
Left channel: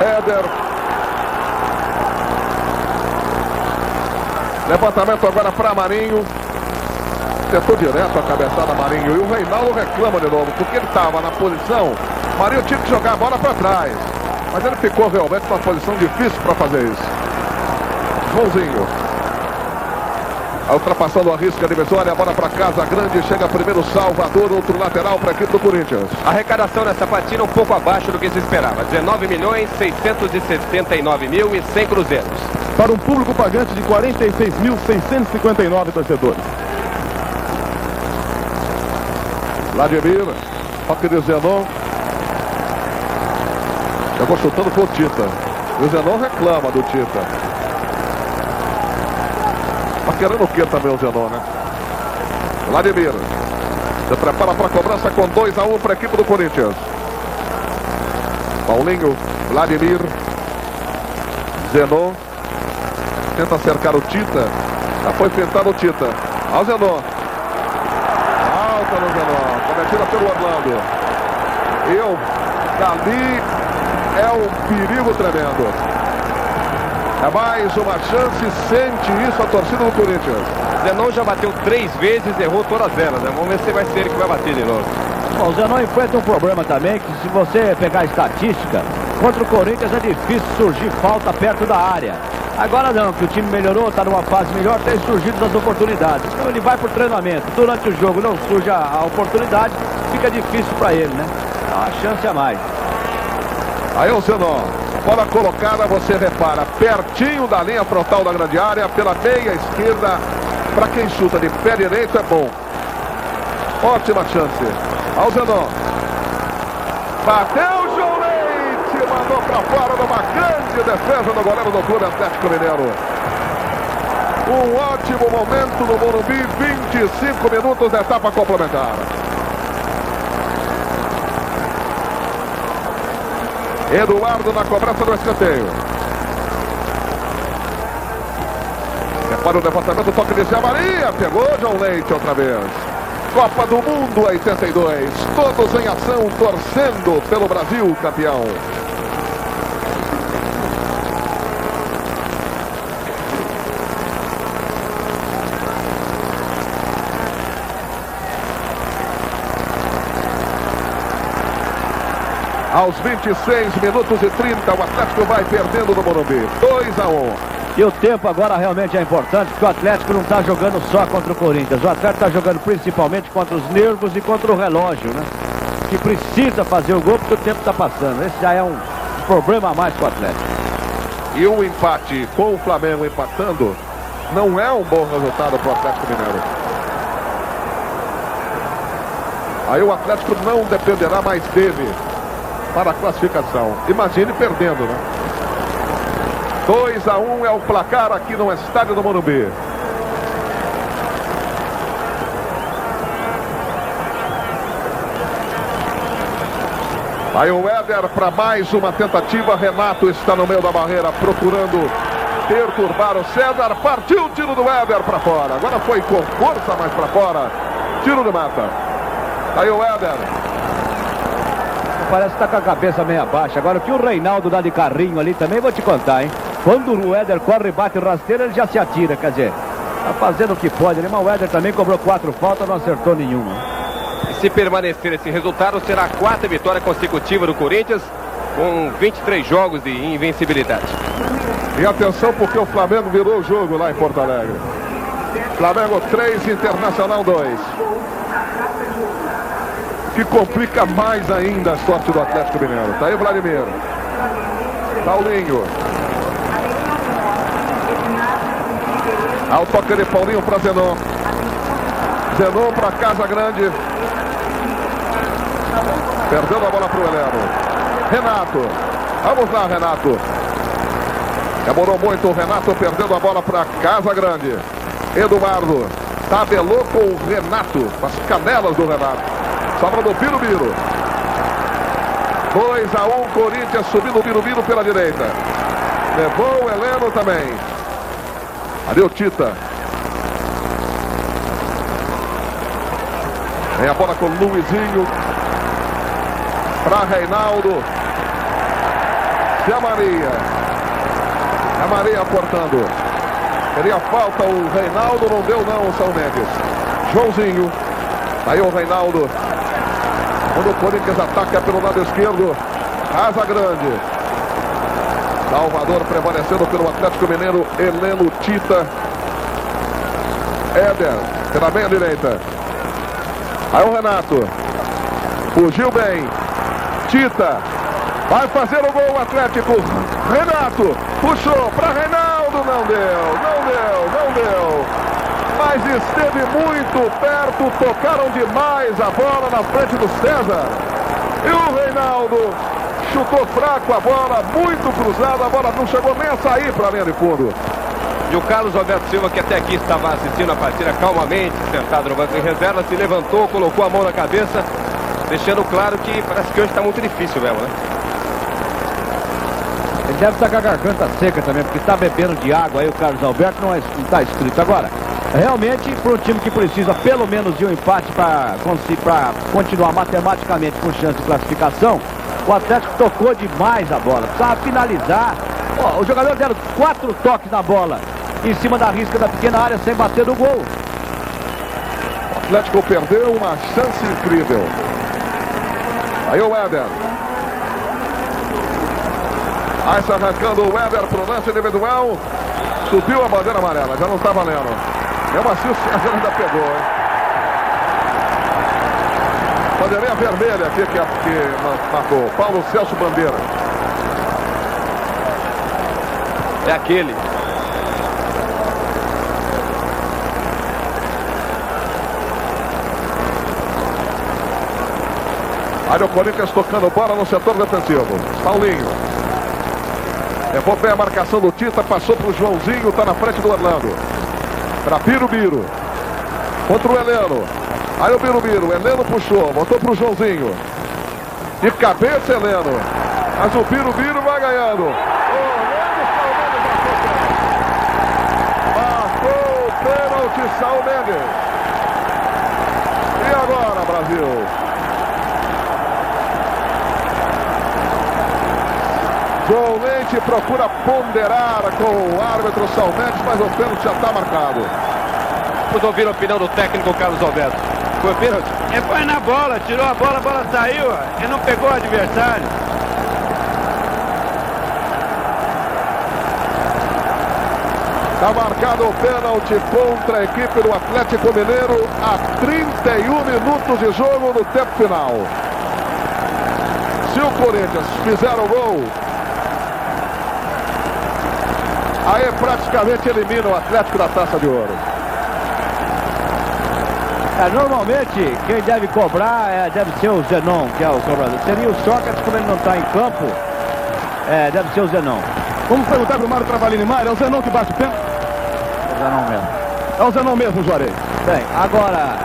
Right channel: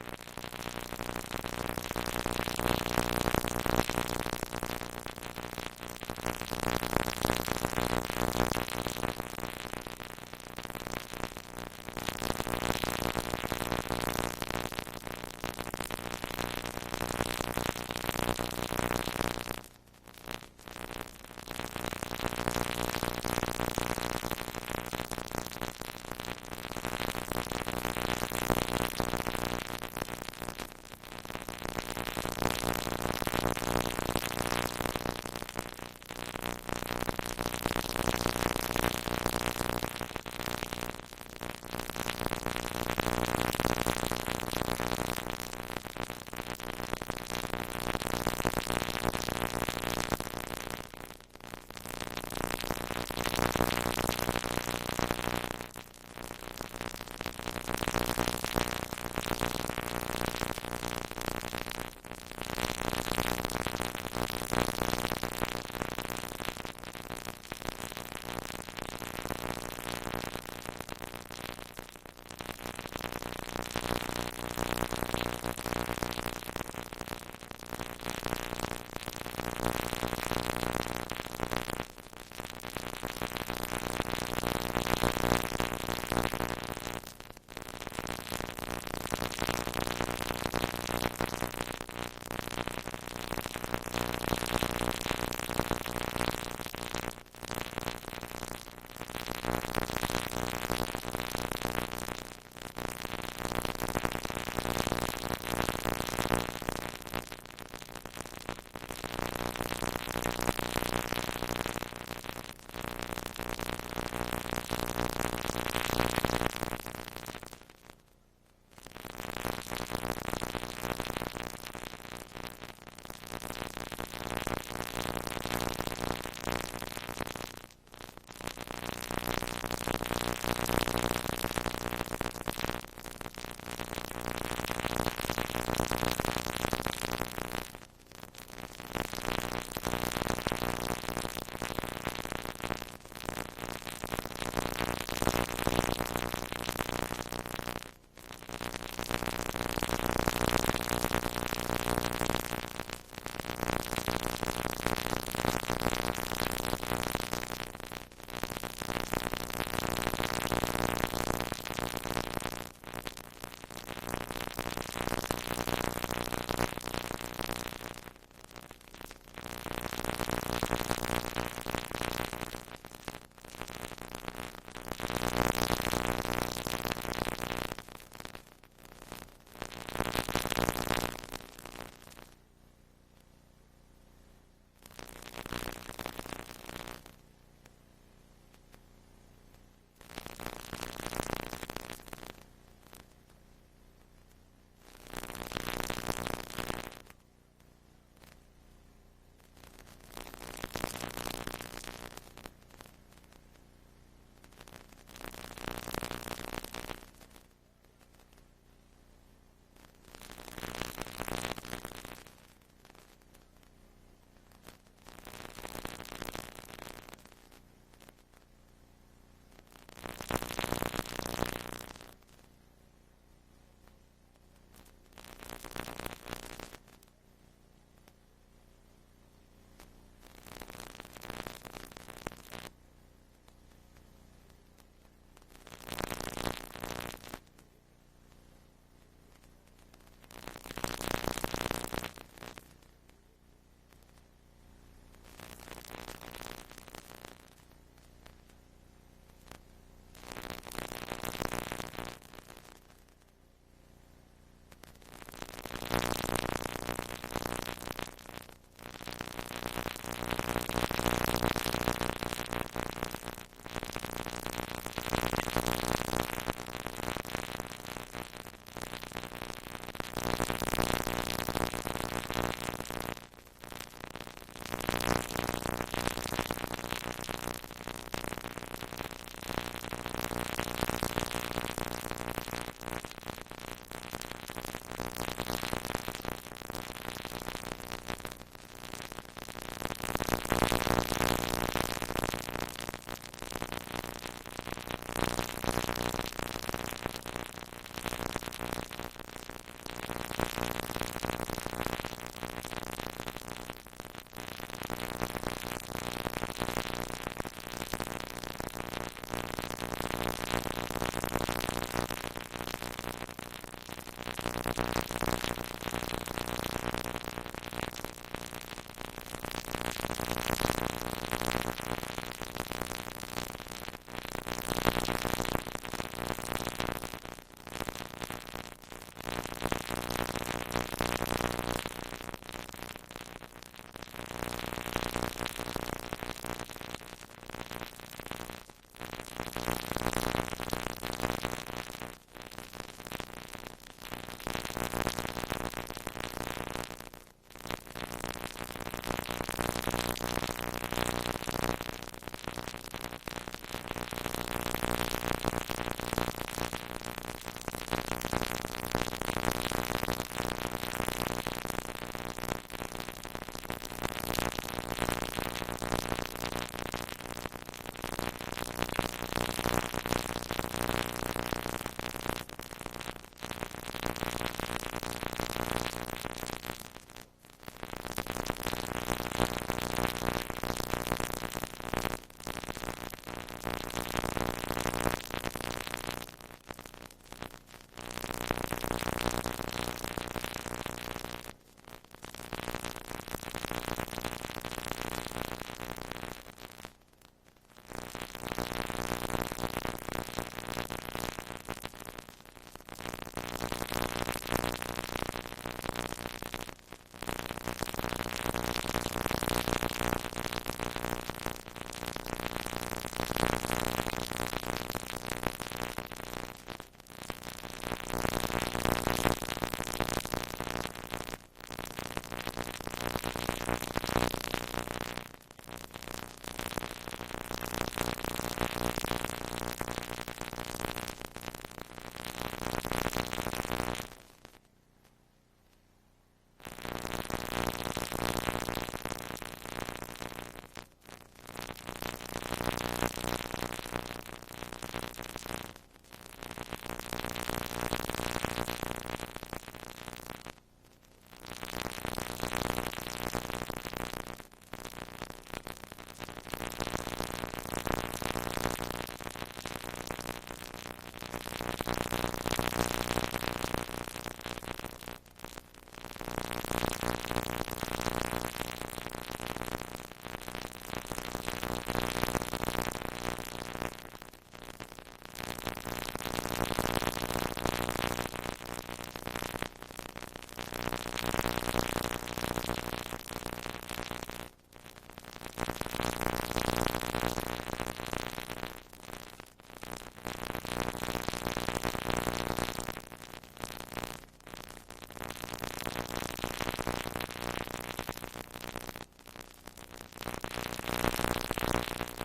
Éder. Levantamento agora para Marinho. Tentou direto a cabeçada Marinho. E o Reinaldo reclama de novo, porque ele estava na posição. Marinho tinha que jogar a bola para trás. Mas ele ficou realmente numa posição difícil para fazer isso. Joãozinho. Ultrapassando a risca divisória, a bola para Casa Grande. Chega primeiro Salvador, outro lateral para a equipe do Corinthians. A arrecadação nessa partida um pouco abaixo do que se esperava. 19.669.100 cruzeiros. Para um público pagante de 46.659 torcedores. Vladimir, toque de Zenon. Chegou chutando com o Tita. O Zenon reclama do Tita. Tá querendo o que também o Zenon, né? Vladimir. Se prepara para a cobrança com 2-1 para a equipe do Corinthians. Paulinho, Vladimir. Zenon. Tenta cercar o Tita. Já foi pintado o Tita. Ao Zenon. Alta no Zenon. Cometida pelo Orlando. Dali é um perigo tremendo. É mais uma chance. Sente isso a torcida do Corinthians. Zenon já bateu 3 vezes, errou todas elas, né? Vamos ver se vai ser ele que vai bater de novo. Bom, o Zenon enfrenta um problema também, que se você pegar a estatística, contra o Corinthians é difícil surgir falta perto da área. Agora não, que o time melhorou, está numa fase melhor, tem surgido as oportunidades. Então ele vai para o treinamento. Durante o jogo não surge a oportunidade, fica difícil para ele, né? Dá uma chance a mais. Aí o Zenon. Bola colocada, você repara, pertinho da linha frontal da grande área, pela meia esquerda. Para quem chuta de pé direito é bom. Ótima chance. Ao Zenon. Bateu o João Leite, mandou para fora numa grande defesa do goleiro do Clube Atlético Mineiro. Um ótimo momento no Morumbi, 25 minutos da etapa complementar. Eduardo na cobrança do escanteio. Para o levantamento, toque de Zé Maria. Pegou João Leite outra vez. Copa do Mundo 82. Todos em ação, torcendo pelo Brasil campeão. Aos 26 minutos e 30, o Atlético vai perdendo no Morumbi. 2-1. E o tempo agora realmente é importante, porque o Atlético não está jogando só contra o Corinthians. O Atlético está jogando principalmente contra os nervos e contra o relógio, né? Que precisa fazer o gol porque o tempo está passando. Esse já é um problema a mais para o Atlético. E o empate com o Flamengo empatando não é um bom resultado para o Atlético Mineiro. Aí o Atlético não dependerá mais dele para a classificação. Imagine perdendo, né? 2-1 é o placar aqui no estádio do Morumbi. Aí o Éder para mais uma tentativa. Renato está no meio da barreira procurando perturbar o César. Partiu o tiro do Éder para fora. Agora foi com força mais para fora. Tiro de mata. Aí o Éder. Parece que está com a cabeça meio abaixo. Agora o que o Reinaldo dá de carrinho ali também, vou te contar, hein? Quando o Éder corre e bate rasteiro, ele já se atira, quer dizer, tá fazendo o que pode, né? Mas o Éder também cobrou 4 faltas, não acertou nenhuma. E se permanecer esse resultado, será a 4ª vitória consecutiva do Corinthians, com 23 jogos de invencibilidade. E atenção, porque o Flamengo virou o jogo lá em Porto Alegre. Flamengo 3, Internacional 2. Que complica mais ainda a sorte do Atlético Mineiro. Tá aí o Vladimir. Paulinho. Ao toque de Paulinho para Zenon. Zenon para Casa Grande. Perdendo a bola para o Heleno. Renato. Vamos lá, Renato. Demorou muito o Renato, perdendo a bola para Casa Grande. Eduardo tabelou com o Renato, as canelas do Renato. Sobra do Birubiru. 2-1, Corinthians subindo o Birubiru pela direita. Levou o Heleno também. Ali o Tita. Vem a bola com o Luizinho. Para Reinaldo. E a Maria. A Maria cortando. Queria falta o Reinaldo, não deu não o São Mendes. Joãozinho. Aí o Reinaldo. Quando o Corinthians ataca pelo lado esquerdo. Casa Grande. Salvador prevalecendo pelo Atlético Mineiro. Heleno, Tita. Éder. Pela meia direita. Aí o Renato. Fugiu bem. Tita. Vai fazer o gol o Atlético. Renato. Puxou para Reinaldo. Não deu. Mas esteve muito perto. Tocaram demais a bola na frente do César. E o Reinaldo chutou fraco a bola. Muito cruzada. A bola não chegou nem a sair para a linha de fundo. E o Carlos Alberto Silva, que até aqui estava assistindo a partida calmamente, sentado no banco de reserva, se levantou, colocou a mão na cabeça, deixando claro que parece que hoje está muito difícil mesmo, né? Ele deve estar com a garganta seca também, porque está bebendo de água aí o Carlos Alberto, não está escrito. Agora, realmente, para um time que precisa pelo menos de um empate para continuar matematicamente com chance de classificação, o Atlético tocou demais a bola, precisava finalizar. Ó, os jogadores deram 4 toques na bola em cima da risca da pequena área sem bater no gol. O Atlético perdeu uma chance incrível. Aí o Éder. Aí se arrancando o Éder para o lance individual. Subiu a bandeira amarela, já não está valendo. Mesmo assim o César ainda pegou, hein? Bandeirinha vermelha aqui que marcou. Paulo Celso Bandeira. É aquele. Aí o Corinthians tocando bola no setor defensivo. Paulinho. Levou bem a marcação do Tita, passou para o Joãozinho, está na frente do Orlando. Para Birubiru. Contra o Heleno. Aí o Birubiru. Heleno puxou, voltou para o Joãozinho. De cabeça, Heleno. Mas o Birubiru vai ganhando. Marcou o pênalti, São Mendes. E agora, Brasil? João Leite procura ponderar com o árbitro São Mendes, mas o pênalti já está marcado. Vamos ouvir a opinião do técnico Carlos Alberto. Foi pênalti? Ele foi na bola, tirou a bola saiu, ele não pegou o adversário. Está marcado o pênalti contra a equipe do Atlético Mineiro a 31 minutos de jogo no tempo final. Se o Corinthians fizer o gol, aí praticamente elimina o Atlético da Taça de Ouro. Normalmente, quem deve cobrar deve ser o Zenon, que é o cobrador. Seria o Sócrates, como ele não está em campo, deve ser o Zenon. Vamos perguntar para o Mário Travalini. Mário, é o Zenon que bate o pênalti? É o Zenon mesmo. É o Zenon mesmo, Juarez. Bem, agora,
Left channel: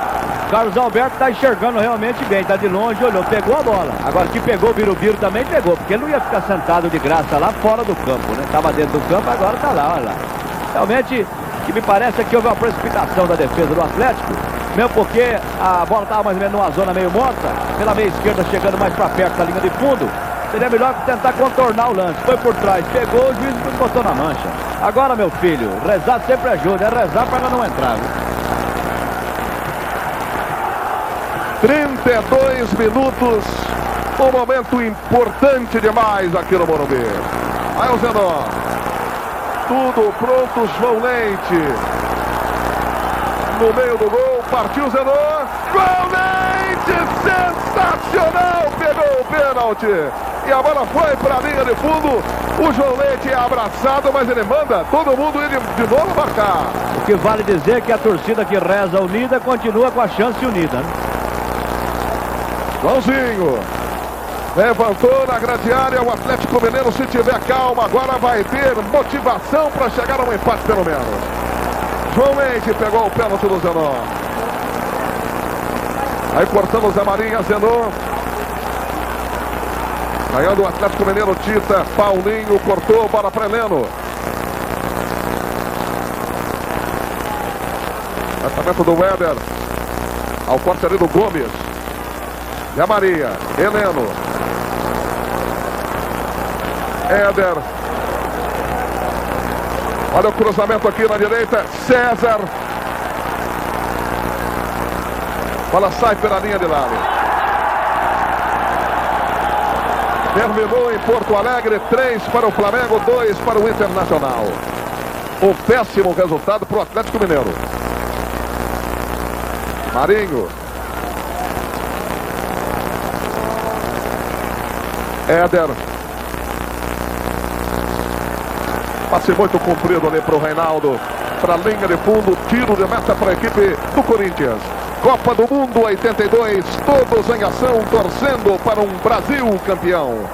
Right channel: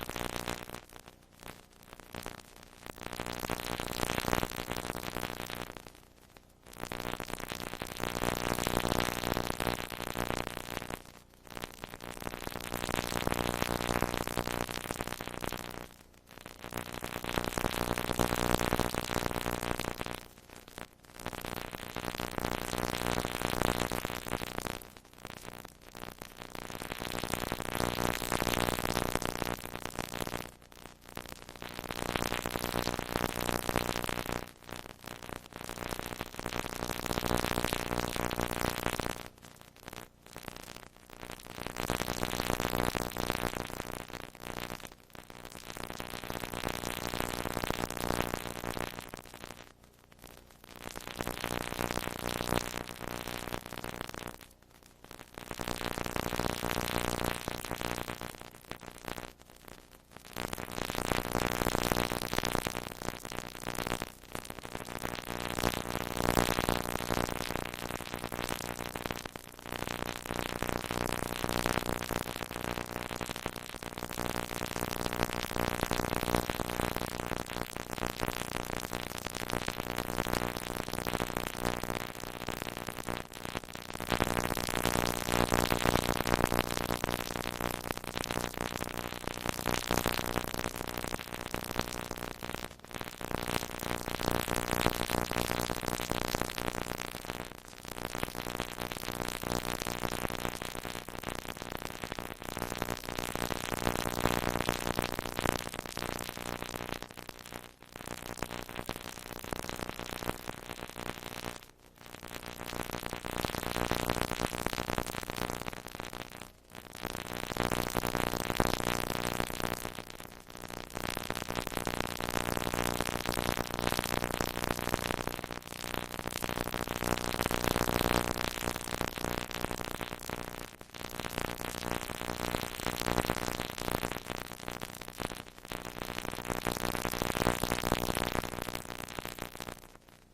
Carlos Alberto está enxergando realmente bem, está de longe, olhou, pegou a bola. Agora, que pegou o Birubiru também pegou, porque ele não ia ficar sentado de graça lá fora do campo, né? Estava dentro do campo, agora está lá, olha lá. Realmente, o que me parece é que houve uma precipitação da defesa do Atlético, mesmo porque a bola estava mais ou menos numa zona meio morta, pela meia esquerda chegando mais para perto da linha de fundo. Seria melhor que tentar contornar o lance. Foi por trás, pegou, o juiz botou na mancha. Agora, meu filho, rezar sempre ajuda, é rezar para ela não entrar, viu? 32 minutos, um momento importante demais aqui no Morumbi. Aí o Zenon. Tudo pronto, João Leite. No meio do gol, partiu o Zenon. João Leite, sensacional, pegou o pênalti. E a bola foi para a linha de fundo. O João Leite é abraçado, mas ele manda todo mundo ir de novo marcar. O que vale dizer que a torcida que reza unida continua com a chance unida, né? Joãozinho levantou na grande área. O Atlético Mineiro, se tiver calma, agora vai ter motivação para chegar a um empate pelo menos. João Leite pegou o pênalti do Zenon. Aí cortando o Zé Maria, Zenon. Ganhando o Atlético Mineiro, Tita. Paulinho cortou, bola para Heleno. Lançamento do Éder. Ao corte ali do Gomes. Zé Maria, Heleno. Éder. Olha o cruzamento aqui na direita. César. Bola sai pela linha de lado. Terminou em Porto Alegre. 3 para o Flamengo, 2 para o Internacional. Um péssimo resultado para o Atlético Mineiro. Marinho. Éder. Passe muito comprido ali para o Reinaldo. Para a linha de fundo. Tiro de meta para a equipe do Corinthians. Copa do Mundo 82. Todos em ação, torcendo para um Brasil campeão.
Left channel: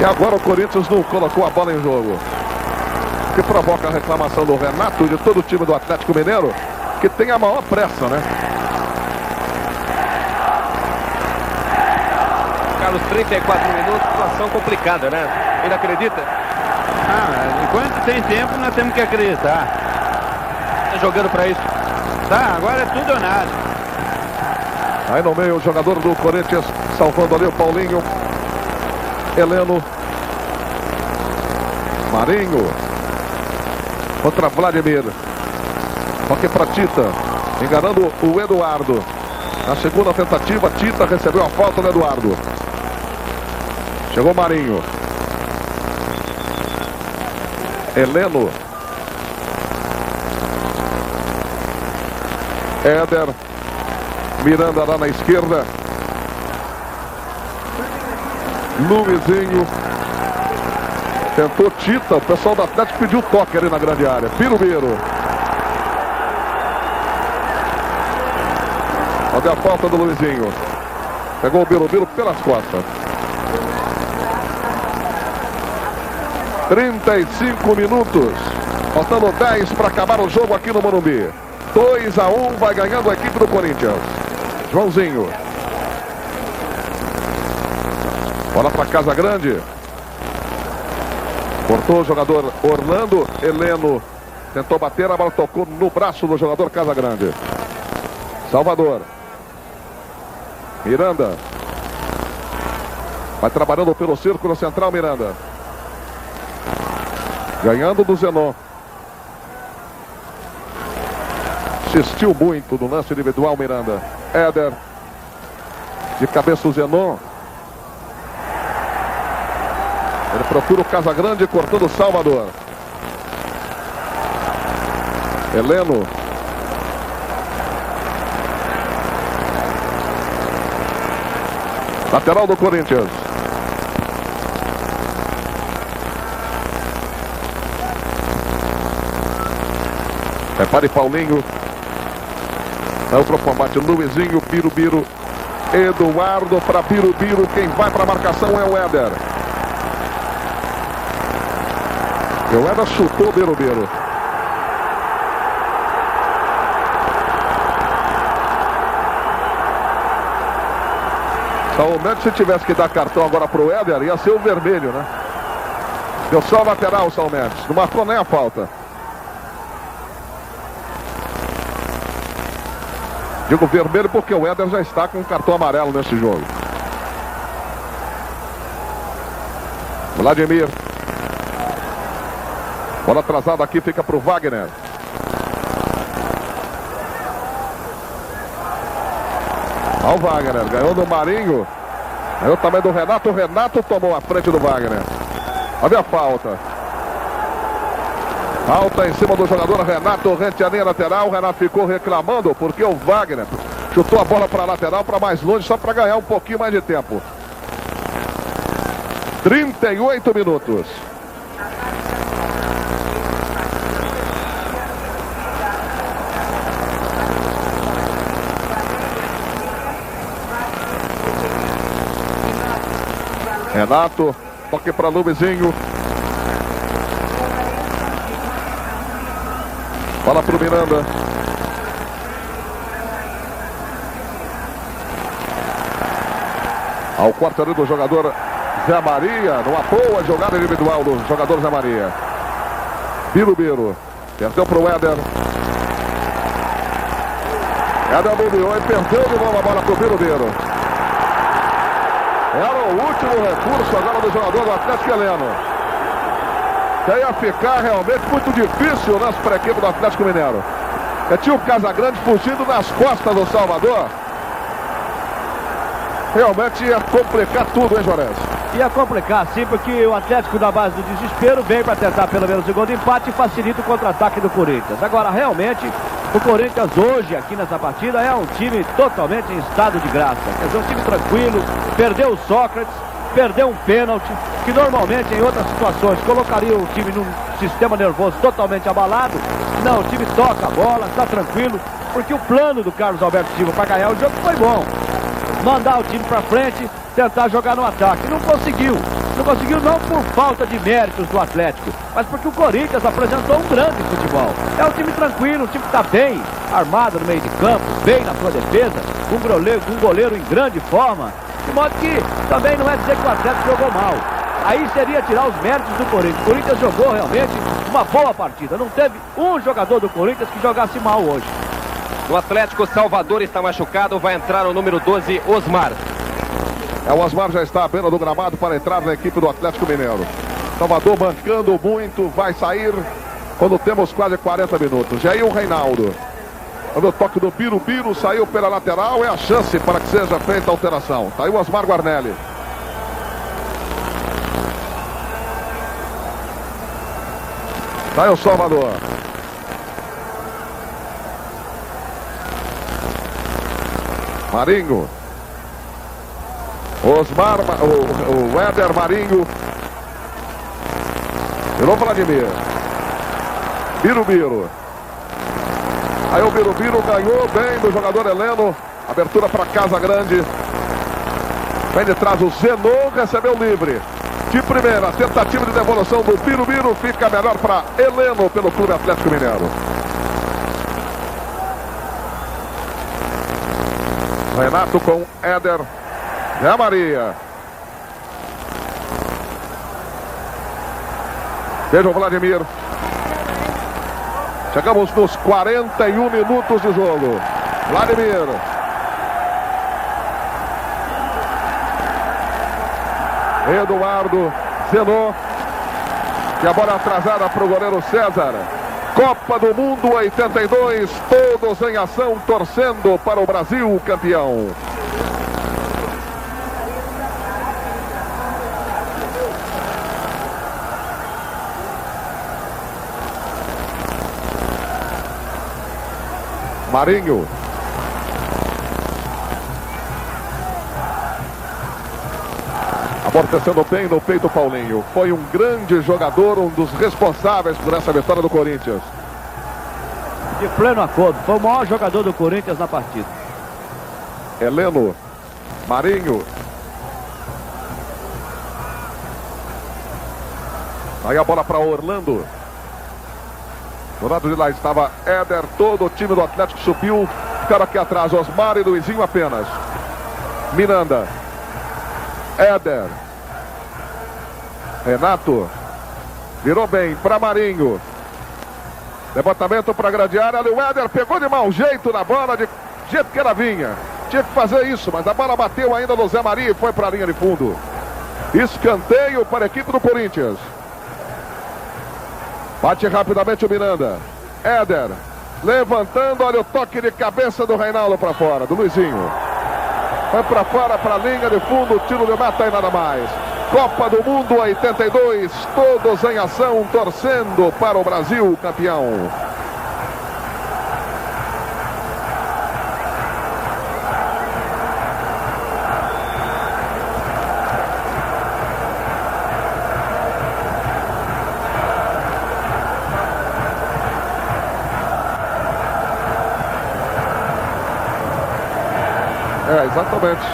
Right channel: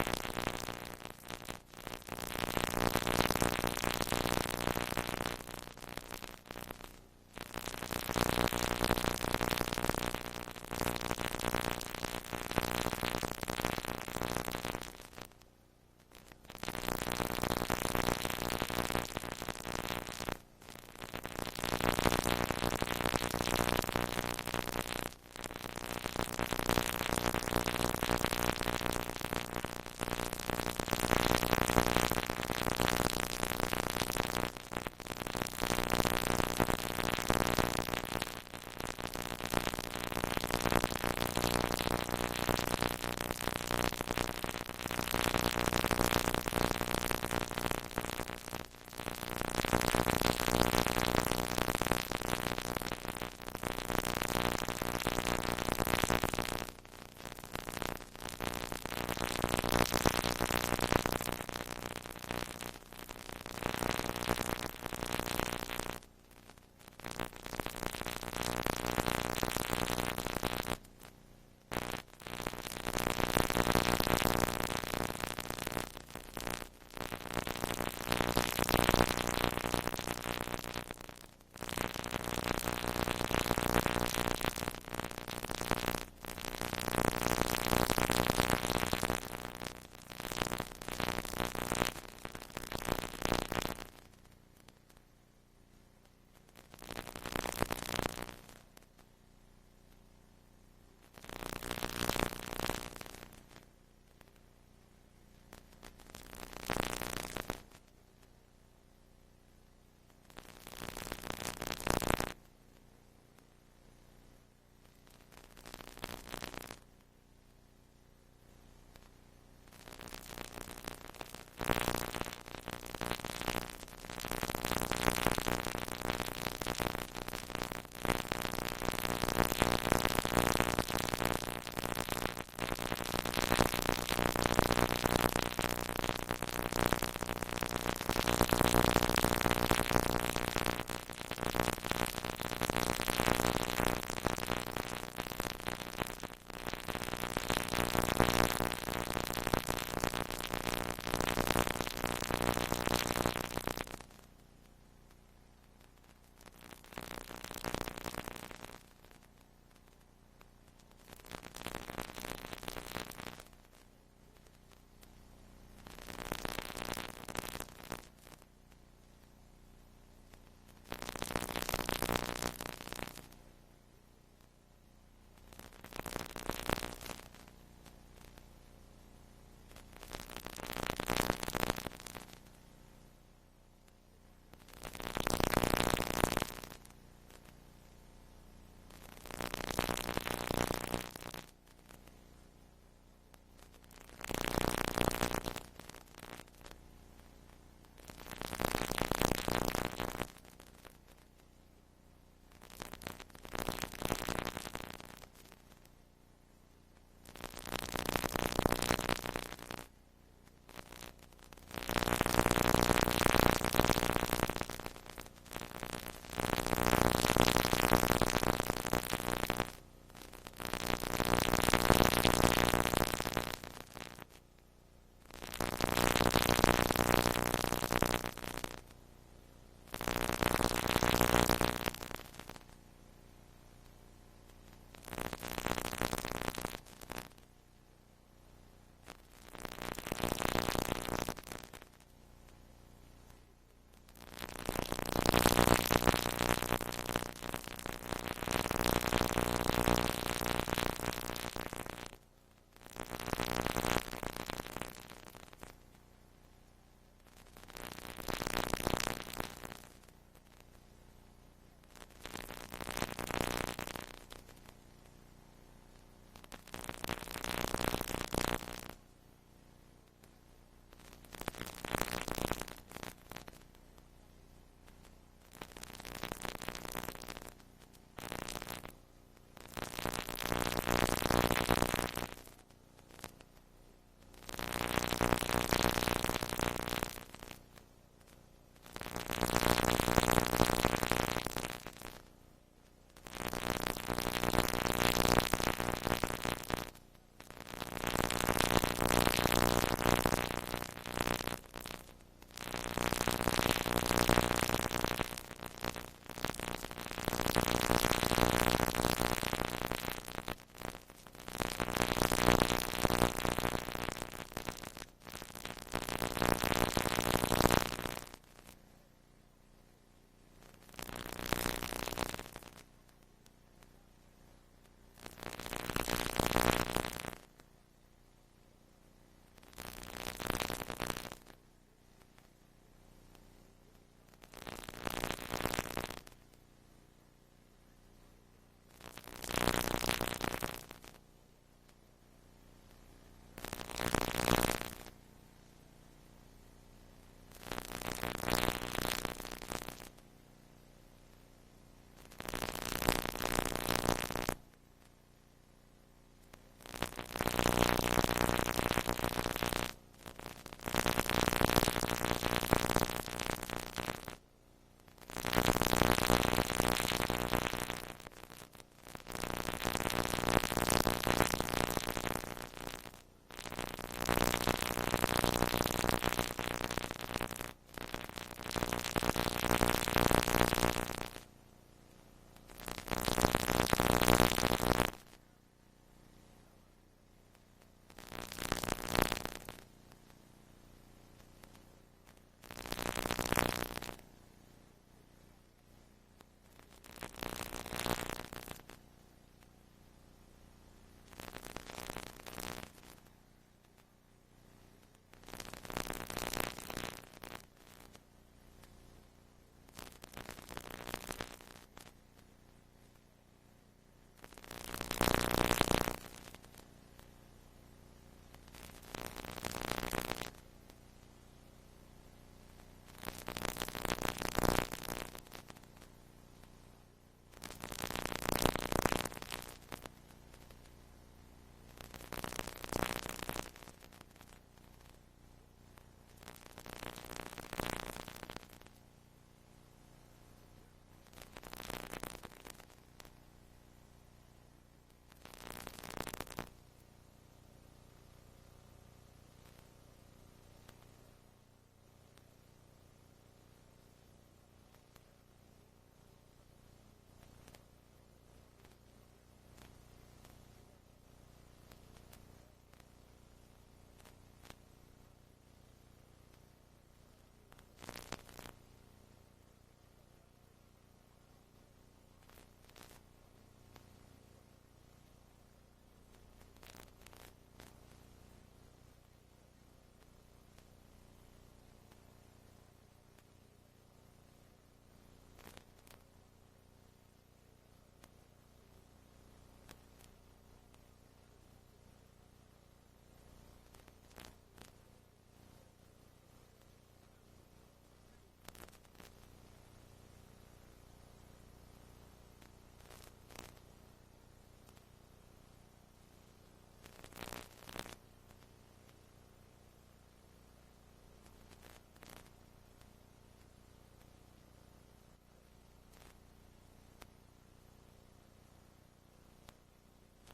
E agora o Corinthians não colocou a bola em jogo. Que provoca a reclamação do Renato e de todo o time do Atlético Mineiro, que tem a maior pressa, né? Carlos, 34 minutos, situação complicada, né? Ele acredita? Enquanto tem tempo, nós temos que acreditar. Tá jogando para isso. Tá, agora é tudo ou nada. Aí no meio o jogador do Corinthians, salvando ali o Paulinho. Heleno. Marinho. Contra Vladimir. Toque para Tita. Enganando o Eduardo. Na segunda tentativa, Tita recebeu a falta do Eduardo. Chegou Marinho. Heleno. Éder. Miranda lá na esquerda. Luizinho. Tentou Tita. O pessoal do Atlético pediu toque ali na grande área. Birubiru. Olha a falta do Luizinho. Pegou o Birubiru pelas costas. 35 minutos. Faltando 10 para acabar o jogo aqui no Morumbi. 2-1, vai ganhando a equipe do Corinthians. Joãozinho. Bola para Casa Grande. Cortou o jogador Orlando. Heleno tentou bater, a bola tocou no braço do jogador Casa Grande. Salvador. Miranda. Vai trabalhando pelo círculo central, Miranda. Ganhando do Zenon. Insistiu muito no lance individual, Miranda. Éder. De cabeça o Zenon. Ele procura o Casagrande, cortando o Salvador. Heleno. Lateral do Corinthians. Repare Paulinho. Vai para o combate Luizinho, Birubiru. Eduardo para Birubiru. Quem vai para a marcação é o Éder. E o Éder chutou o Birubiru. Salomé, se tivesse que dar cartão agora para o Éder, ia ser o vermelho, né? Deu só o lateral, Salomé. Não marcou nem a falta. Digo vermelho porque o Éder já está com um cartão amarelo nesse jogo. Vladimir. Bola atrasada aqui, fica para o Wagner. Olha o Wagner, ganhou do Marinho. Ganhou também do Renato. O Renato tomou a frente do Wagner. Olha a falta. Falta em cima do jogador Renato, rente a linha lateral. O Renato ficou reclamando porque o Wagner chutou a bola para a lateral, para mais longe, só para ganhar um pouquinho mais de tempo. 38 minutos. Renato, toque para Luizinho. Bola para o Miranda. Ao quarto ali do jogador Zé Maria. Numa boa jogada individual do jogador Zé Maria. Birubiru. Perdeu para o Éder. Éder bobeou e perdeu de novo a bola para o Birubiru. Era o último recurso agora do jogador do Atlético Heleno. Que ia ficar realmente muito difícil para a equipe do Atlético Mineiro. Tinha o Casagrande fugindo nas costas do Salvador. Realmente ia complicar tudo, hein, Juarez? Ia complicar, sim, porque o Atlético, na base do desespero, vem para tentar pelo menos o gol de empate e facilita o contra-ataque do Corinthians. Agora, realmente, o Corinthians hoje, aqui nessa partida, é um time totalmente em estado de graça. Quer dizer, um time tranquilo, perdeu o Sócrates, perdeu um pênalti, que normalmente em outras situações colocaria o time num sistema nervoso totalmente abalado. Não, o time toca a bola, está tranquilo, porque o plano do Carlos Alberto Silva para ganhar o jogo foi bom. Mandar o time para frente, tentar jogar no ataque. Não conseguiu. Não conseguiu não por falta de méritos do Atlético, mas porque o Corinthians apresentou um grande futebol. É um time tranquilo, um time que está bem armado no meio de campo, bem na sua defesa, um goleiro em grande forma. De modo que também não é dizer que o Atlético jogou mal. Aí seria tirar os méritos do Corinthians. O Corinthians jogou realmente uma boa partida. Não teve um jogador do Corinthians que jogasse mal hoje. No Atlético, Salvador está machucado, vai entrar o número 12, Osmar. O Osmar já está à beira do gramado para entrar na equipe do Atlético Mineiro. Salvador mancando muito, vai sair quando temos quase 40 minutos. E aí o Reinaldo. O toque do Birubiru, saiu pela lateral, é a chance para que seja feita a alteração. Está aí o Osmar Guarnelli. Está aí o Salvador. Marinho. Osmar, o Éder Marinho. Virou Vladimir. Birubiru. Aí o Birubiru ganhou bem do jogador Heleno. Abertura para Casagrande. Vem de trás o Zenon, recebeu livre. De primeira, tentativa de devolução do Birubiru. Fica melhor para Heleno pelo Clube Atlético Mineiro. Renato com Éder. Zé Maria. Veja o Vladimir. Chegamos nos 41 minutos de jogo. Vladimir. Eduardo. Zenon. E a bola atrasada para o goleiro César. Copa do Mundo 82. Todos em ação, torcendo para o Brasil campeão. Marinho. Amortecendo bem no peito Paulinho. Foi um grande jogador, um dos responsáveis por essa vitória do Corinthians. De pleno acordo, foi o maior jogador do Corinthians na partida. Heleno. Marinho. Aí a bola para Orlando. Do lado de lá estava Éder, todo o time do Atlético subiu. Ficaram aqui atrás, Osmar e Luizinho apenas. Miranda. Éder. Renato. Virou bem para Marinho. Levantamento para a grande área. Ali o Éder pegou de mau jeito na bola, de jeito que ela vinha. Tinha que fazer isso, mas a bola bateu ainda no Zé Maria e foi para a linha de fundo. Escanteio para a equipe do Corinthians. Bate rapidamente o Miranda. Éder. Levantando, olha o toque de cabeça do Reinaldo para fora, do Luizinho. Foi para fora, para a linha de fundo, tiro de meta e nada mais. Copa do Mundo 82, todos em ação, torcendo para o Brasil campeão. Exatamente.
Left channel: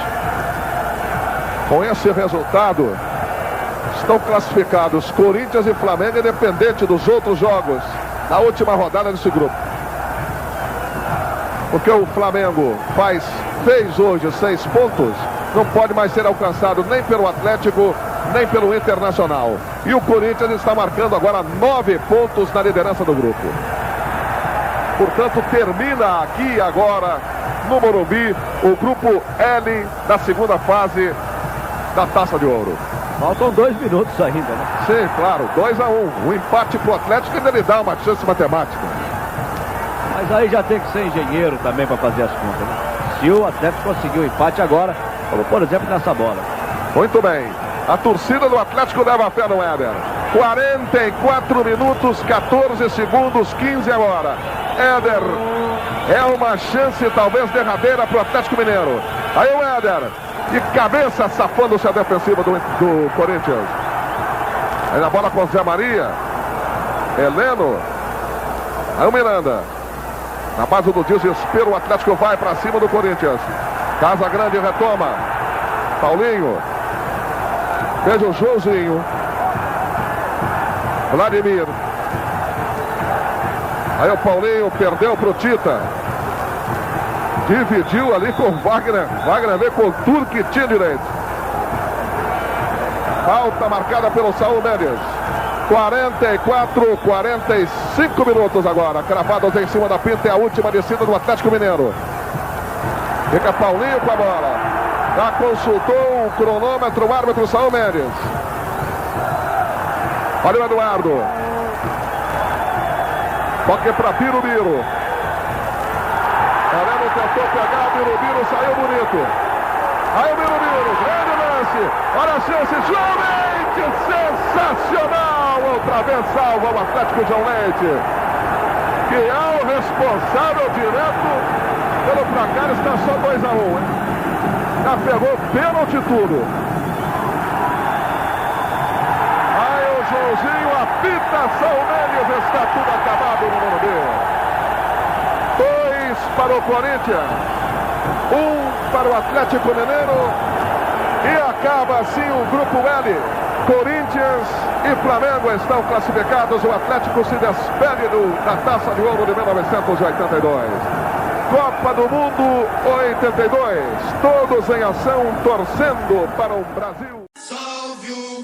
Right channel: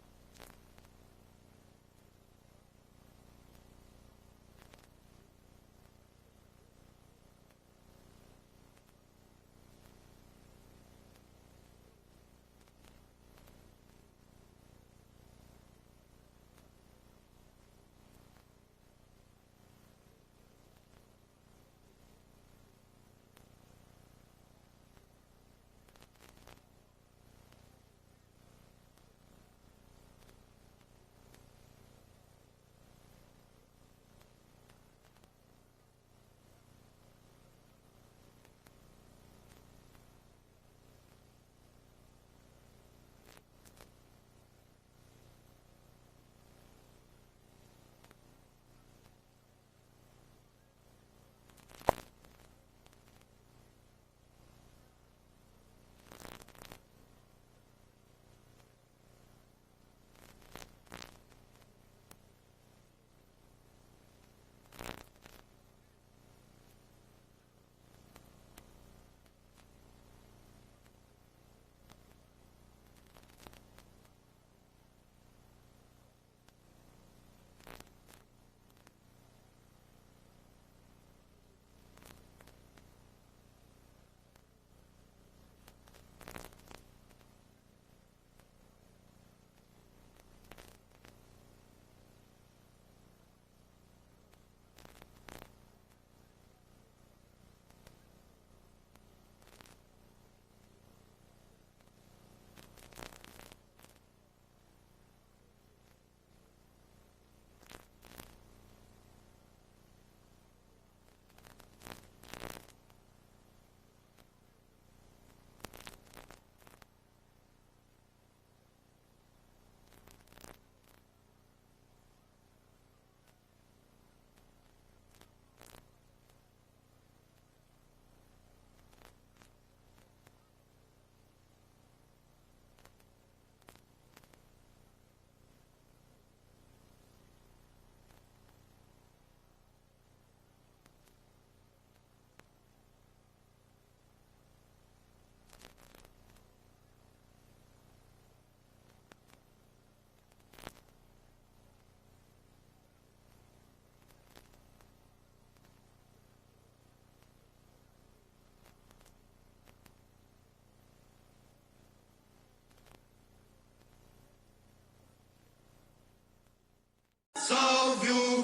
Com esse resultado, estão classificados Corinthians e Flamengo, independente dos outros jogos da última rodada desse grupo. Porque o Flamengo fez hoje 6 pontos, não pode mais ser alcançado nem pelo Atlético, nem pelo Internacional. E o Corinthians está marcando agora 9 pontos na liderança do grupo. Portanto, termina aqui agora no Morumbi o grupo L da segunda fase da Taça de Ouro. Faltam 2 minutos ainda, né? Sim, claro, 2-1. O empate pro Atlético ainda lhe dá uma chance matemática. Mas aí já tem que ser engenheiro também para fazer as contas, né? Se o Atlético conseguir o empate agora, como por exemplo nessa bola. Muito bem. A torcida do Atlético leva a fé no Éder. 44 minutos, 14 segundos, 15 agora. Éder, é uma chance talvez derradeira para o Atlético Mineiro. Aí o Éder, de cabeça, safando-se a defensiva do Corinthians. Aí na bola com Zé Maria. Heleno. Aí o Miranda. Na base do desespero, o Atlético vai para cima do Corinthians. Casa Grande retoma. Paulinho. Veja o Joãozinho. Vladimir. Aí o Paulinho perdeu para o Tita. Dividiu ali com o Wagner. Wagner veio com o Turque, tinha direito. Falta marcada pelo Saúl Mendes. 45 minutos agora. Cravados em cima da pinta. É a última descida do Atlético Mineiro. Fica Paulinho com a bola. Já consultou o cronômetro, o árbitro Saúl Mendes. Olha o Eduardo. Toque para Birubiru. Heleno tentou pegar, Birubiru saiu bonito. Aí o Birubiru, grande lance. Olha a chance, João Leite, sensacional. Outra vez salva o Atlético João Leite, que é o responsável direto pelo placar. Está só 2-1, hein? Já pegou pênalti tudo. Aí o Joãozinho apita, Saúl Mendes, está tudo acabado no Morumbi. 2 para o Corinthians, 1 para o Atlético Mineiro, e acaba assim o grupo L. Corinthians e Flamengo estão classificados. O Atlético se despede da Taça de Ouro de 1982. Copa do Mundo 82, todos em ação, torcendo para o Brasil. Salve o